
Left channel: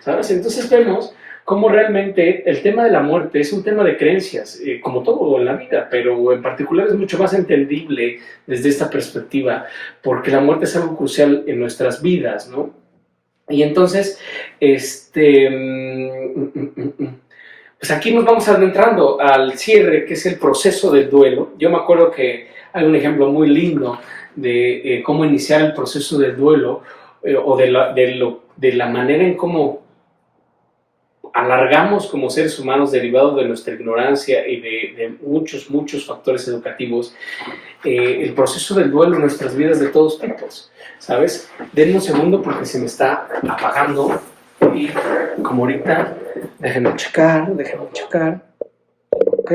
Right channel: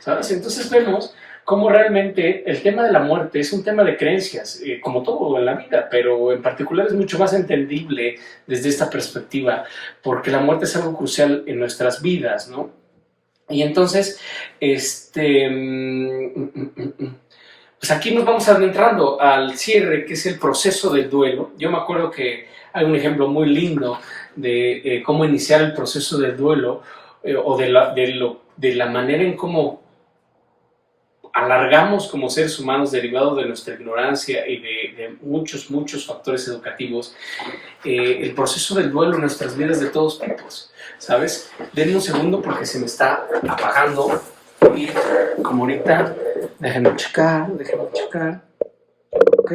¿sabes? Entonces vemos cómo realmente el tema de la muerte es un tema de creencias, como todo en la vida, pero en particular es mucho más entendible desde esta perspectiva, porque la muerte es algo crucial en nuestras vidas, ¿no? Y entonces, pues aquí nos vamos adentrando al cierre, que es el proceso del duelo. Yo me acuerdo que hay un ejemplo muy lindo de cómo iniciar el proceso del duelo, o de la manera en cómo alargamos como seres humanos derivado de nuestra ignorancia y de muchos factores educativos, el proceso del duelo en nuestras vidas de todos tipos, ¿sabes? Denme un segundo porque se me está apagando y como ahorita, déjenme checar, ok,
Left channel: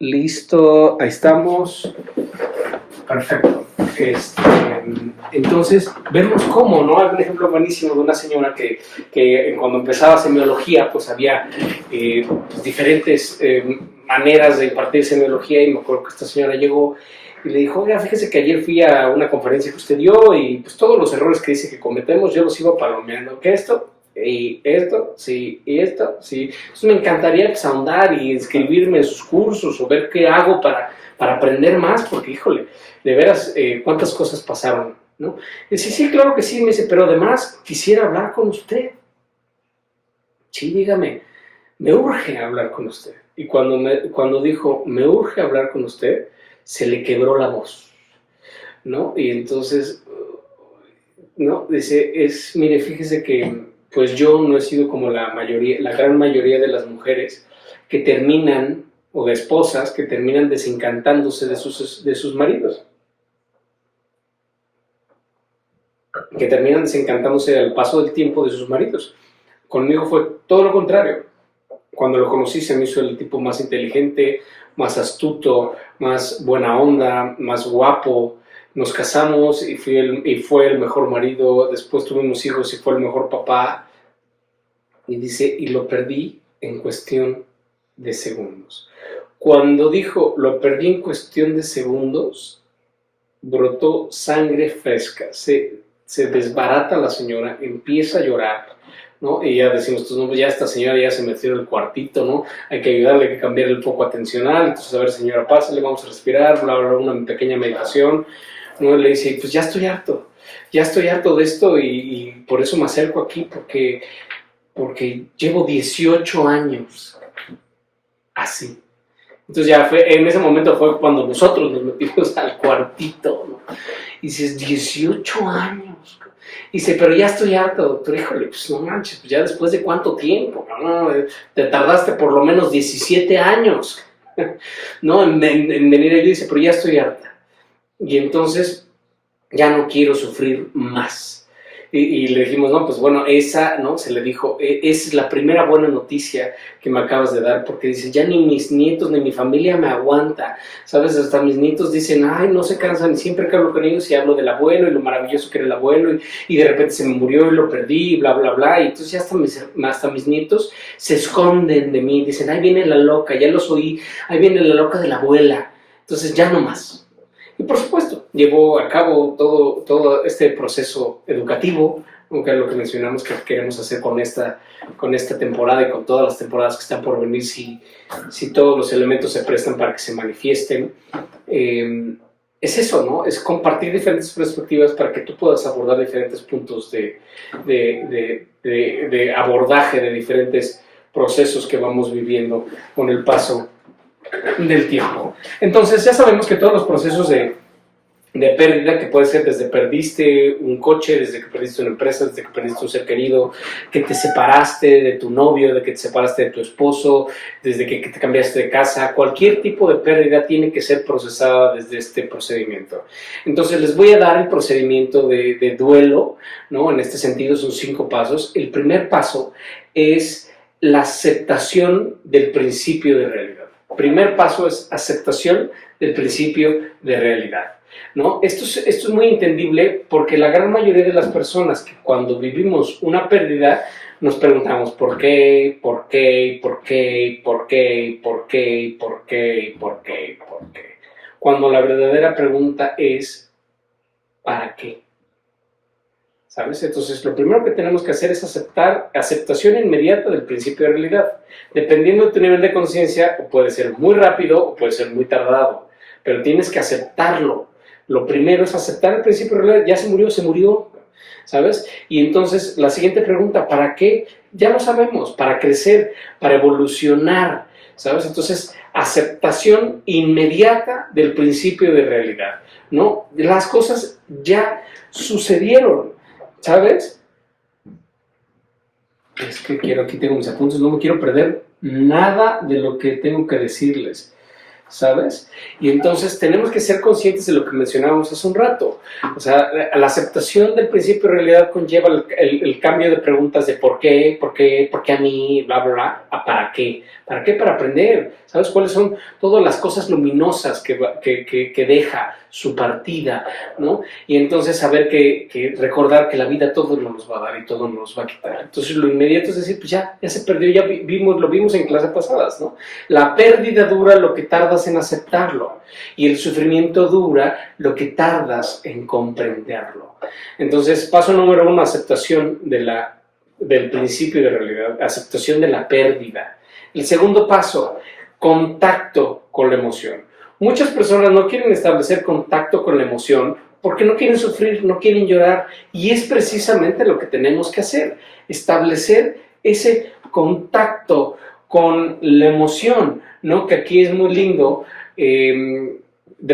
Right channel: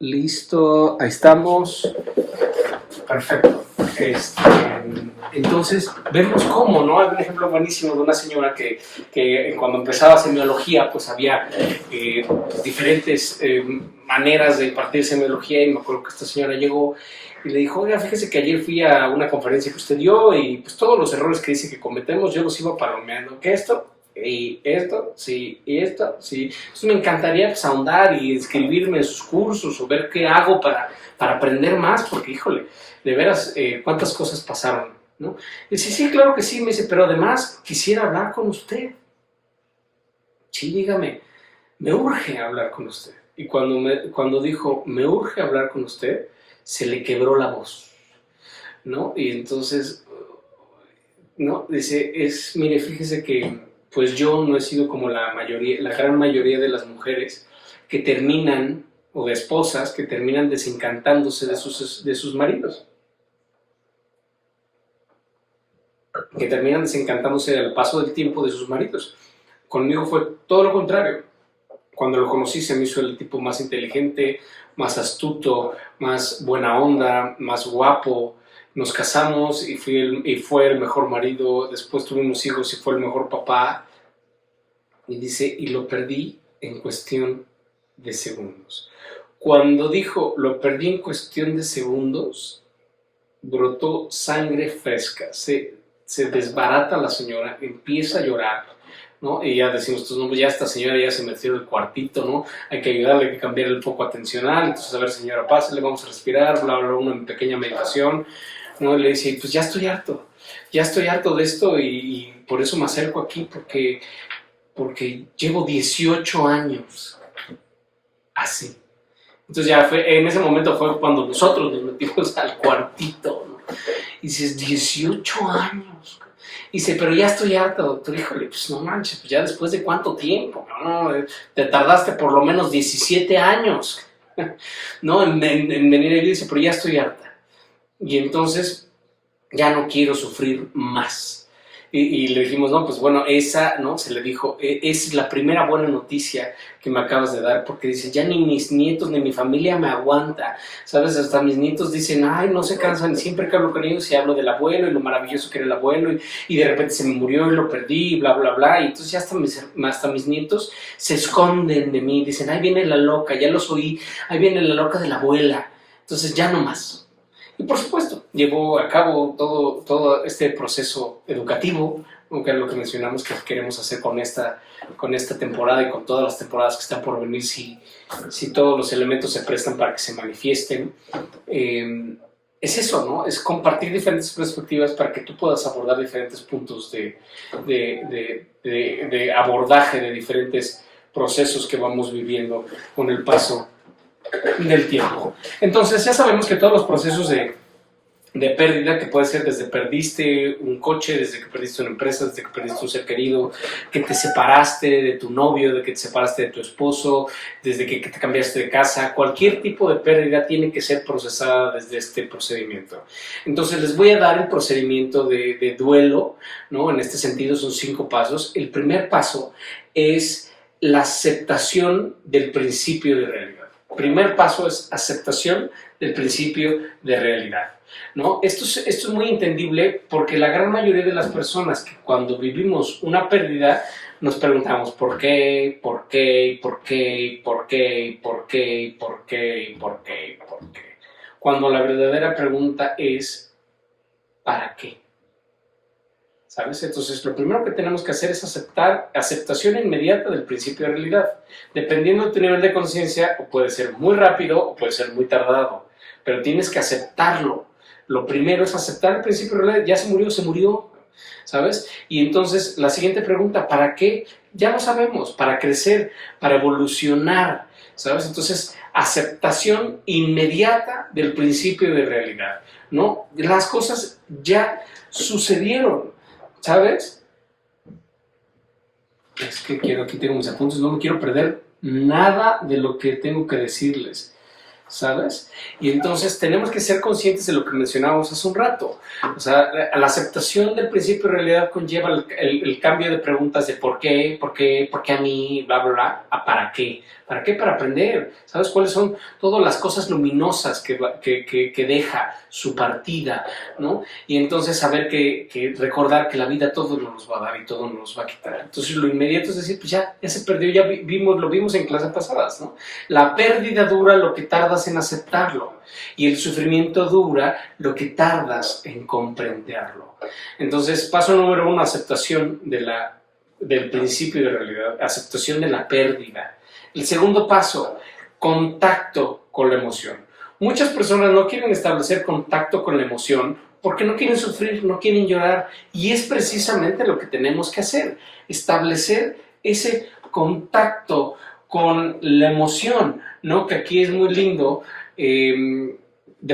listo, ahí estamos, perfecto. Entonces, vemos cómo, ¿no? Hay un ejemplo buenísimo de una señora que cuando empezaba semiología, pues había diferentes maneras de impartir semiología, y me acuerdo que esta señora llegó y le dijo, oiga, fíjese que ayer fui a una conferencia que usted dio y pues todos los errores que dice que cometemos, yo los iba palomeando, que esto, y esto, sí, y esto, sí. Entonces me encantaría pues ahondar y inscribirme en sus cursos o ver qué hago para aprender más, porque híjole, de veras, cuántas cosas pasaron, ¿no? Y dice, sí, claro que sí, me dice, pero además quisiera hablar con usted. Sí, dígame, me urge hablar con usted. Y cuando dijo, me urge hablar con usted, se le quebró la voz, ¿no? Y entonces, ¿no? Dice, mire, fíjese que pues yo no he sido como la gran mayoría de las mujeres que terminan, o de esposas, que terminan desencantándose de sus maridos. Que terminan desencantándose al paso del tiempo de sus maridos. Conmigo fue todo lo contrario. Cuando lo conocí se me hizo el tipo más inteligente, más astuto, más buena onda, más guapo. Nos casamos y fue el mejor marido. Después tuvimos hijos y fue el mejor papá. Y dice, y lo perdí en cuestión de segundos. Cuando dijo, lo perdí en cuestión de segundos, brotó sangre fresca. Se se desbarata la señora, empieza a llorar, ¿no? Y ya decimos, no, ya esta señora ya se metió en el cuartito, ¿no? Hay que ayudarle, hay que cambiar el foco atencional. Entonces, a ver, señora, pásale, vamos a respirar, bla, bla, una pequeña meditación, ¿no? Le dice, pues ya estoy harto de esto y por eso me acerco aquí, porque llevo 18 años así. Entonces ya en ese momento fue cuando nosotros nos metimos al cuartito, ¿no? Y dices, 18 años. Y dice, pero ya estoy harto, doctor. Híjole, pues no manches, pues ya después de cuánto tiempo, ¿no? Te tardaste por lo menos 17 años, ¿no? En venir y dice, pero ya estoy harta. Y entonces ya no quiero sufrir más. Y le dijimos, no, pues bueno, esa, ¿no? Se le dijo, esa es la primera buena noticia que me acabas de dar, porque dice, ya ni mis nietos ni mi familia me aguanta, ¿sabes? Hasta mis nietos dicen, ay, no se cansan, y siempre que hablo con ellos y hablo del abuelo y lo maravilloso que era el abuelo, y de repente se me murió y lo perdí, y bla, bla, bla, y entonces ya hasta mis nietos se esconden de mí, dicen, ahí viene la loca, ya los oí, ahí viene la loca de la abuela, entonces ya no más. Y por supuesto, llevó a cabo todo este proceso educativo, aunque es lo que mencionamos que queremos hacer con esta temporada y con todas las temporadas que están por venir, si todos los elementos se prestan para que se manifiesten. Es eso, ¿no? Es compartir diferentes perspectivas para que tú puedas abordar diferentes puntos de abordaje de diferentes procesos que vamos viviendo con el paso del tiempo. Entonces ya sabemos que todos los procesos de pérdida, que puede ser desde perdiste un coche, desde que perdiste una empresa, desde que perdiste un ser querido, que te separaste de tu novio, de que te separaste de tu esposo, desde que te cambiaste de casa, cualquier tipo de pérdida tiene que ser procesada desde este procedimiento. Entonces les voy a dar el procedimiento de duelo, ¿no? En este sentido son 5 pasos. El primer paso es la aceptación del principio de realidad. Primer paso es aceptación del principio de realidad, ¿no? Esto es muy entendible porque la gran mayoría de las personas que cuando vivimos una pérdida nos preguntamos ¿por qué? ¿Por qué? ¿Por qué? ¿Por qué? ¿Por qué? ¿Por qué? ¿Por qué? ¿Por qué? Cuando la verdadera pregunta es ¿para qué? ¿Sabes? Entonces, lo primero que tenemos que hacer es aceptación inmediata del principio de realidad. Dependiendo de tu nivel de conciencia, puede ser muy rápido o puede ser muy tardado, pero tienes que aceptarlo. Lo primero es aceptar el principio de realidad. Ya se murió, ¿sabes? Y entonces, la siguiente pregunta, ¿para qué? Ya lo sabemos, para crecer, para evolucionar, ¿sabes? Entonces, aceptación inmediata del principio de realidad, ¿no? Las cosas ya sucedieron, ¿sabes? Es que aquí tengo mis apuntes, no me quiero perder nada de lo que tengo que decirles, ¿sabes? Y entonces tenemos que ser conscientes de lo que mencionábamos hace un rato. O sea, la aceptación del principio de realidad conlleva el cambio de preguntas de por qué a mí, bla, bla, bla, a para qué. ¿Para qué? Para aprender. ¿Sabes cuáles son todas las cosas luminosas que deja su partida, ¿no? Y entonces saber recordar que la vida todo nos va a dar y todo nos va a quitar. Entonces lo inmediato es decir, pues ya se perdió, ya lo vimos en clases pasadas, ¿no? La pérdida dura lo que tardas en aceptarlo y el sufrimiento dura lo que tardas en comprenderlo. Entonces, paso número 1, aceptación del principio de realidad, aceptación de la pérdida. El segundo paso, contacto con la emoción. Muchas personas no quieren establecer contacto con la emoción porque no quieren sufrir, no quieren llorar, y es precisamente lo que tenemos que hacer, establecer ese contacto con la emoción, ¿no? Que aquí es muy lindo,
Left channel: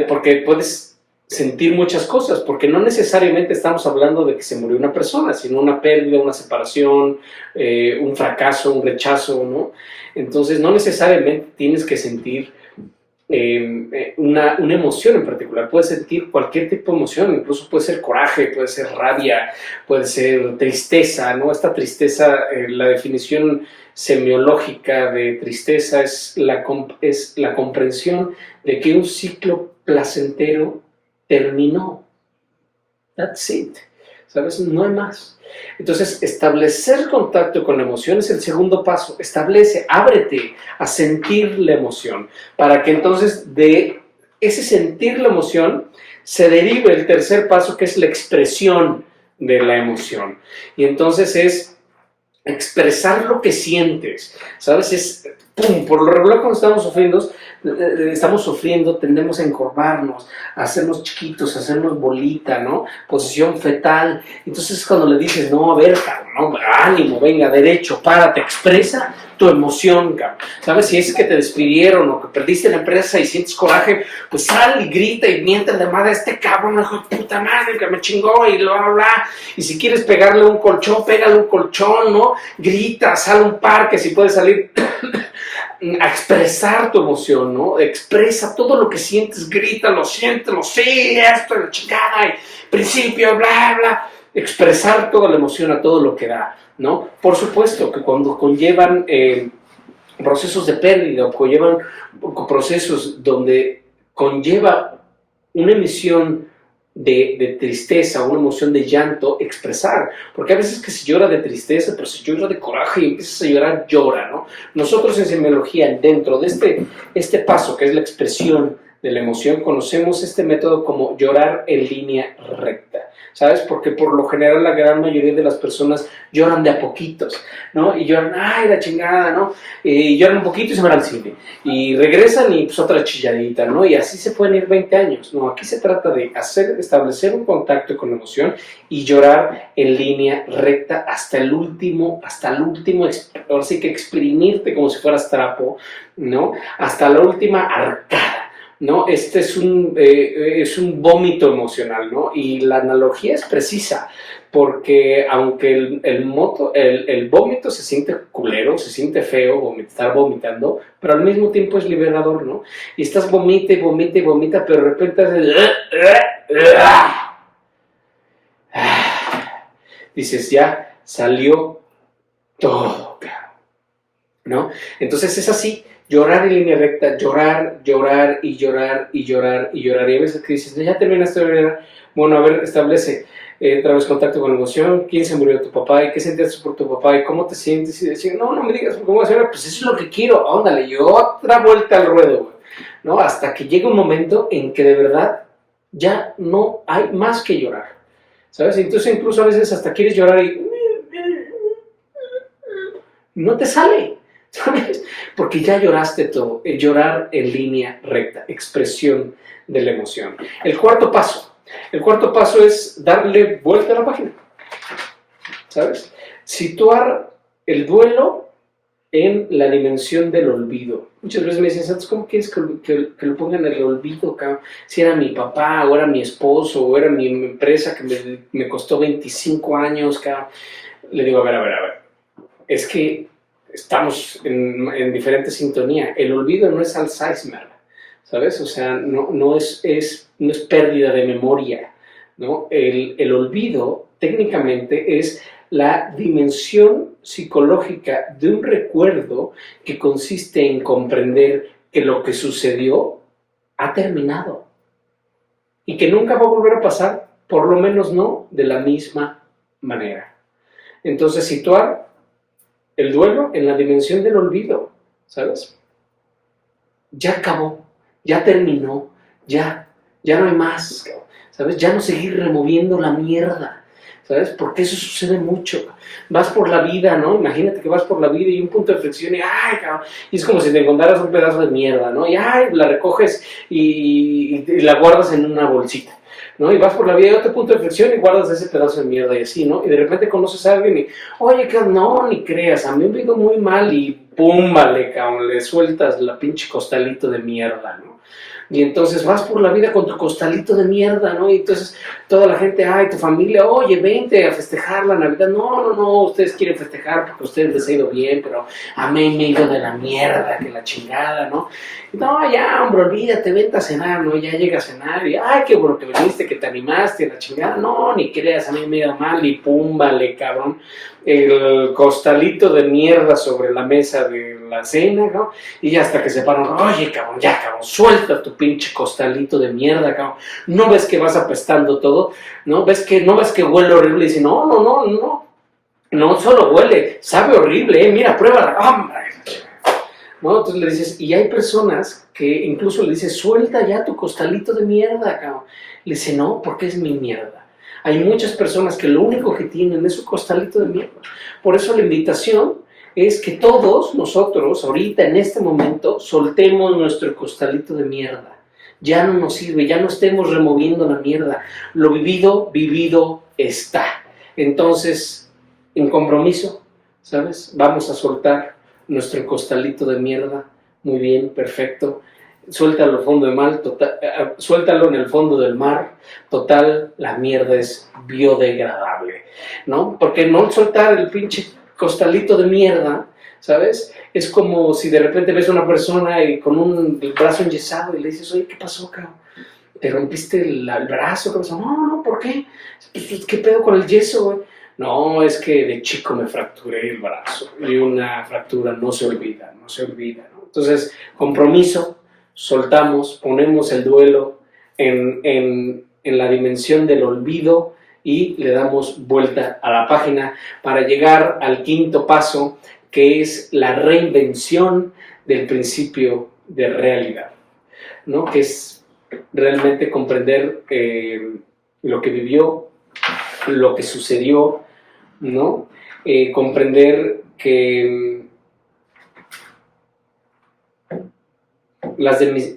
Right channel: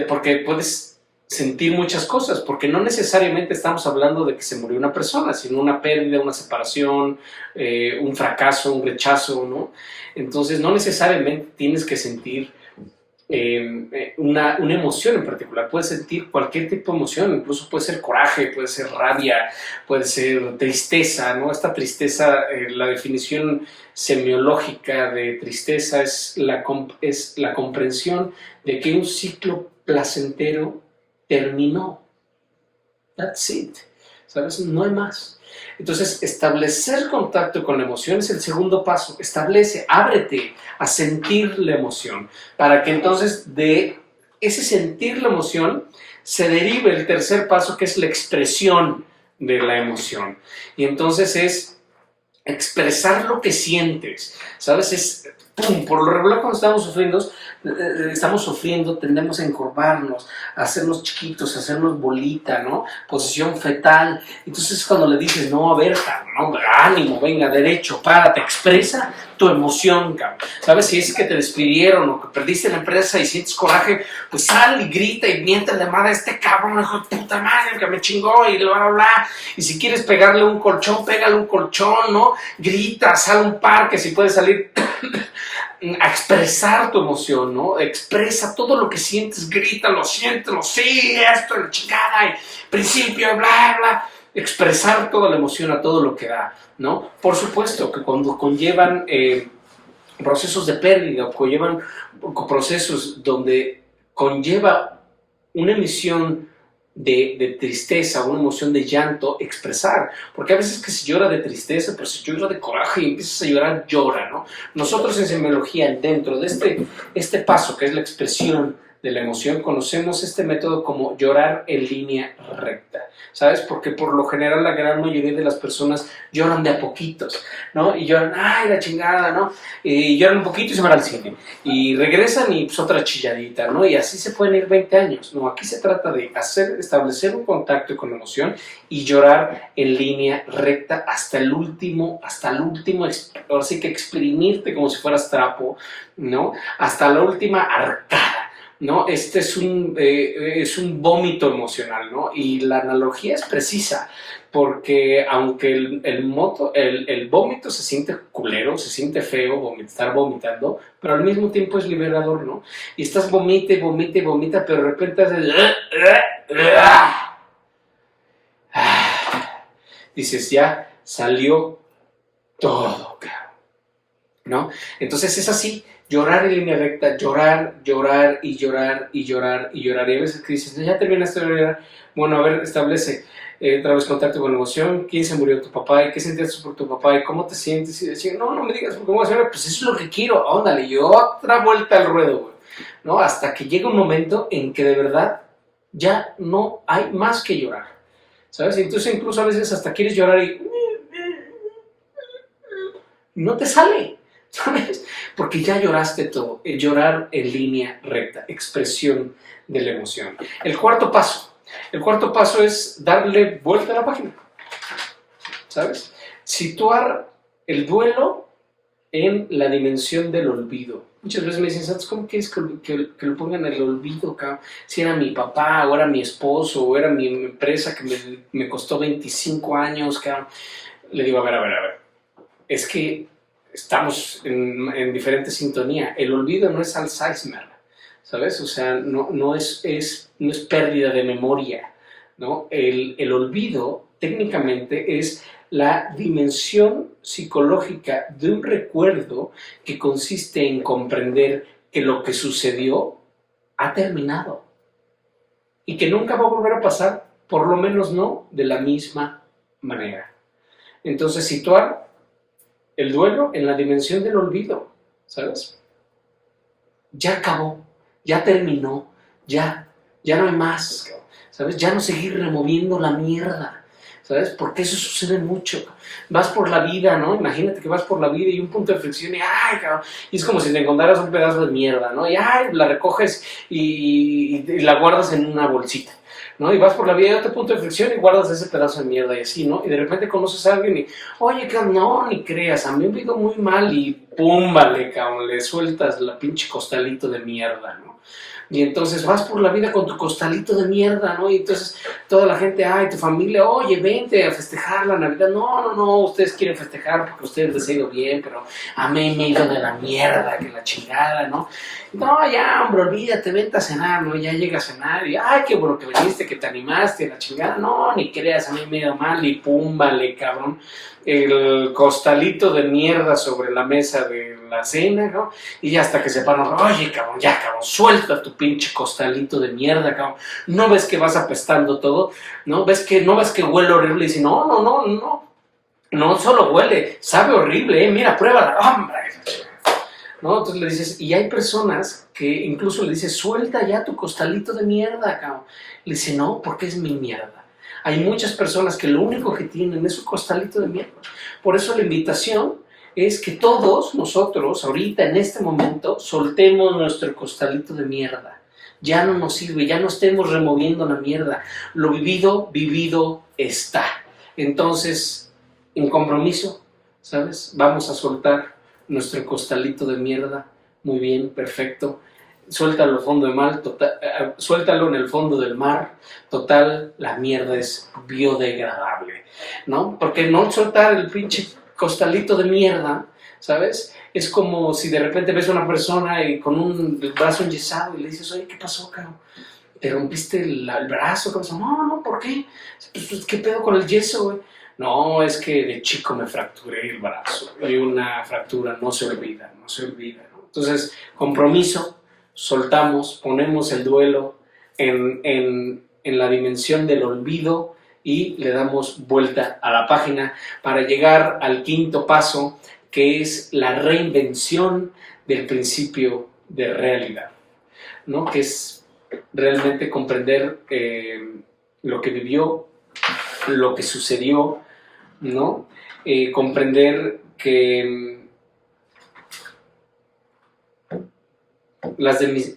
porque puedes sentir muchas cosas, porque no necesariamente estamos hablando de que se murió una persona, sino una pérdida, una separación, un fracaso, un rechazo, ¿no? Entonces no necesariamente tienes que sentir una emoción en particular, puedes sentir cualquier tipo de emoción, incluso puede ser coraje, puede ser rabia, puede ser tristeza, ¿no? Esta tristeza, la definición semiológica de tristeza es la comprensión de que un ciclo placentero terminó. That's it. ¿Sabes? No hay más. Entonces, establecer contacto con la emoción es el segundo paso. Ábrete a sentir la emoción, para que entonces de ese sentir la emoción se derive el tercer paso, que es la expresión de la emoción. Y entonces es expresar lo que sientes, ¿sabes? Es, pum, por lo regular cuando estamos sufriendo, tendemos a encorvarnos, a hacernos chiquitos, a hacernos bolita, ¿no? Posición fetal. Entonces cuando le dices, no, a ver, no, ánimo, venga, derecho, párate, expresa tu emoción, cabrón. ¿Sabes? Si es que te despidieron o que perdiste la empresa y sientes coraje, pues sal y grita y miente de madre a este cabrón, hijo de puta madre, que me chingó y bla, bla, bla. Y si quieres pegarle un colchón, pégale un colchón, ¿no? Grita, sal a un parque, si puedes salir a expresar tu emoción, ¿no? Expresa todo lo que sientes, grítalo, siéntelo, sí, esto, la chingada, y principio, bla, bla. Expresar toda la emoción a todo lo que da, ¿no? Por supuesto que cuando conllevan procesos de pérdida o conllevan procesos donde conlleva una emisión de tristeza, una emoción de llanto, expresar, porque a veces que se llora de tristeza, pero se llora de coraje y empiezas a llorar, llora, ¿no? Nosotros en semiología, dentro de este paso que es la expresión de la emoción, conocemos este método como llorar en línea recta, ¿sabes? Porque por lo general la gran mayoría de las personas lloran de a poquitos, ¿no? Y lloran, ay, la chingada, ¿no? Y lloran un poquito y se van al cine. Y regresan y pues otra chilladita, ¿no? Y así se pueden ir 20 años, ¿no? Aquí se trata de establecer un contacto con la emoción y llorar en línea recta hasta el último, ahora sí que exprimirte como si fueras trapo, ¿no? Hasta la última arcada, ¿no? Este es un vómito emocional, ¿no? Y la analogía es precisa, porque aunque el vómito se siente culero, se siente feo, estar vomitando, pero al mismo tiempo es liberador, ¿no? Y estás vomita y vomita y vomita, pero de repente haces... dices, ya salió todo, ¿no? Entonces es así. Llorar en línea recta, llorar, llorar y llorar y llorar y llorar. Y a veces que dices, ya terminaste de llorar. Bueno, a ver, establece otra vez contacto con la emoción. ¿Quién se murió? ¿Tu papá? ¿Y qué sentías por tu papá? ¿Y cómo te sientes? Y decir, no me digas cómo se llama. Pues eso es lo que quiero. Ándale, y otra vuelta al ruedo, ¿no? Hasta que llega un momento en que de verdad ya no hay más que llorar, ¿sabes? Entonces incluso a veces hasta quieres llorar y no te sale, ¿sabes? Porque ya lloraste todo. Llorar en línea recta, expresión de la emoción. El cuarto paso es darle vuelta a la página, ¿sabes? Situar el duelo en la dimensión del olvido. Muchas veces me dicen, Santos, ¿cómo quieres que lo pongan en el olvido, cabrón? Si era mi papá, o era mi esposo, o era mi empresa que me costó 25 años, cabrón. Le digo, a ver. Es que estamos en diferente sintonía. El olvido no es Alzheimer, ¿sabes? O sea, no es pérdida de memoria, ¿no? El olvido técnicamente es la dimensión psicológica de un recuerdo que consiste en comprender que lo que sucedió ha terminado y que nunca va a volver a pasar, por lo menos no de la misma manera. Entonces, situar el duelo en la dimensión del olvido, ¿sabes? Ya acabó, ya terminó, ya no hay más, ¿sabes? Ya no seguir removiendo la mierda, ¿sabes? Porque eso sucede mucho. Vas por la vida, ¿no? Imagínate que vas por la vida y un punto de inflexión y ¡ay, cabrón! Y es como si te encontraras un pedazo de mierda, ¿no? Y ¡ay! La recoges y la guardas en una bolsita, ¿no? Y vas por la vida y otro punto de inflexión y guardas ese pedazo de mierda y así, ¿no? Y de repente conoces a alguien y, oye, no, ni creas, a mí me ha ido muy mal y pum, vale, cabrón, le sueltas la pinche costalito de mierda, ¿no? Y entonces vas por la vida con tu costalito de mierda, ¿no? Y entonces toda la gente, ay, tu familia, oye, vente a festejar la Navidad. No, ustedes quieren festejar porque a ustedes les ha ido bien, pero a mí me ha ido de la mierda, que la chingada, ¿no? No, ya, hombre, olvídate, vente a cenar, ¿no? Ya llega a cenar y, ay, qué bueno que viniste, que te animaste, la chingada. No, ni creas, a mí me ha ido mal y pum, vale, cabrón. El costalito de mierda sobre la mesa de la cena, ¿no? Y ya hasta que se paran, oye, cabrón, suelta tu pinche costalito de mierda, cabrón. ¿No ves que vas apestando todo? ¿No ves que huele horrible? Y dice, no solo huele, sabe horrible, mira, pruébala, hombre. ¿No? Entonces le dices, y hay personas que incluso le dices, suelta ya tu costalito de mierda, cabrón. Le dice, no, porque es mi mierda. Hay muchas personas que lo único que tienen es su costalito de mierda. Por eso la invitación es que todos nosotros, ahorita, en este momento, soltemos nuestro costalito de mierda. Ya no nos sirve, ya no estemos removiendo la mierda. Lo vivido, vivido está. Entonces, en compromiso, ¿sabes? Vamos a soltar nuestro costalito de mierda. Muy bien, perfecto. Suéltalo al fondo del mar, suéltalo en el fondo del mar. Total, la mierda es biodegradable, ¿no? Porque no soltar el pinche costalito de mierda, ¿sabes? Es como si de repente ves a una persona y con el brazo enyesado y le dices, oye, ¿qué pasó, cabrón? ¿Te rompiste el brazo? ¿Qué pasó? No, ¿por qué? Pues, ¿qué pedo con el yeso, güey? No, es que de chico me fracturé el brazo y una fractura no se olvida, ¿no? Entonces, compromiso, soltamos, ponemos el duelo en la dimensión del olvido y le damos vuelta a la página para llegar al quinto paso, que es la reinvención del principio de realidad, ¿no? Que es realmente comprender lo que vivió, lo que sucedió, ¿no? Comprender que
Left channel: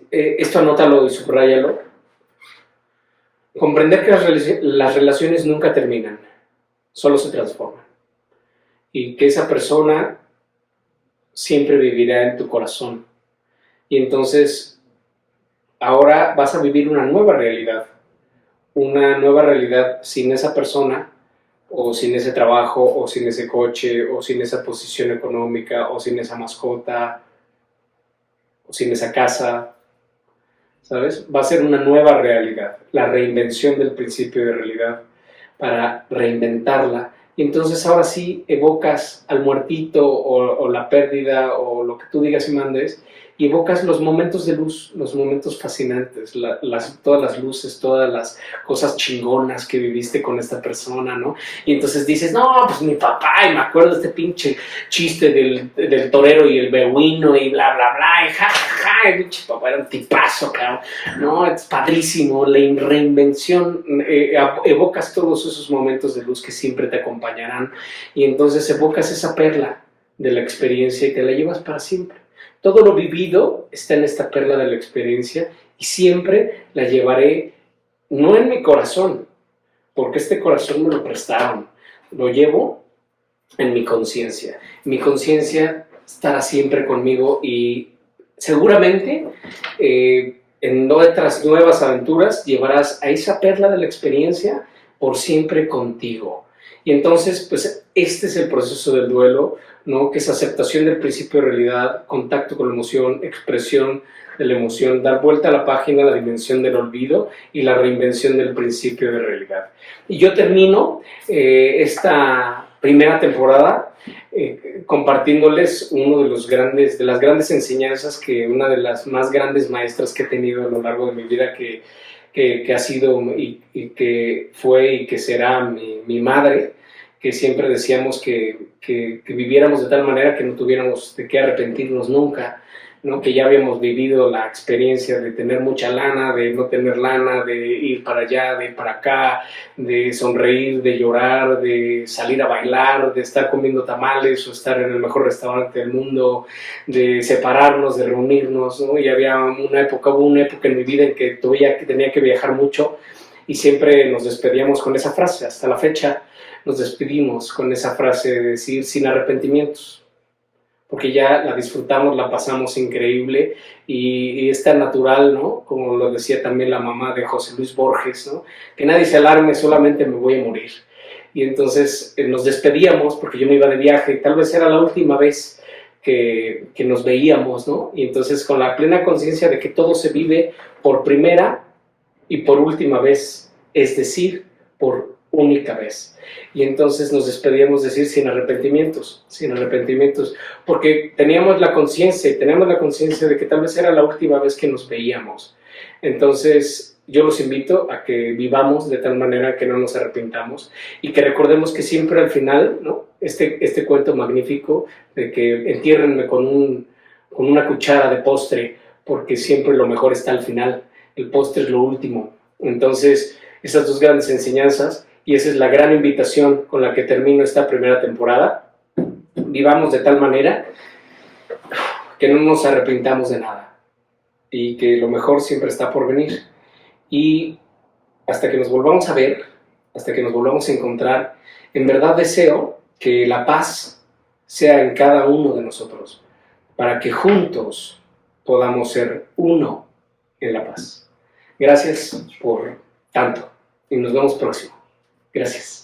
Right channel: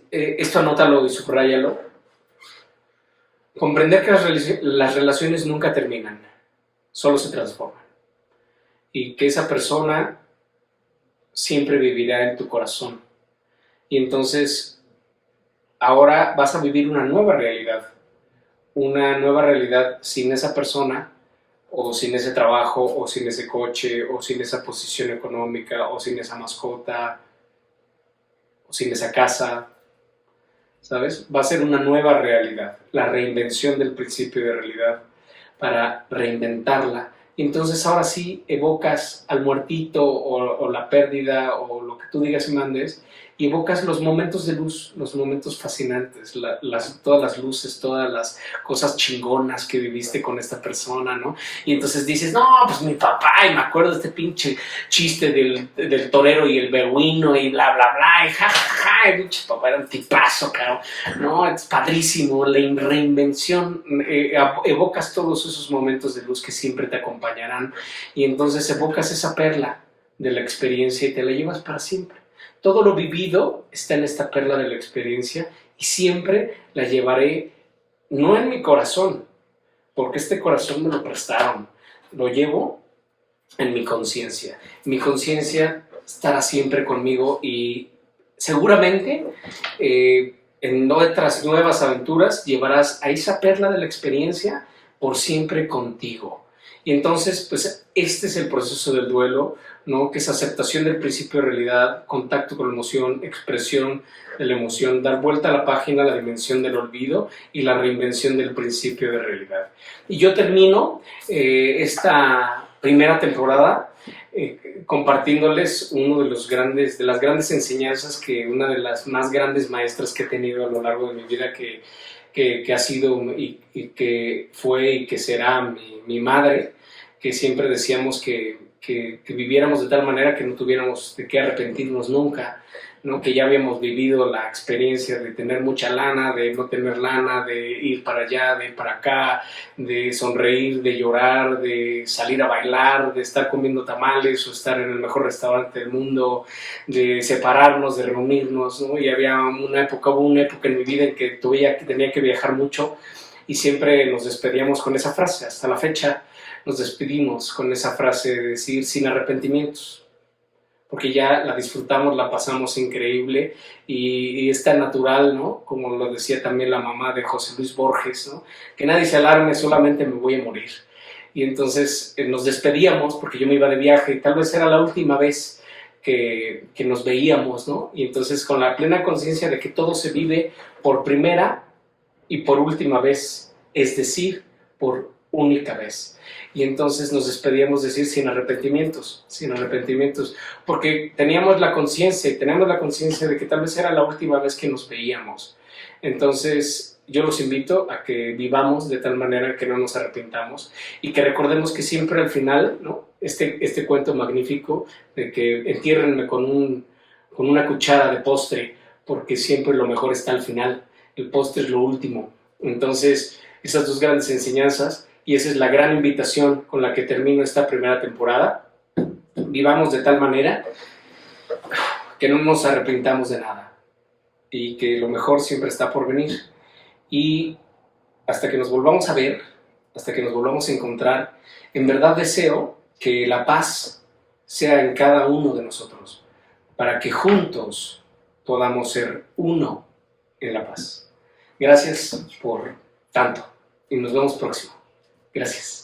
esto anótalo y subráyalo. Comprender que las relaciones nunca terminan, solo se transforman. Y que esa persona siempre vivirá en tu corazón. Y entonces, ahora vas a vivir una nueva realidad sin esa persona, o sin ese trabajo, o sin ese coche, o sin esa posición económica, o sin esa mascota, o sin esa casa, ¿sabes? Va a ser una nueva realidad, la reinvención del principio de realidad para reinventarla. Y entonces ahora sí evocas al muertito o la pérdida o lo que tú digas y mandes, y evocas los momentos de luz, los momentos fascinantes, todas las luces, todas las cosas chingonas que viviste con esta persona, ¿no? Y entonces dices, no, pues mi papá, y me acuerdo de este pinche chiste del torero y el beduino y bla, bla, bla, y ja, ja, ja, el pinche papá era un tipazo, cabrón, ¿no? Es padrísimo, la reinvención, evocas todos esos momentos de luz que siempre te acompañarán, y entonces evocas esa perla de la experiencia y te la llevas para siempre. Todo lo vivido está en esta perla de la experiencia y siempre la llevaré, no en mi corazón, porque este corazón me lo prestaron, lo llevo en mi conciencia. Mi conciencia estará siempre conmigo y seguramente en otras nuevas aventuras llevarás a esa perla de la experiencia por siempre contigo. Y entonces, pues este es el proceso del duelo, ¿no? Que es aceptación del principio de realidad, contacto con la emoción, expresión de la emoción, dar vuelta a la página, la dimensión del olvido y la reinvención del principio de realidad. Y yo termino esta primera temporada compartiéndoles de las grandes enseñanzas, una de las más grandes maestras que he tenido a lo largo de mi vida, que ha sido y que fue y que será mi madre, que siempre decíamos que viviéramos de tal manera que no tuviéramos de qué arrepentirnos nunca, ¿no? Que ya habíamos vivido la experiencia de tener mucha lana, de no tener lana, de ir para allá, de ir para acá, de sonreír, de llorar, de salir a bailar, de estar comiendo tamales o estar en el mejor restaurante del mundo, de separarnos, de reunirnos, ¿no? Y hubo una época en mi vida en que tenía que viajar mucho y siempre nos despedíamos con esa frase. Hasta la fecha nos despedimos con esa frase de decir sin arrepentimientos, porque ya la disfrutamos, la pasamos increíble y es tan natural, ¿no? Como lo decía también la mamá de José Luis Borges, ¿no? Que nadie se alarme, solamente me voy a morir. Y entonces nos despedíamos porque yo me iba de viaje y tal vez era la última vez que nos veíamos, ¿no? Y entonces con la plena conciencia de que todo se vive por primera y por última vez, es decir, por única vez. Y entonces nos despedíamos decir sin arrepentimientos, porque teníamos la conciencia de que tal vez era la última vez que nos veíamos. Entonces yo los invito a que vivamos de tal manera que no nos arrepintamos y que recordemos que siempre al final, ¿no? Este cuento magnífico de que entiérrenme con una cuchara de postre, porque siempre lo mejor está al final, el postre es lo último. Entonces esas dos grandes enseñanzas, y esa es la gran invitación con la que termino esta primera temporada. Vivamos de tal manera que no nos arrepintamos de nada y que lo mejor siempre está por venir. Y hasta que nos volvamos a ver, hasta que nos volvamos a encontrar, en verdad deseo que la paz sea en cada uno de nosotros, para que juntos podamos ser uno en la paz. Gracias por tanto y nos vemos próximo. Gracias.